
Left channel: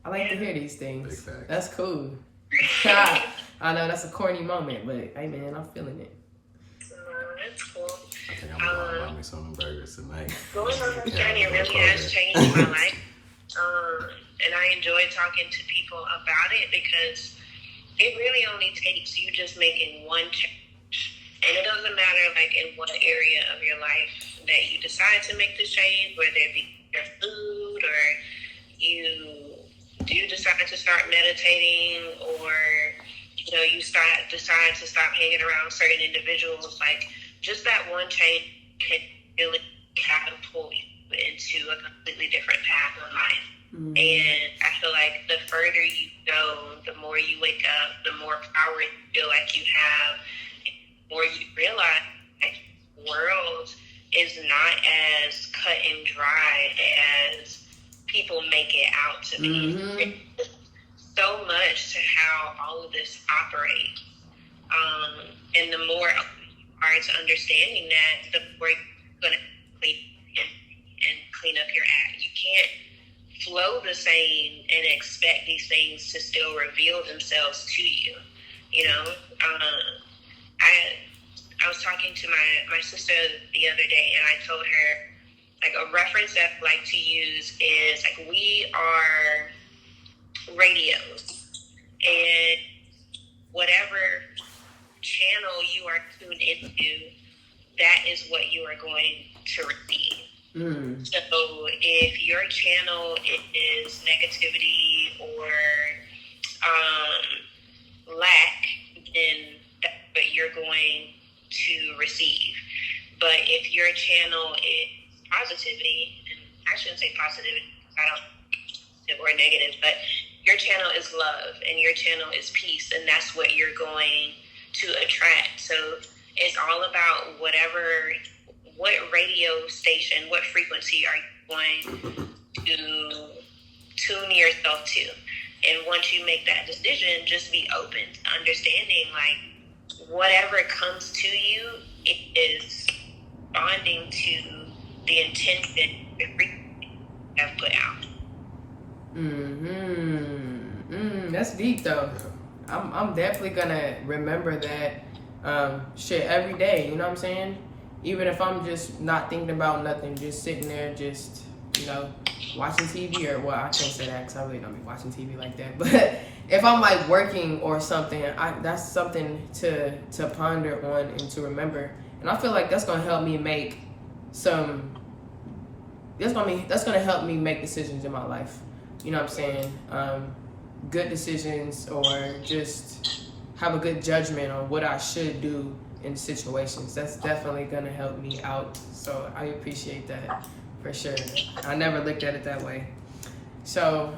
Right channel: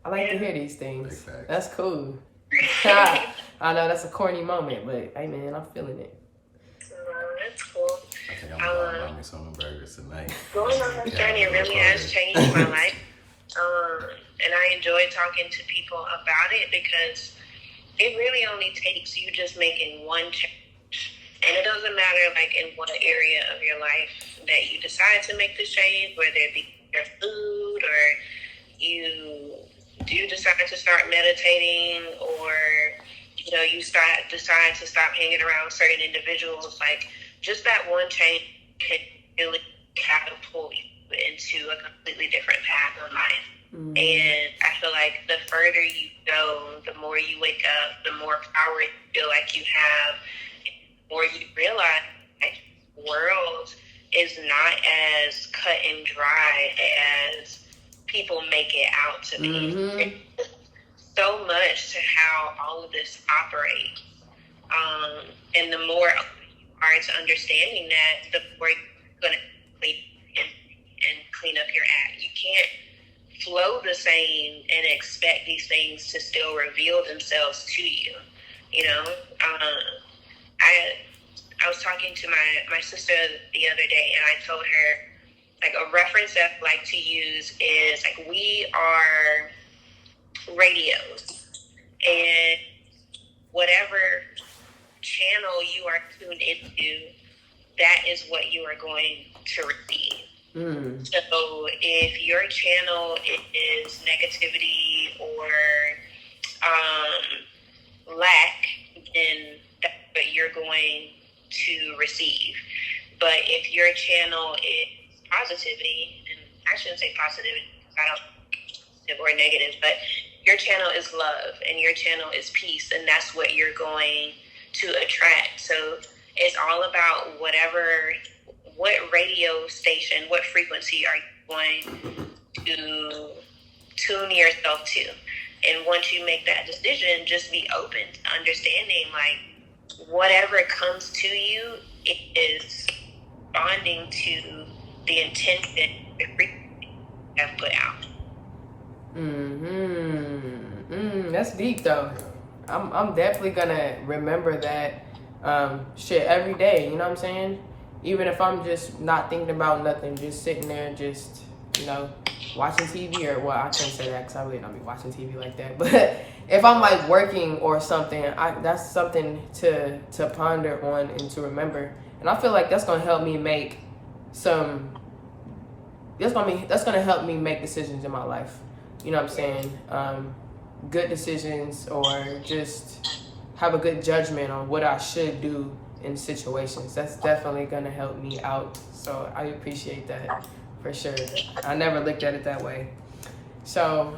I like to hear these things. Big facts. That's cool. I know that's a corny moment, but hey man, I'm feeling it. That's cool. I think I'm gonna buy me some burgers tonight. Going on this journey really has changed my life. And I enjoy talking to people about it because it really only takes you just making one change. And it doesn't matter like in what area of your life that you decide to make this change, whether it be your food or you do decide to start meditating or, you know, you decide to stop hanging around certain individuals. Like, just that one change can really catapult you into a completely different path of life. And I feel like the further you go, the more you wake up, the more power you feel like you have, the more you realize that the world is not as cut and dry as people make it out to be. There's so much to how all of this operates. And the more you are to understanding that, the more you're going to clean and clean up your act. You can't flow the same and expect these things to still reveal themselves to you. You know, I was talking to my sister the other day, and I told her, like, a reference that I like to use is, like, we are radios, and whatever channel you are tuned into, that is what you are going to receive. So if your channel is negativity or lack, then that's what you're going to receive. But if your channel is positivity, and I shouldn't say positivity, I don't or negative, but your channel is love and your channel is peace, and that's what you're going to attract. So it's all about what radio station, what frequency are you going to tune yourself to. And once you make that decision, just be open to understanding, like, whatever comes to you, it is bonding to the intention the frequency you have put out. That's deep though. Yeah. I'm definitely gonna remember that shit every day, you know what I'm saying? Even if I'm just not thinking about nothing, just sitting there, just, you know, watching TV or, well, I can't say that because I really don't be watching TV like that. But if I'm like working or something, that's something to ponder on and to remember. And I feel like that's gonna help me make that's gonna help me make decisions in my life. You know what I'm saying? Good decisions, or just have a good judgment on what I should do in situations. That's definitely gonna help me out. So I appreciate that for sure. I never looked at it that way. So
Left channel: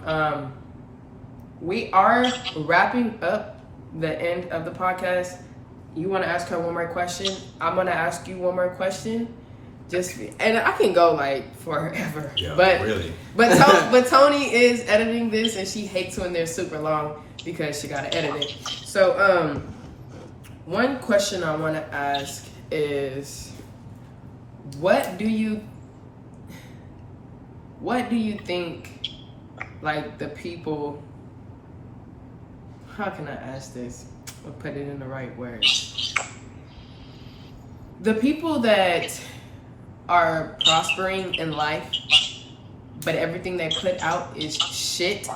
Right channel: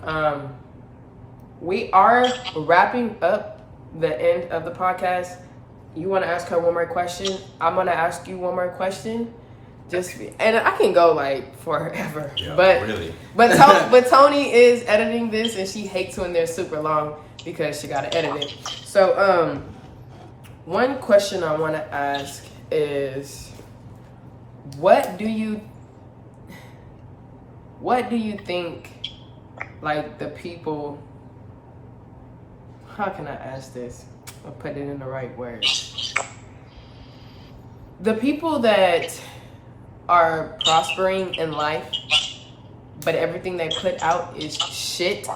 we are wrapping up the end of the podcast. You want to ask her one more question? I'm gonna ask you one more question. And I can go like forever. Yeah, but really. But Tony is editing this, and she hates when they're super long because she gotta edit it. So one question I want to ask is, what do you think, like, the people, how can I ask this? I'll put it in the right words. The people that are prospering in life, but everything they put out is shit.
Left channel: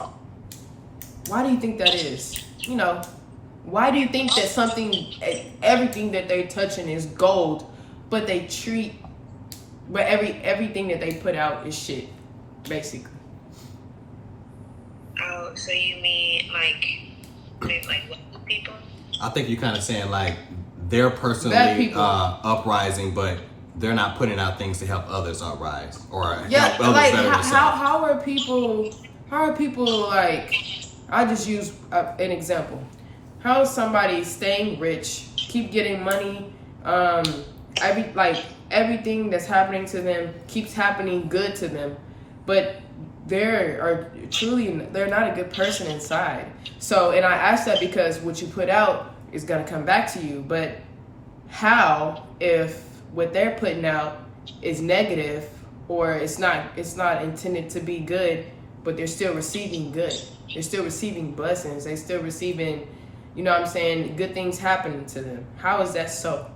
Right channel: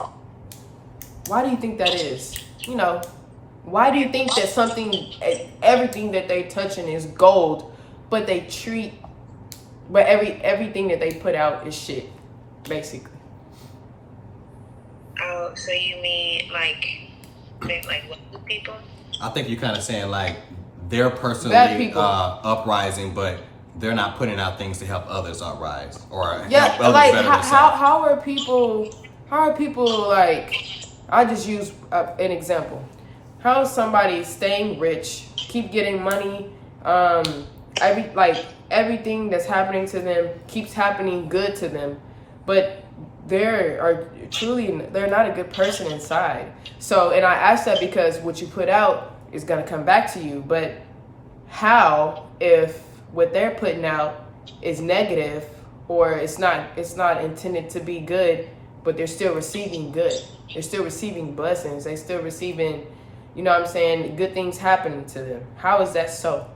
Why do you think that is? You know, why do you think that everything that they touching is gold, but everything that they put out is shit, basically? Oh, so you mean like what people? I think you're kind of saying like they're personally uprising, but they're not putting out things to help others uprise or help others like, better themselves. How are people like? I'll just use an example. How is somebody staying rich, keep getting money, everything that's happening to them keeps happening good to them, but they're not a good person inside. So, and I ask that because what you put out is gonna come back to you. But how if what they're putting out is negative, or it's not intended to be good, but they're still receiving good. They're still receiving blessings. They're still receiving, you know what I'm saying, good things happening to them. How is that so?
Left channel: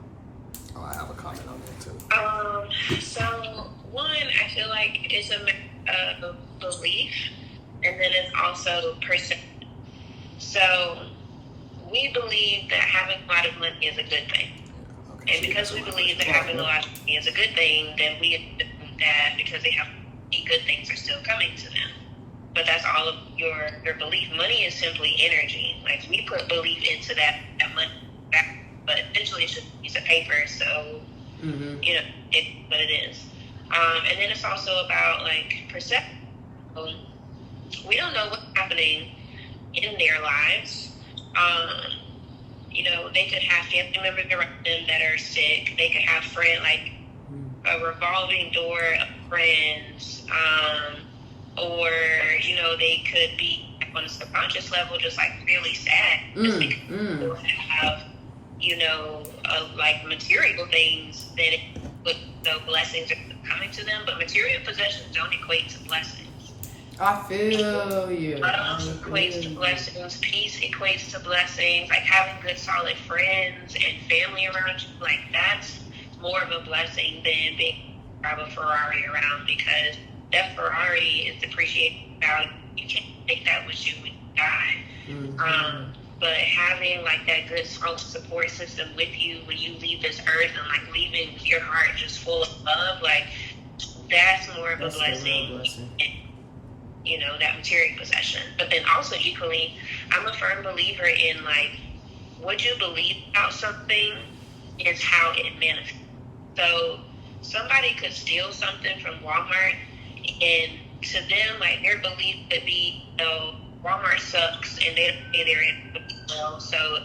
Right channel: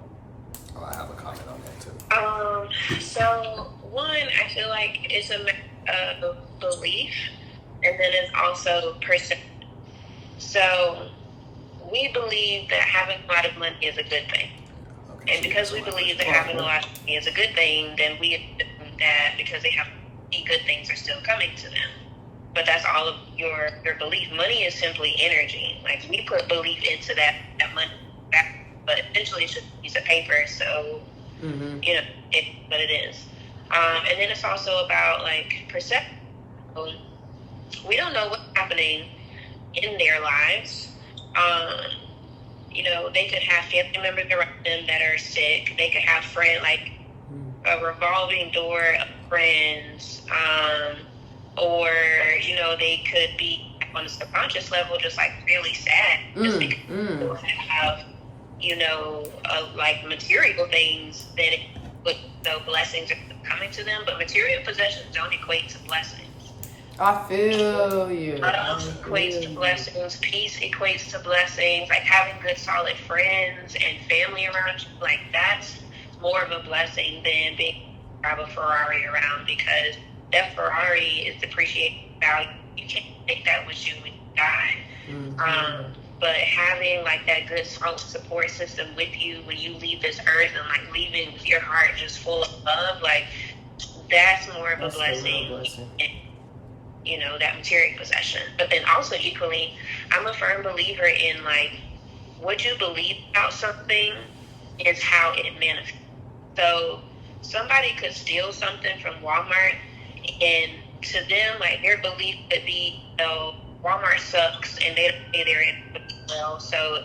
Oh, I have a comment on that too. So one, I feel like it's a matter of belief, and then it's also perception. So we believe that having a lot of money is a good thing. Okay, and because we believe that having a lot of money is a good thing, then we assume that because they have money, good things are still coming to them. But that's all of your belief. Money is simply energy. Like, we put belief into that money, but eventually it's just a piece of paper. So, you know, it's what it is. And then it's also about, like, perception. We don't know what's happening in their lives. You know, they could have family members around them that are sick. They could have friends, like a revolving door of friends. Or, you know, they could be on a subconscious level just, like, really sad. Just because they have, you know, like, material things, then the blessings are coming to them. But material possessions don't equate to blessings. I feel you. Equates to blessings. Peace equates to blessings. Like, having good, solid friends and family around you, like, that's more of a blessing than being drive a Ferrari around, because that Ferrari is depreciating value. You can't take that with you when you die. But having, like, that good solid support system with you when you leave this earth, and, like, leaving with your heart just full of love, like, that's more of a blessing. You know, that material possession. But then also equally, I'm a firm believer in, like, what you believe about something is how it manifests. So somebody could steal something from Walmart, and to them, like, their belief could be, you know, Walmart sucks and they don't pay their input well, so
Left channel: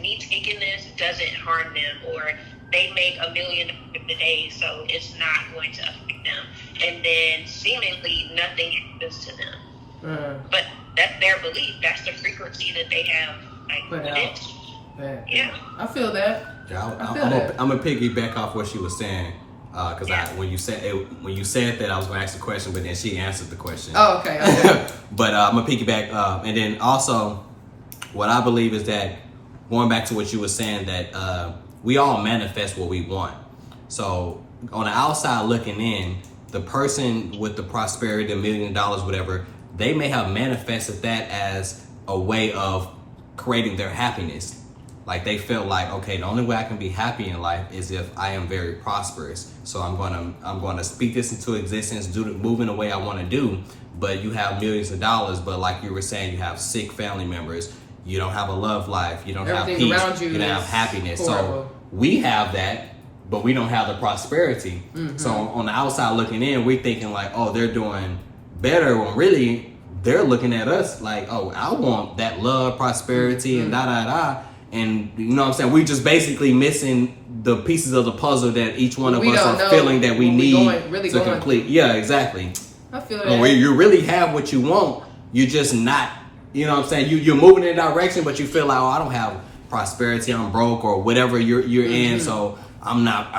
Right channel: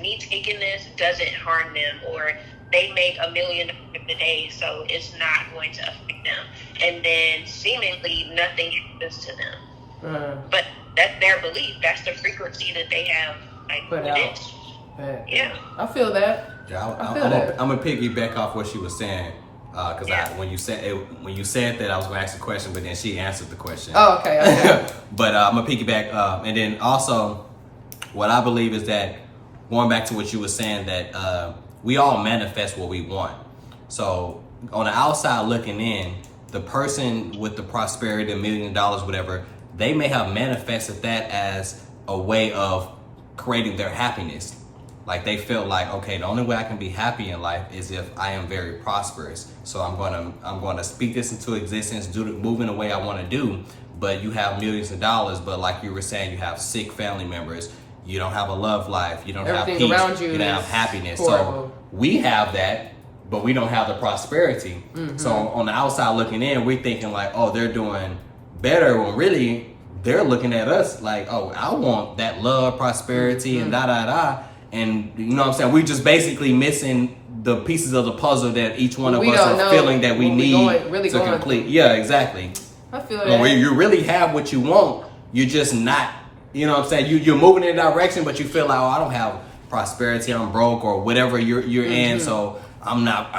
me taking this doesn't harm them, or they make $1 million a day, so it's not going to affect them. And then seemingly nothing happens to them. But that's their belief. That's the frequency that they have, like, put out. Yeah. I feel that. Yeah, I'm gonna piggyback off what she was saying. Because when you said that, I was gonna ask the question, but then she answered the question. Oh, okay. But I'm gonna piggyback, and then also, what I believe is that, going back to what you were saying, that we all manifest what we want. So on the outside looking in, the person with the prosperity, $1 million, whatever, they may have manifested that as a way of creating their happiness. Like, they feel like, okay, the only way I can be happy in life is if I am very prosperous. So I'm gonna speak this into existence, move in the way I want to do. But you have millions of dollars, but like you were saying, you have sick family members. You don't have a love life. You don't have peace. You don't have happiness. So we have that, but we don't have the prosperity. So on the outside looking in, we're thinking like, oh, they're doing better, when really they're looking at us like, oh, I want that love, prosperity, and da-da-da. And you know what I'm saying? We just basically missing the pieces of the puzzle that each one of us are feeling that we need to complete. Yeah, exactly. I feel that. When you really have what you want, you're just not, you know what I'm saying? You're moving in a direction, but you feel like, oh, I don't have prosperity, I'm broke, or whatever you're in. So I'm not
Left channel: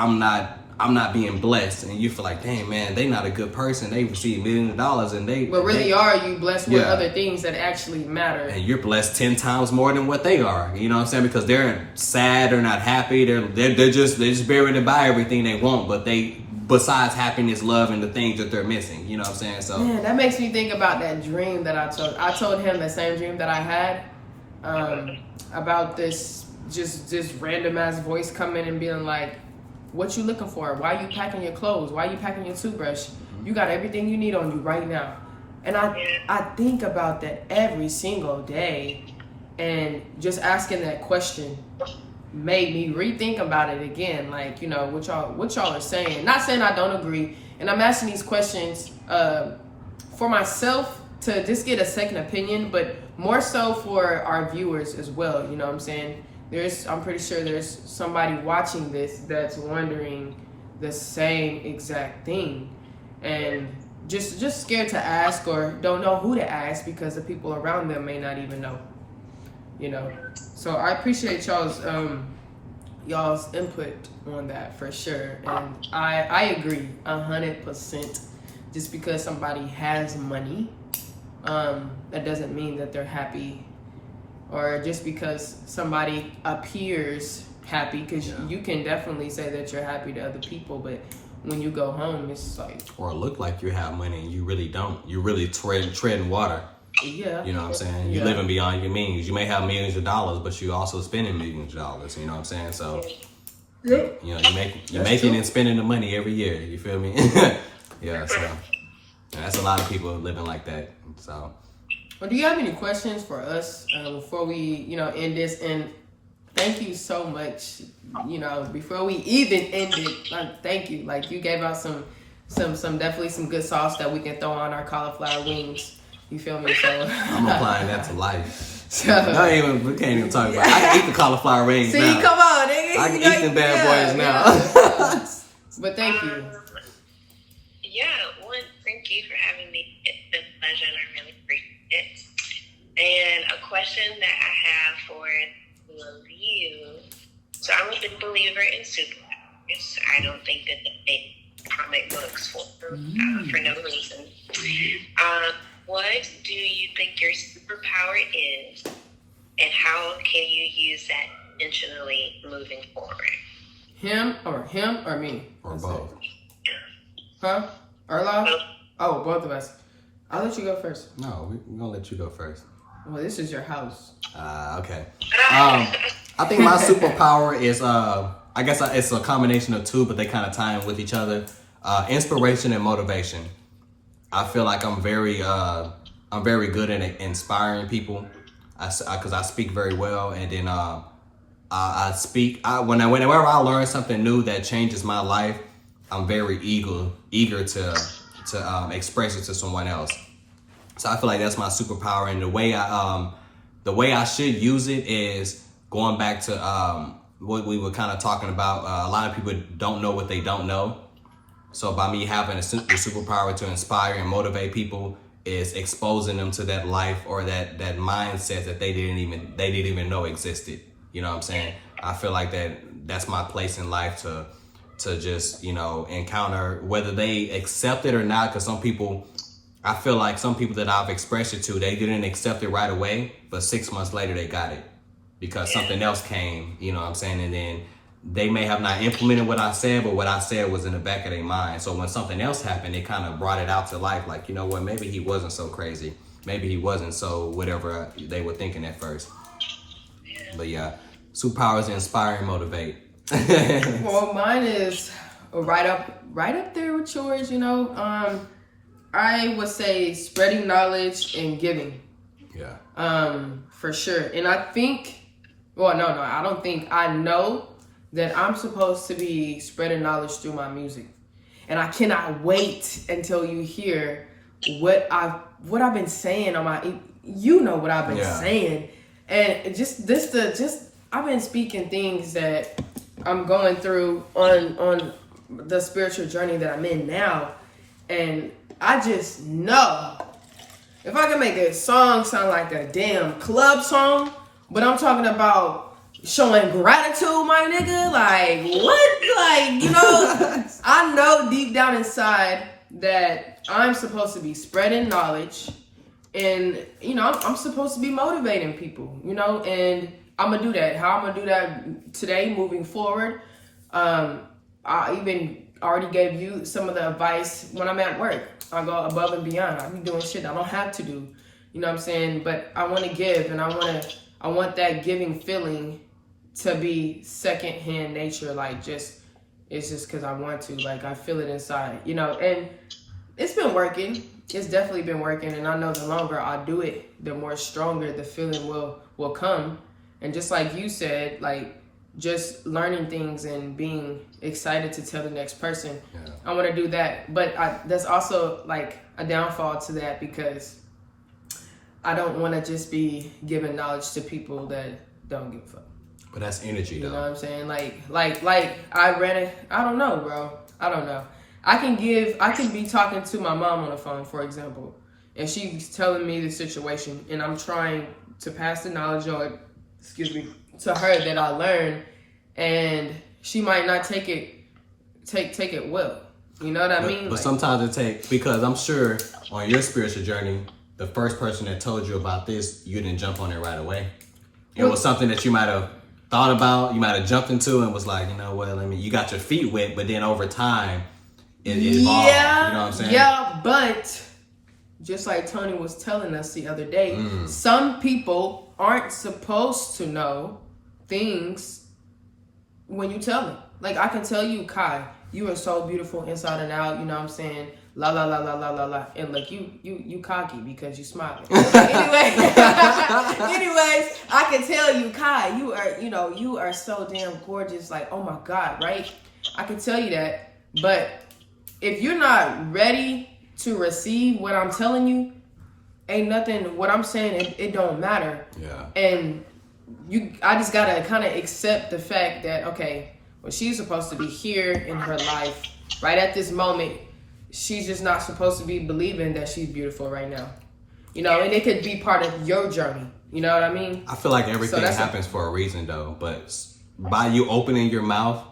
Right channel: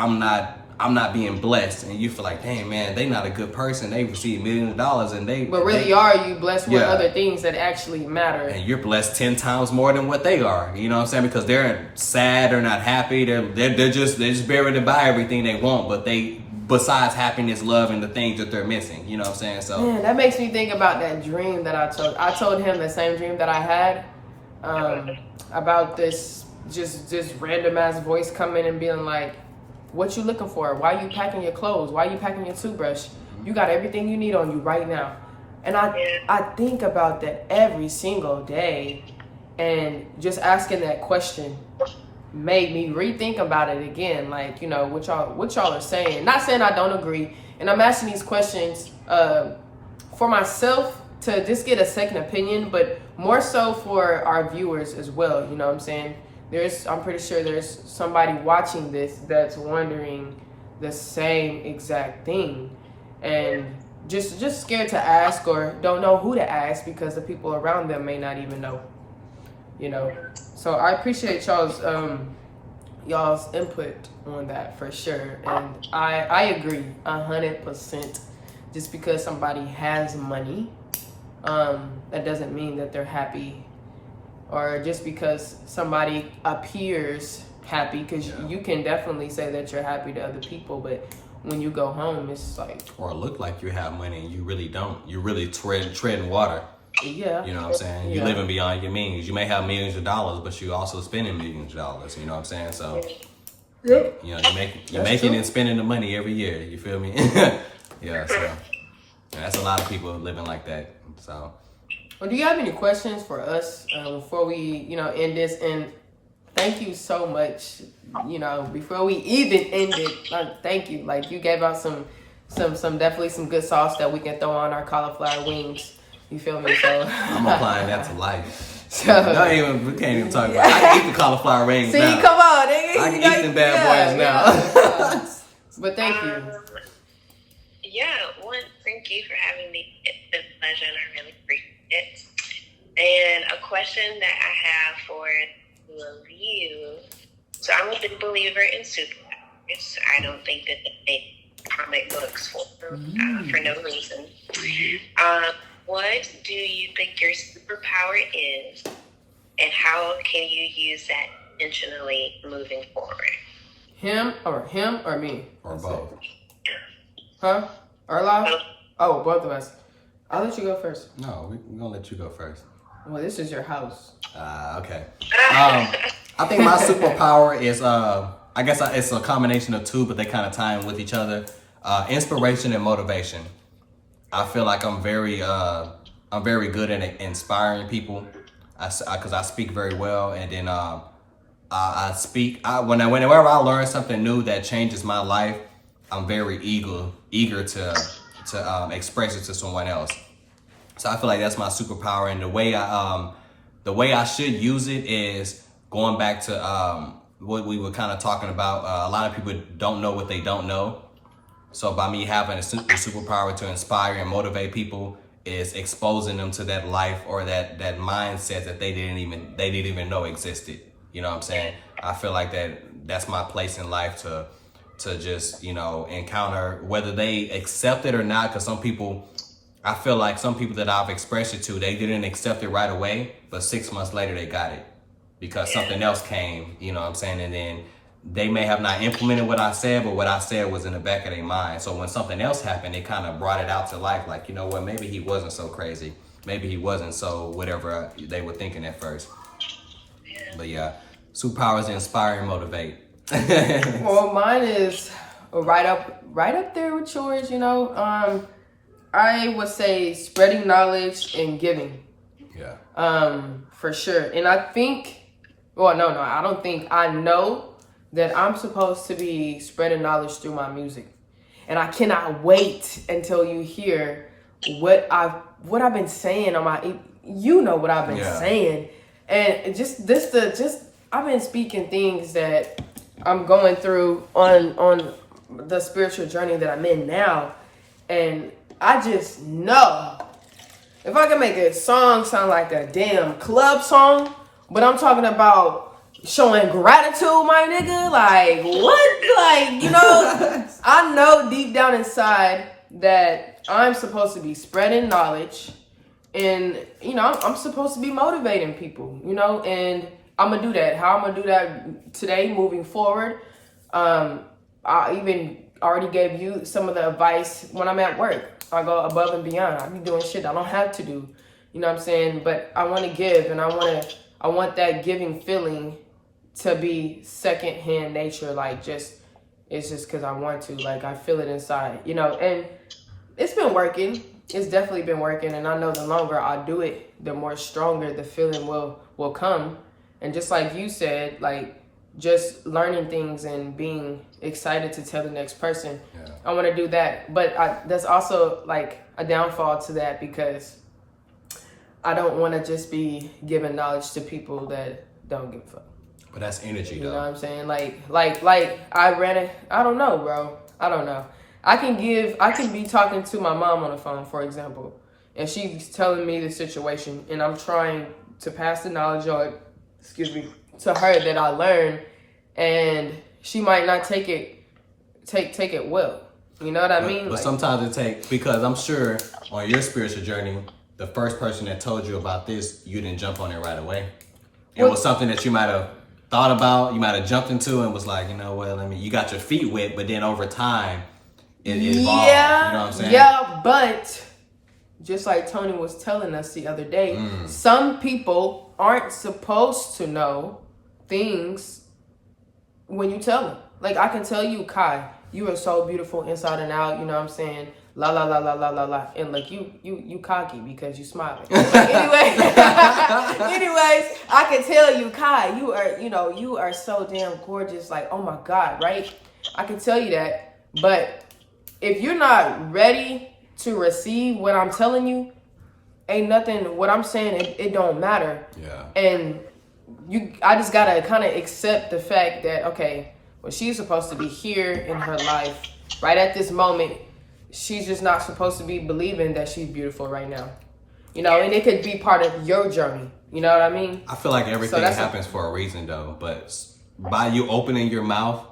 I'm not being blessed, and you feel like, dang man, they not a good person. They receive millions of dollars, and but really are you blessed with other things that actually matter? And you're blessed 10 times more than what they are. You know what I'm saying? Because they're sad, they're not happy, they're just barely to buy everything they want, but besides happiness, love, and the things that they're missing. You know what I'm saying? So yeah, that makes me think about that dream that I told. I told him the same dream that I had about this just random ass voice coming and being like, what you looking for? Why are you packing your clothes? Why are you packing your toothbrush? You got everything you need on you right now. And I think about that every single day, and just asking that question made me rethink about it again. Like, you know, what y'all are saying. Not saying I don't agree. And I'm asking these questions for myself to just get a second opinion, but more so for our viewers as well. You know what I'm saying? I'm pretty sure there's somebody watching this that's wondering the same exact thing, and just scared to ask or don't know who to ask because the people around them may not even know. You know, so I appreciate y'all's input on that for sure, and I agree 100%. Just because somebody has money, that doesn't mean that they're happy. Or just because somebody appears happy, because you can definitely say that you're happy to other people, but when you go home, it's like... Or look like you have money and you really don't. You really treading water. Yeah. You know what I'm saying? You living beyond your means. You may have millions of dollars, but you also spending millions of dollars. You know what I'm saying? So, you know, you're making and spending the money every year. You feel me? Yeah, so that's a lot of people living like that. So... Well, do you have any questions for us before we, you know, end this? And thank you so much. You know, before we even end it, like, thank you. Like, you gave out some definitely some good sauce that we can throw on our cauliflower wings. You feel me? So I'm applying that to life. So, we can't even talk about it. I can eat the cauliflower rings now. See, come on, nigga. I can eat them bad boys now. But thank you. Thank you for having me. It's been a pleasure, and I really appreciate it. And a question that I have for two of you. So I'm a big believer in superpowers. I don't think that they make comic books for no reason. What do you think your superpower is, and how can you use that intentionally moving forward? Him or me? Or both. Huh? Erla? Oh, both of us. I'll let you go first. No, we're going to let you go first. Well, this is your house. Okay. I think my superpower is, I guess it's a combination of two, but they kind of tie in with each other. Inspiration and motivation. I feel like I'm very good at inspiring people, because I speak very well, and then I speak. Whenever I learn something new that changes my life, I'm very eager to express it to someone else. So I feel like that's my superpower, and the way I should use it is going back to what we were kind of talking about. A lot of people don't know what they don't know. So by me having the superpower to inspire and motivate people is exposing them to that life or that mindset that they didn't even know existed. You know what I'm saying? I feel like that's my place in life to just, you know, encounter, whether they accept it or not. Because I feel like some people that I've expressed it to, they didn't accept it right away, but 6 months later they got it because something else came, you know what I'm saying? And then they may have not implemented what I said, but what I said was in the back of their mind. So when something else happened, they kind of brought it out to life. Like, you know what, maybe he wasn't so crazy. Maybe he wasn't so whatever they were thinking at first. But yeah, superpowers inspire and motivate. Well, mine is right up there with yours, you know. I would say spreading knowledge and giving. Yeah. For sure. And I think, well, no, I don't think, I know that I'm supposed to be spreading knowledge through my music. And I cannot wait until you hear what I've been saying on my, you know what I've been saying. And I've been speaking things that I'm going through on the spiritual journey that I'm in now. And I just know if I can make a song sound like a damn club song, but I'm talking about showing gratitude, my nigga. Like, what? Like, you know, I know deep down inside that I'm supposed to be spreading knowledge and, you know, I'm supposed to be motivating people, you know, and I'm going to do that. How I'm going to do that today, moving forward. I even already gave you some of the advice when I'm at work. I go above and beyond. I be doing shit I don't have to do. You know what I'm saying? But I want to give, and I want that giving feeling to be secondhand nature. Like, it's just because I want to. Like, I feel it inside, you know. And it's been working. It's definitely been working. And I know the longer I do it, the more stronger the feeling will come. And just like you said, like, just learning things and being excited to tell the next person. Yeah. I want to do that. But there's also, like, a downfall to that because I don't want to just be giving knowledge to people that don't give a fuck. But that's energy, though. You know what I'm saying? Like I ran it. I don't know, bro. I don't know. I can be talking to my mom on the phone, for example, and she's telling me the situation, and I'm trying to pass the knowledge on, to her that I learned, and she might not take it well. You know what I mean? But sometimes it takes, because I'm sure on your spiritual journey, the first person that told you about this, you didn't jump on it right away. It was something that you might have thought about, you might have jumped into and was like, you know what, you got your feet wet, but then over time, it evolved. Yeah, you know what I'm saying? Yeah, but just like Tony was telling us the other day, some people aren't supposed to know things when you tell them. Like, I can tell you, Kai, you are so beautiful inside and out, you know what I'm saying? La la la la la la la, and like you cocky because you smiling. Anyways, I can tell you, Kai, you are so damn gorgeous. Like, oh my God, right? I can tell you that, but if you're not ready to receive what I'm telling you, ain't nothing. What I'm saying, it don't matter. Yeah. And I just gotta kind of accept the fact that, okay, well, she's supposed to be here in her life right at this moment. She's just not supposed to be believing that she's beautiful right now. You know, and it could be part of your journey. You know what I mean? I feel like everything happens for a reason, though. But by you opening your mouth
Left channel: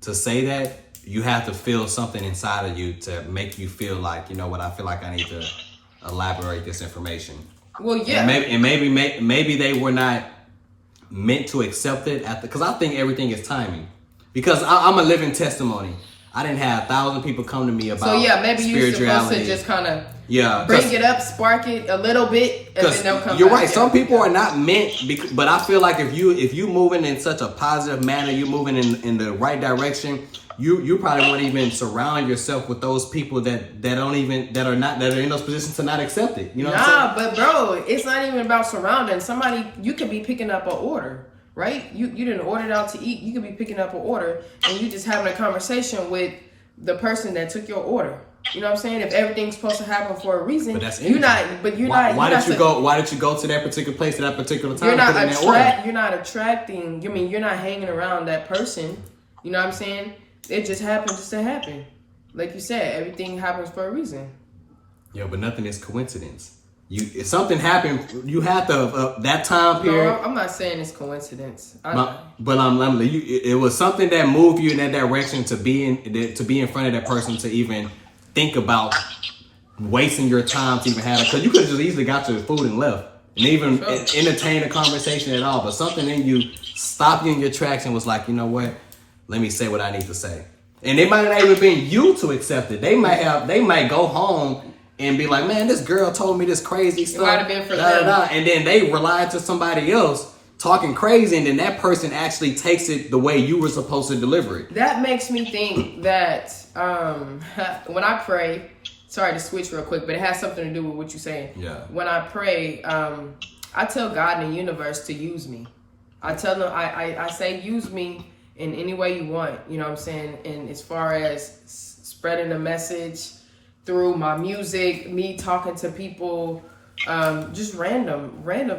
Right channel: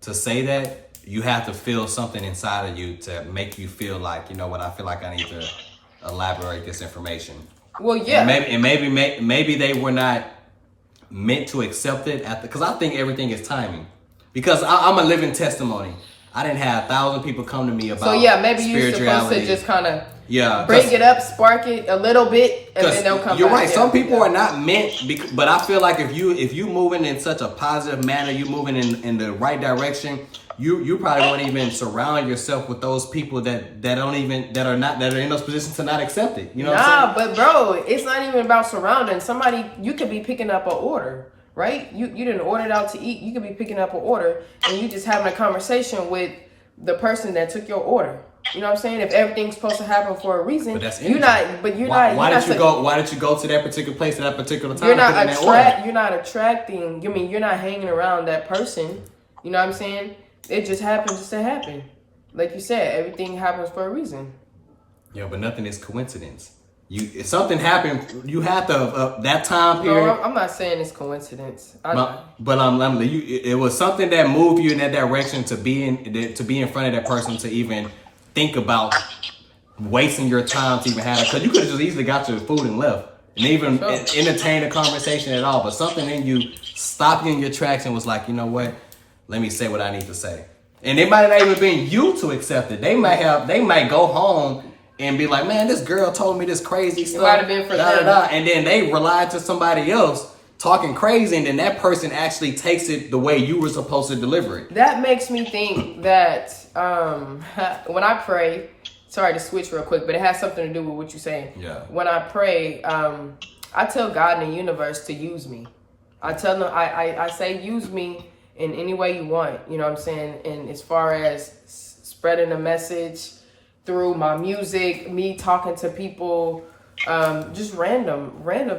to say that, you have to feel something inside of you to make you feel like, you know what, I feel like I need to elaborate this information. Well, yeah. And maybe they were not meant to accept it because I think everything is timing. Because I'm a living testimony. I didn't have 1,000 people come to me about maybe spirituality. You're supposed to just kind of bring it up, spark it a little bit, and then they'll come. You're right. Some people are not meant, but I feel like if you moving in such a positive manner, you moving in the right direction, you probably won't even surround yourself with those people that are in those positions to not accept it. You know what I'm saying? But bro, it's not even about surrounding somebody. You could be picking up an order. Right? You didn't order it out to eat. You could be picking up an order and you just having a conversation with the person that took your order. You know what I'm saying? If everything's supposed to happen for a reason, but that's why did you go to that particular place at that particular time? You're not attracting. You're not hanging around that person. You know what I'm saying? It just happens just to happen. Like you said, everything happens for a reason. Yeah, but nothing is coincidence. If something happened, you have to that time period. No, I'm not saying it's coincidence. It was something that moved you in that direction to be in front of that person, to even think about wasting your time to even have it. Because you could have just easily got your food and left and even entertain a conversation at all. But something in you stopped you in your tracks and was like, you know what? Let me say what I need to say. And it might not even been you to accept it. They might go home and be like, man, this girl told me this crazy stuff, and then they rely to somebody else talking crazy, and then that person actually takes it the way you were supposed to deliver it. That makes me think that when I pray, sorry to switch real quick, but it has something to do with what you're saying. Yeah. When I pray, I tell God and the universe to use me. I tell them, I say, use me in any way you want. You know what I'm saying? And as far as spreading the message through my music, me talking to people, just random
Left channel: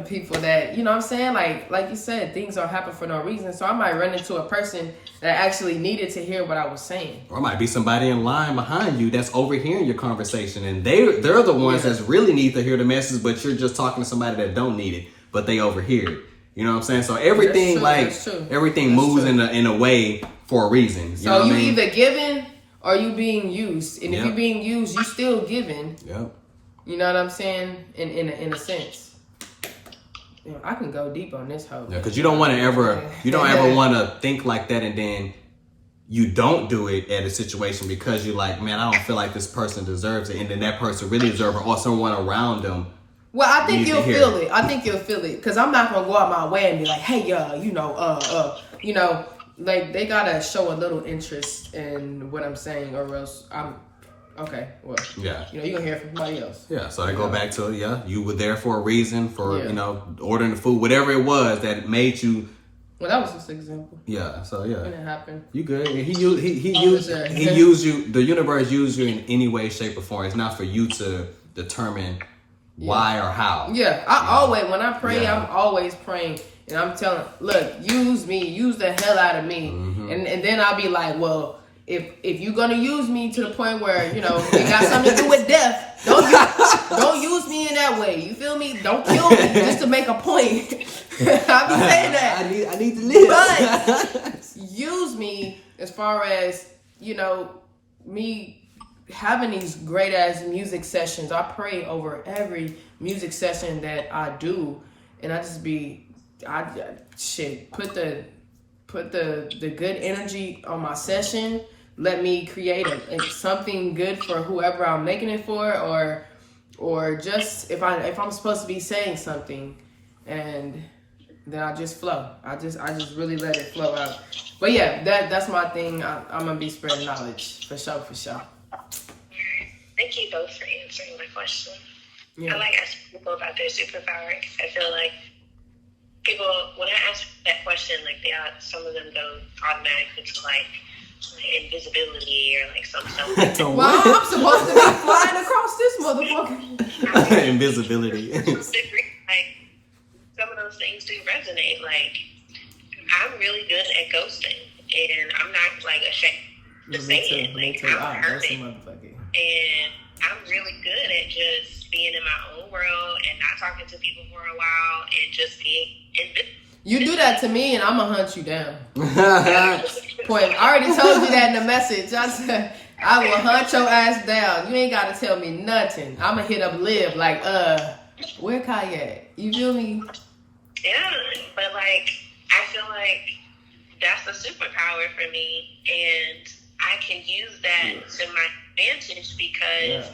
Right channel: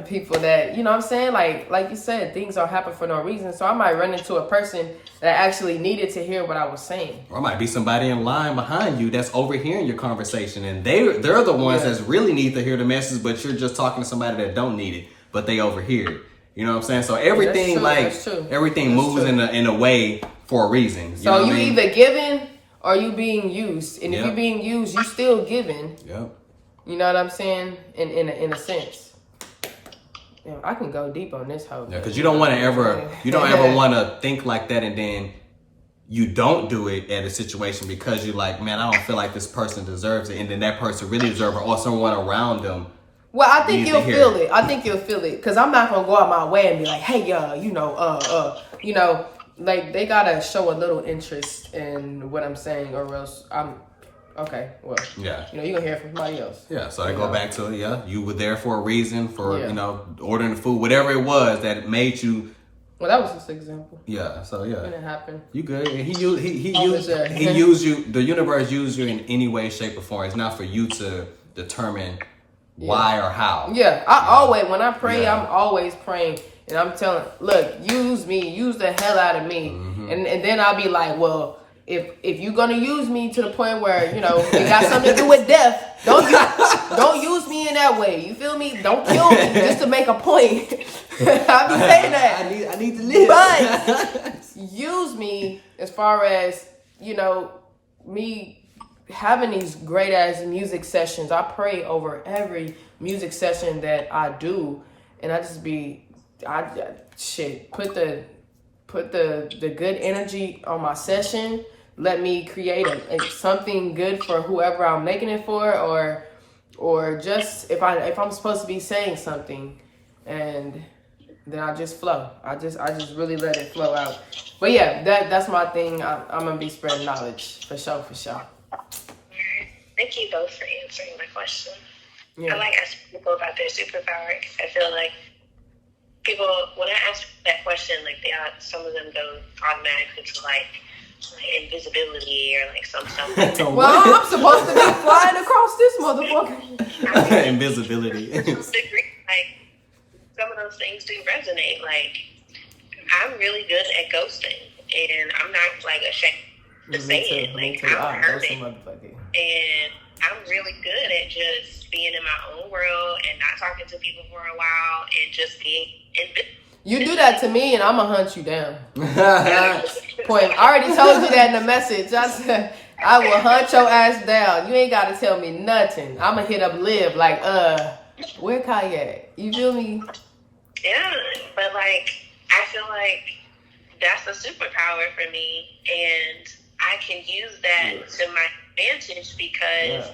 people that, you know what I'm saying? Like you said, things don't happen for no reason. So I might run into a person that actually needed to hear what I was saying. Or it might be somebody in line behind you that's overhearing your conversation, and they're the ones that really need to hear the message, but you're just talking to somebody that don't need it, but they overhear it. You know what I'm saying? So everything that's true. everything moves in a way for a reason. You know what I mean? either giving or you being used. And if you're being used, you still giving. Yep. You know what I'm saying? In a sense. Damn, I can go deep on this hoe. Yeah, because you don't ever want to think like that and then you don't do it at a situation because you're like, man, I don't feel like this person deserves it, and then that person really deserves it, or someone around them. Well, I think you'll feel it. I think you'll feel it because I'm not gonna go out my way and be like, hey, like they gotta show a little interest in what I'm saying, or else I'm okay. Well, yeah, you're gonna hear from somebody else. Yeah, so I go back to you were there for a reason, for ordering the food, whatever it was that made you. Well, that was just an example. Yeah, so yeah, it didn't happen. You good? He used you. The universe used you in any way, shape, or form. It's not for you to determine why or how. Yeah, I always when I pray, I'm always praying. And I'm telling, look, use me, use the hell out of me. Mm-hmm. And then I'll be like, well, if you're gonna use me to the point where, it got something to do with death, don't use me in that way. You feel me? Don't kill me just to make a point. I'll be saying that. I need to live. But use me as far as, me having these great ass music sessions. I pray over every music session that I do. And I just put the good energy on my session. Let me create something good for whoever I'm making it for, or just if I'm supposed to be saying something, and then I just flow. I just really let it flow out. But yeah, that's my thing. I'm gonna be spreading knowledge for sure. Thank you both for answering my question. Yeah. I like asking people about their superpower because I feel like people, when I ask that question, like some of them go automatically to like invisibility or like some stuff. Well, I'm supposed to be flying across this motherfucker. Invisibility. Like some of those things do resonate. Like I'm really good at ghosting, and I'm not like ashamed to say it. Like I'm perfect, and I'm really good at just being in my own world and not talking to people for a while and just being invisible. You do that to me, and I'm gonna hunt you down. Point. I already told you that in the message. I said I will hunt your ass down. You ain't gotta tell me nothing. I'm gonna hit up Liv like, where Kai at? You feel me? Yeah, but like I feel like that's a superpower for me, and I can use that to my advantage because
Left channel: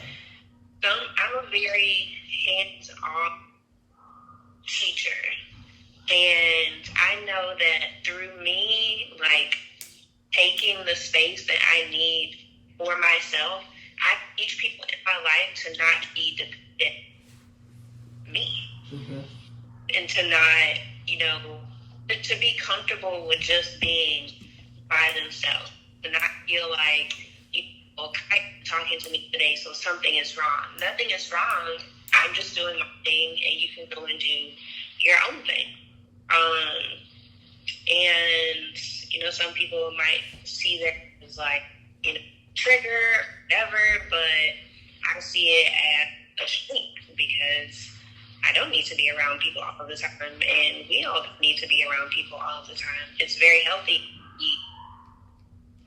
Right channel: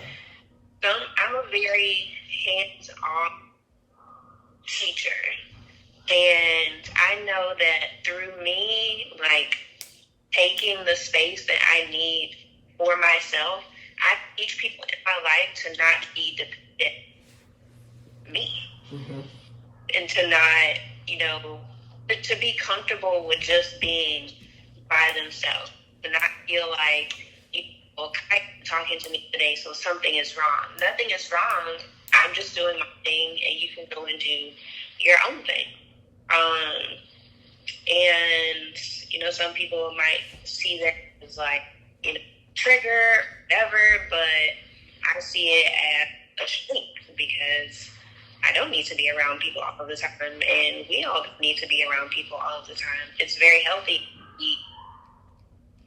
I'm a very hands-on teacher. And I know that through me, like, taking the space that I need for myself, I teach people in my life to not be dependent on me. Mm-hmm. And to not, to be comfortable with just being by themselves. To not feel like, Kai's talking to me today, so something is wrong. Nothing is wrong. I'm just doing my thing, and you can go and do your own thing. And, some people might see that as like, trigger, whatever, but I see it as a strength because I don't need to be around people all the time, and we all need to be around people all the time. It's very healthy to be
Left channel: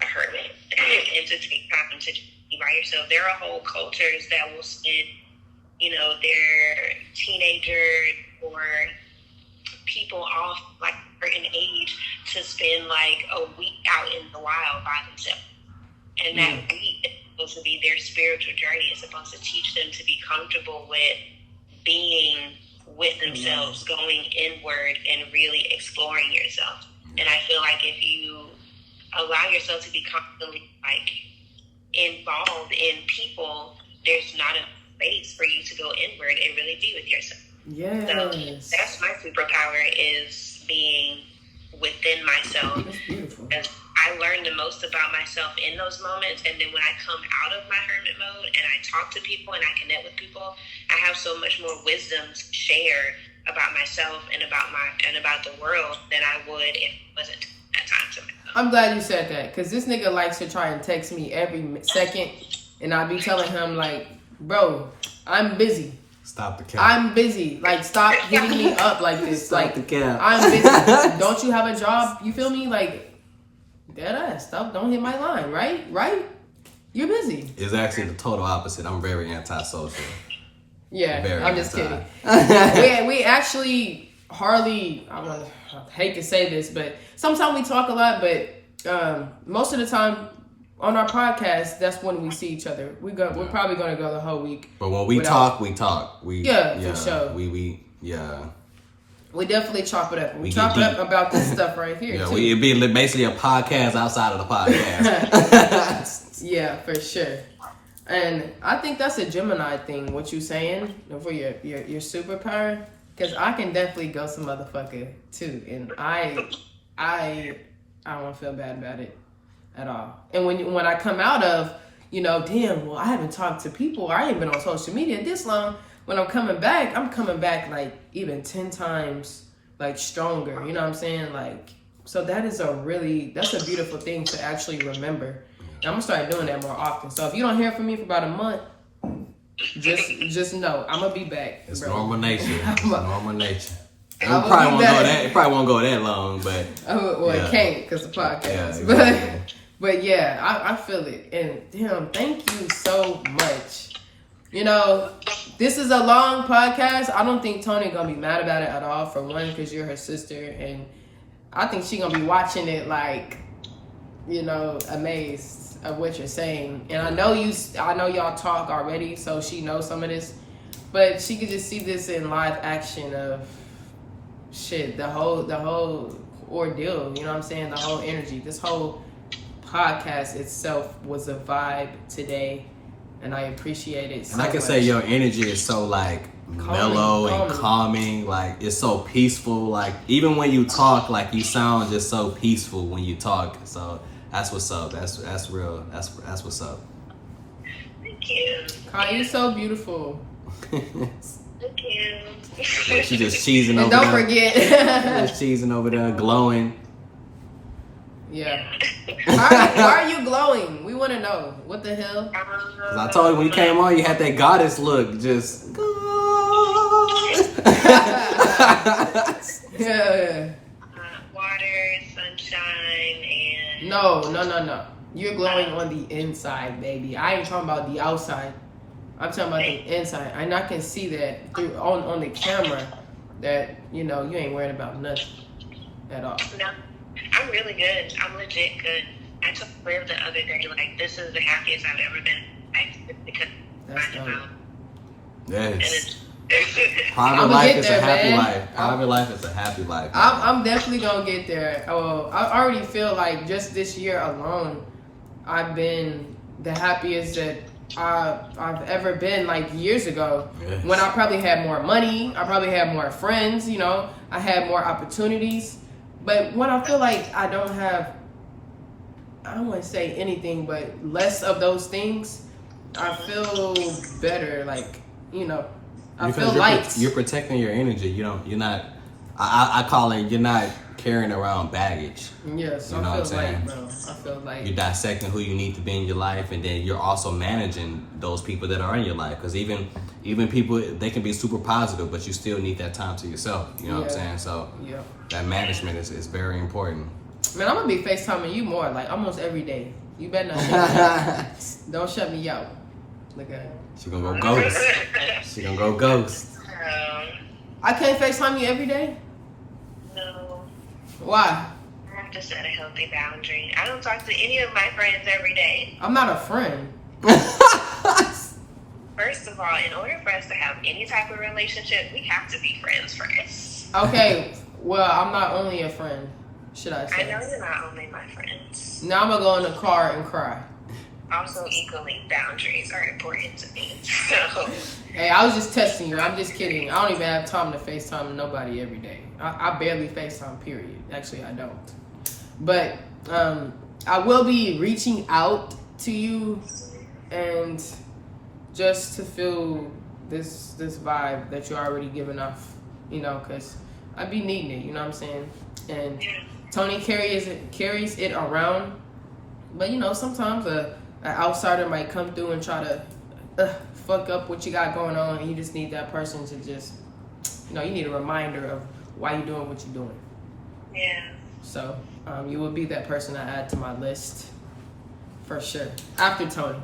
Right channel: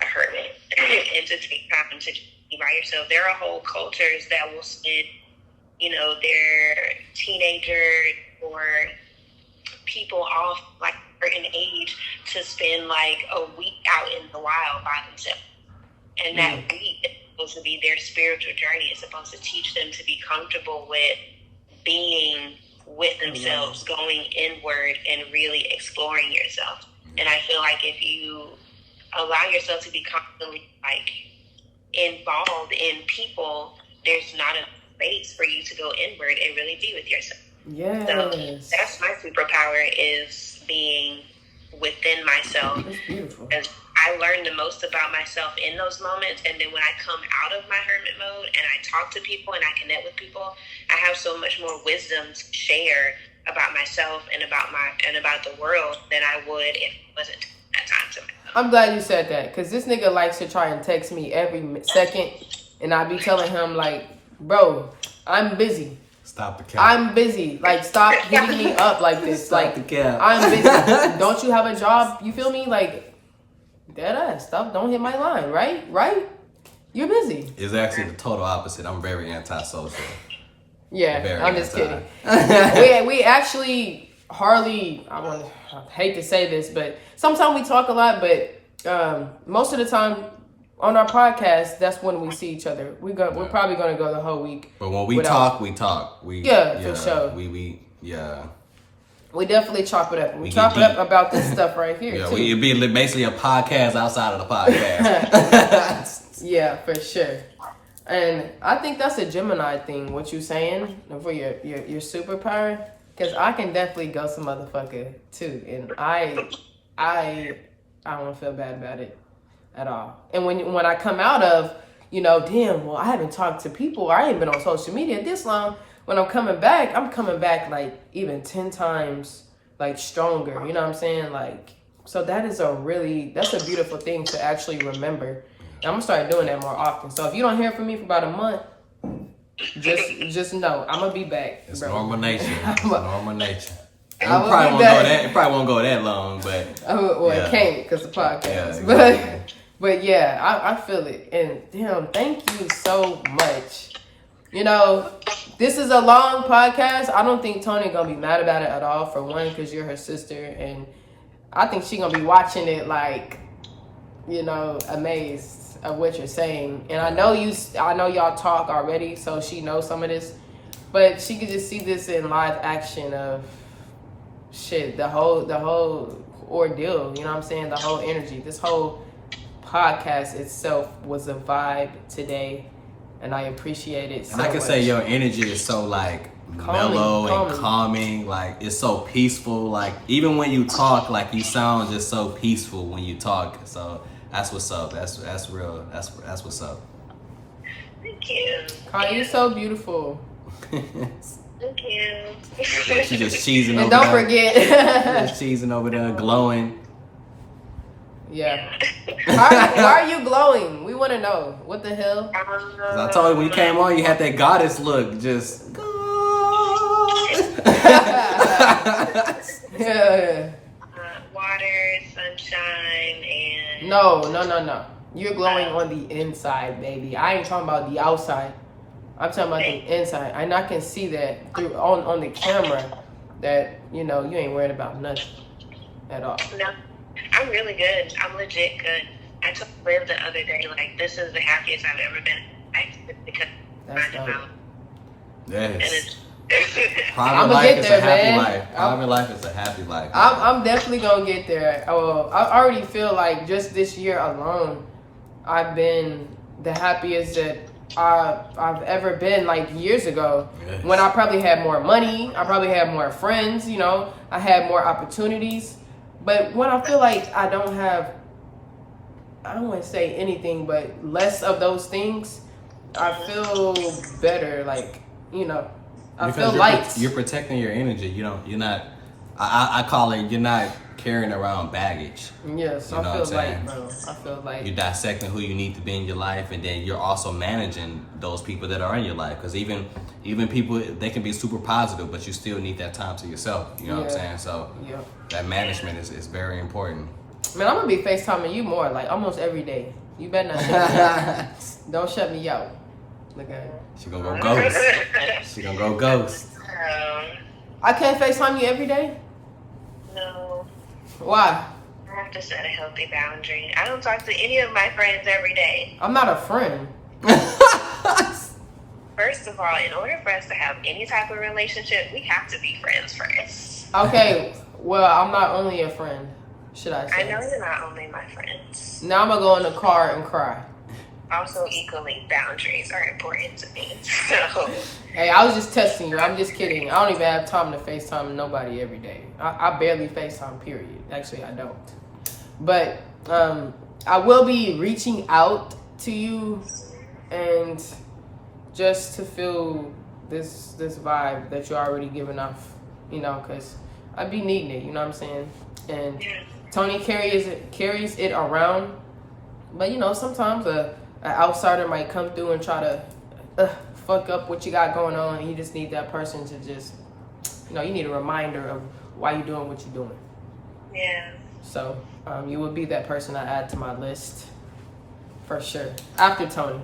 a hermit and to take time to be by yourself. There are whole cultures that will spend, their teenager or people off like a certain age to spend like a week out in the wild by themselves. And that week is supposed to be their spiritual journey. It's supposed to teach them to be comfortable with being with themselves, going inward and really exploring yourself. And I feel like if you allow yourself to be constantly like involved in people, there's not enough space for you to go inward and really be with yourself. Yes. So that's my superpower, is being within myself. That's beautiful. Because I learn the most about myself in those moments, and then when I come out of my hermit mode and I talk to people and I connect with people, I have so much more wisdom to share about myself and about the world than I would if it wasn't that time to myself. I'm glad you said that, because this nigga likes to try and text me every second, and I be telling him like, bro, I'm busy. Stop the cap. I'm busy. Like, stop hitting me up like this. Stop like, the cap. I'm busy. Don't you have a job? You feel me? Like, dead ass. Stop. Don't hit my line, right? Right? You're busy. It's actually the total opposite. I'm very antisocial. Yeah, Very I'm just anti. kidding. we actually hardly, I hate to say this, but sometimes we talk a lot, but most of the time on our podcast, that's when we see each other. We're probably going to go the whole week. But when we talk, we talk. For sure. We definitely chop it up. We chop it up about this stuff right here. Yeah, too. it'd be basically a podcast outside of the podcast. Yeah, for sure. And I think that's a Gemini thing, what you saying, for your superpower. Because I can definitely go some motherfucker, too. And I don't feel bad about it at all. And when I come out of, damn, well, I haven't talked to people. I ain't been on social media this long. When I'm coming back like even 10 times like stronger. You know what I'm saying? Like, so that's a beautiful thing to actually remember. And I'm gonna start doing that more often. So if you don't hear from me for about a month, just know I'm gonna be back. It's bro. normal nature. It's normal nature. It I'm probably won't go that long, but it can't because the podcast. Yeah, exactly. But yeah, I feel it. And damn, thank you so much. This is a long podcast. I don't think Tony gonna be mad about it at all. For one, because you're her sister, and I think she gonna be watching it like, amazed of what you're saying. And I know y'all talk already, so she knows some of this, but she could just see this in live action of shit, the whole ordeal. You know what I'm saying? The whole energy. This whole podcast itself was a vibe today. And I appreciate it so much. And I can say your energy is so like mellow and calming. Like it's so peaceful. Like even when you talk, like you sound just so peaceful when you talk. So that's what's up. That's real. That's what's up. Thank you. Connie, you're so beautiful. Thank you. Like she just cheesing over and there. don't forget. Just cheesing over there, glowing. Yeah. Why are you glowing? We want to know. What the hell? Because I told you when you came on, you had that goddess look. Just. Yeah. Water, sunshine, and... No. You're glowing on the inside, baby. I ain't talking about the outside. I'm talking about the inside. And I can see that through on the camera that, you ain't worried about nothing at all. No. I'm really good. I'm legit good. I told Liv the other day, like, this is the happiest I've ever been. Because That's dope. Yes. Private life is a happy life. Private life is a happy life. I'm definitely gonna get there. I already feel like just this year alone, I've been the happiest that I've ever been. Like years ago, yes. When I probably had more money, I probably had more friends. I had more opportunities. But when I feel like I don't want to say anything, but less of those things, I feel better. Like, I because feel like you're protecting your energy. You're not. I call it. You're not carrying around baggage. Yes, you know what I'm saying? Bro. I feel like you're dissecting who you need to be in your life, and then you're also managing those people that are in your life. Because even people, they can be super positive, but you still need that time to yourself. You know what I'm saying? So that management is very important. Man, I'm gonna be FaceTiming you more, like almost every day. You better not shut me out. Don't shut me out. Look at her. She gonna go ghost. She gonna go ghost. I can't FaceTime you every day? No. Why? I have to set a healthy boundary. I don't talk to any of my friends every day. I'm not a friend. First of all, in order for us to have any type of relationship, we have to be friends first. Okay, well, I'm not only a friend, should I say. I know you're not only my friends. Now I'm gonna go in the car and cry. Also, equally, boundaries are important to me. So. Hey, I was just testing you. I'm just kidding. I don't even have time to FaceTime nobody every day. I barely FaceTime, period. Actually, I don't. But I will be reaching out to you and just to feel this vibe that you're already giving off, because I be needing it, you know what I'm saying? And Tony carries it around, but sometimes an outsider might come through and try to fuck up what you got going on, and you just need that person to just, you need a reminder of why you're doing what you're doing. Yeah. So you would be that person I add to my list for sure. After Tony.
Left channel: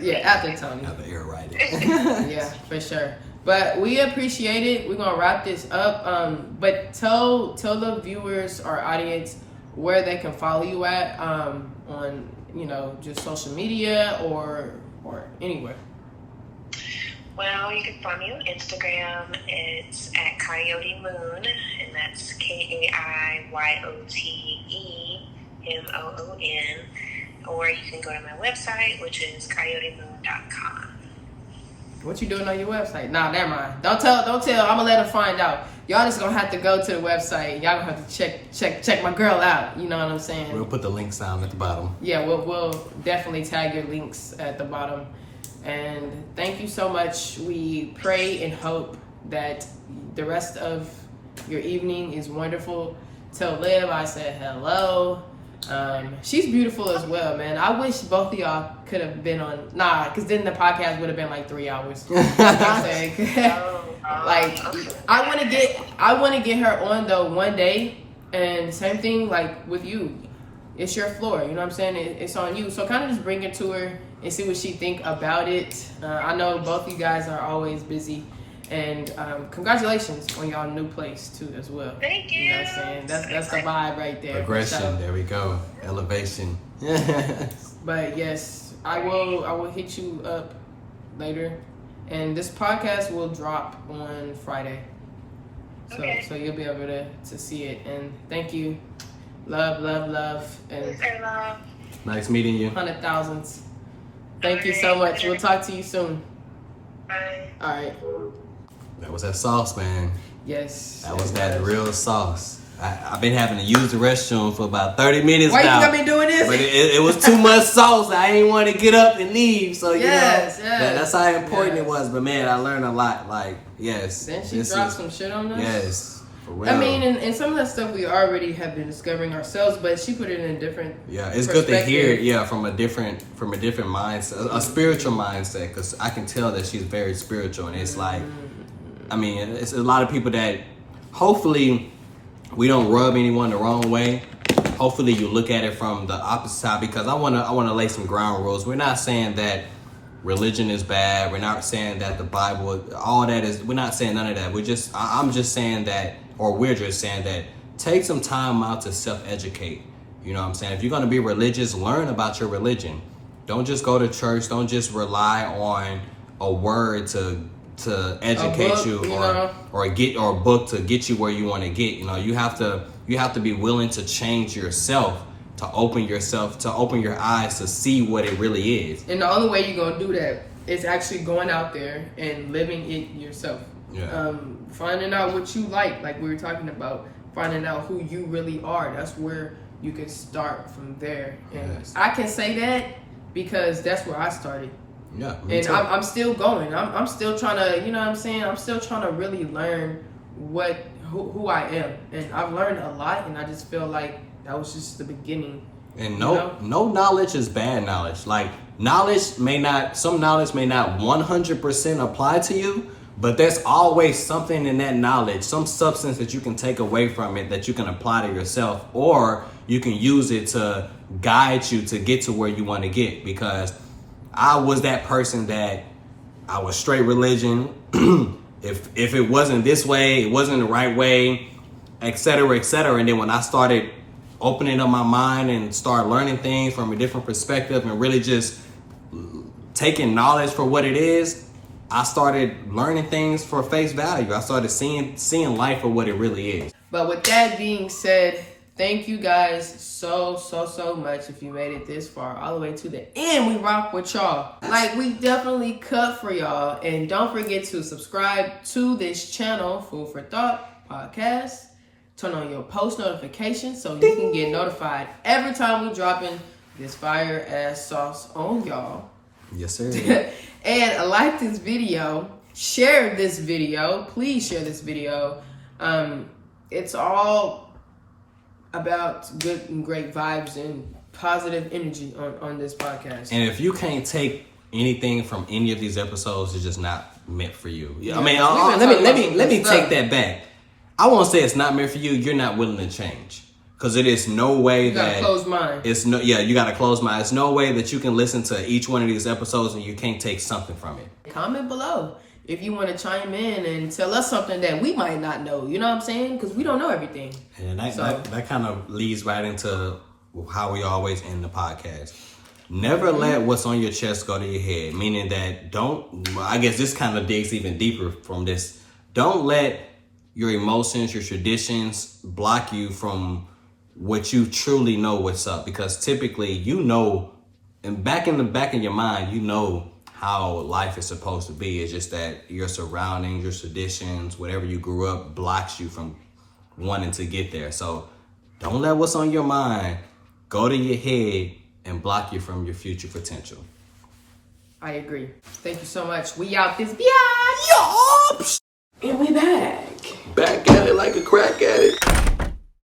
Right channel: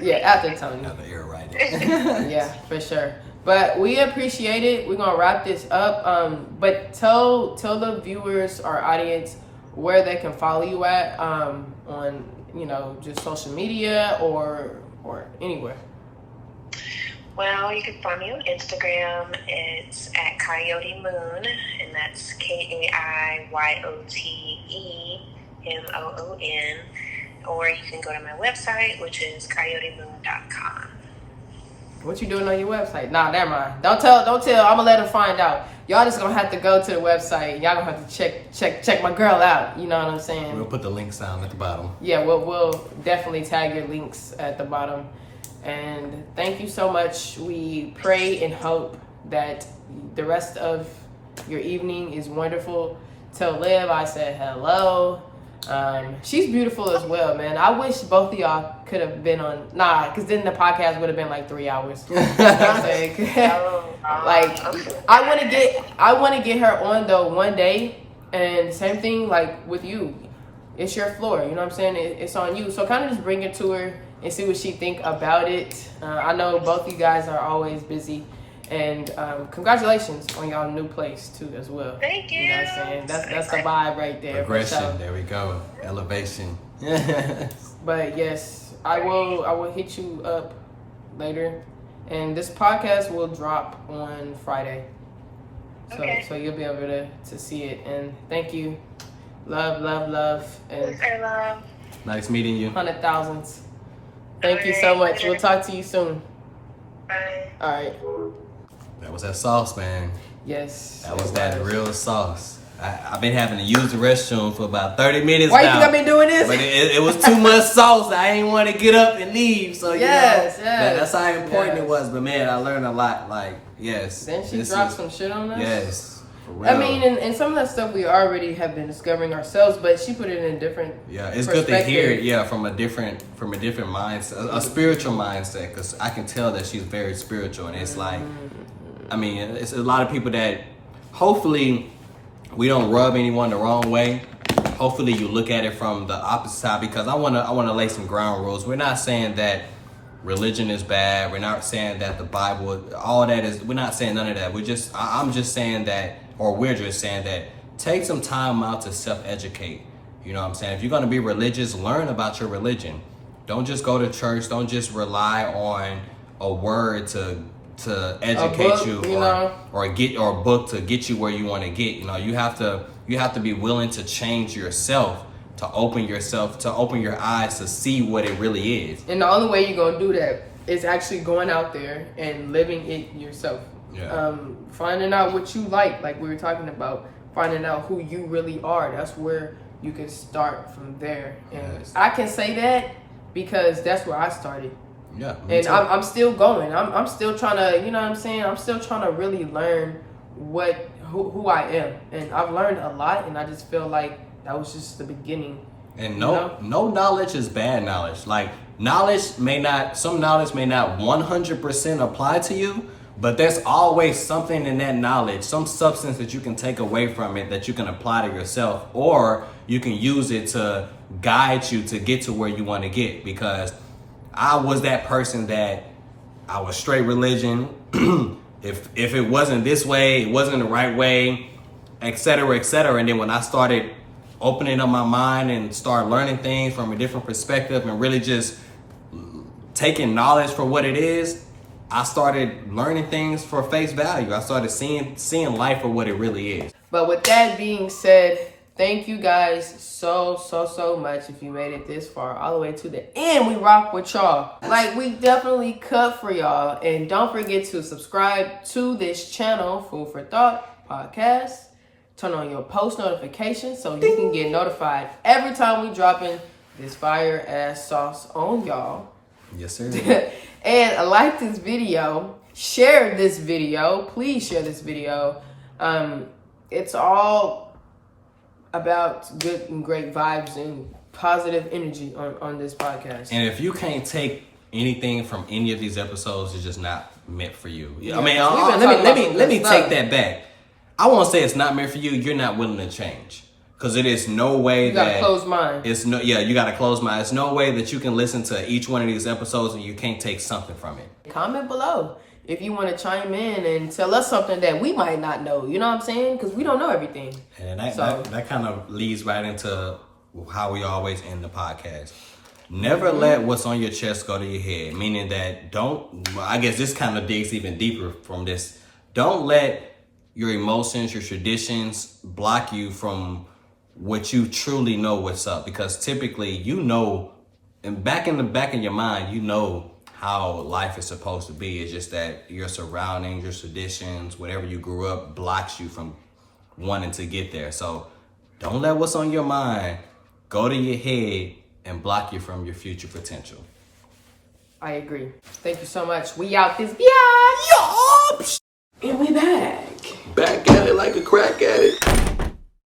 Yeah, after Tony. Have the air right. Yeah, for sure. But we appreciate it. We're gonna wrap this up. But tell the viewers, our audience, where they can follow you at on just social media or anywhere. Well, you can find me on Instagram. It's at Coyote Moon, and that's KAIYOTEMOON. Or you can go to my website, which is coyotemoon.com. What you doing on your website? Nah, never mind. Don't tell. I'm gonna let her find out. Y'all just gonna have to go to the website. Y'all gonna have to check my girl out. You know what I'm saying? We'll put the links down at the bottom. Yeah, we'll definitely tag your links at the bottom. And thank you so much. We pray and hope that the rest of your evening is wonderful. Tell Liv I said hello. She's beautiful as well, man. I wish both of y'all could have been on. Nah, because then the podcast would have been like 3 hours. Like, I want to get her on though one day. And same thing like with you. It's your floor, you know what I'm saying? It's on you. So kind of just bring it to her and see what she think about it. I know both you guys are always busy. And congratulations on your new place too as well. Thank you. You know what I'm saying? That's the vibe right there. Progression. There we go. Elevation. But yes, I will hit you up later, and this podcast will drop on Friday. So you'll be able to see it. And thank you. Love, and Nice meeting you. 100,000. Thank you so much. We'll talk to you soon. Bye. All right. That was that sauce, man. Yes. That was that real sauce. I've been having to use the restroom for about 30 minutes Why now. you think I've been doing this? But it was too much sauce. I ain't want to get up and leave. So, Yes. that's how important it was. But, man, I learned a lot. Like, yes. Then she dropped some shit on us? Yes. For real. I mean, and some of that stuff we already have been discovering ourselves, but she put it in a different it's good to hear it, from a different mindset, a spiritual mindset, because I can tell that she's very spiritual, and it's like, I mean, it's a lot of people that hopefully we don't rub anyone the wrong way. Hopefully you look at it from the opposite side, because I want to lay some ground rules. We're not saying that religion is bad. We're not saying that the Bible, all that is, we're not saying none of that. I'm just saying that, or we're just saying that, take some time out to self-educate. You know what I'm saying? If you're going to be religious, learn about your religion. Don't just go to church. Don't just rely on a word to educate book, you, or a book to get you where you want to get. You have to be willing to change yourself, to open your eyes to see what it really is. And the only way you're gonna do that is actually going out there and living it yourself. Yeah. Finding out what you like we were talking about, finding out who you really are. That's where you can start from there. And yes. I can say that because that's where I started. Yeah, and I'm still going. I'm still trying to, you know what I'm saying? I'm still trying to really learn who I am. And I've learned a lot, and I just feel like that was just the beginning. And no knowledge is bad knowledge. Like, some knowledge may not 100% apply to you, but there's always something in that knowledge, some substance that you can take away from it that you can apply to yourself, or you can use it to guide you to get to where you want to get. Because I was that person that I was straight religion. If it wasn't this way, it wasn't the right way, et cetera, et cetera. And then when I started opening up my mind and start learning things from a different perspective and really just taking knowledge for what it is, I started learning things for face value. I started seeing life for what it really is. But with that being said, thank you guys so much if you made it this far, all the way to the end. We rock with y'all. Like, we definitely cut for y'all. And don't forget to subscribe to this channel, Food for Thought Podcast. Turn on your post notifications so you can get notified every time we dropping this fire ass sauce on y'all. Yes, sir. And like this video, share this video. Please share this video. It's all about good and great vibes and positive energy on this podcast. And if you can't take anything from any of these episodes is just not meant for you. Yeah. I mean, let me take that back. I won't say it's not meant for you. You're not willing to change. Because it is no way that... You got a closed mind. You got a closed mind. It's no way that you can listen to each one of these episodes and you can't take something from it. Comment below if you want to chime in and tell us something that we might not know. You know what I'm saying? Because we don't know everything. And that kind of leads right into how we always end the podcast. Never let what's on your chest go to your head. Meaning that I guess this kind of digs even deeper from this. Don't let your emotions, your traditions block you from what you truly know what's up, because typically and back in your mind, you know how life is supposed to be. It's just that your surroundings, your traditions, whatever you grew up blocks you from wanting to get there. So don't let what's on your mind go to your head and block you from your future potential. I agree. Thank you so much. We out this. Yeah.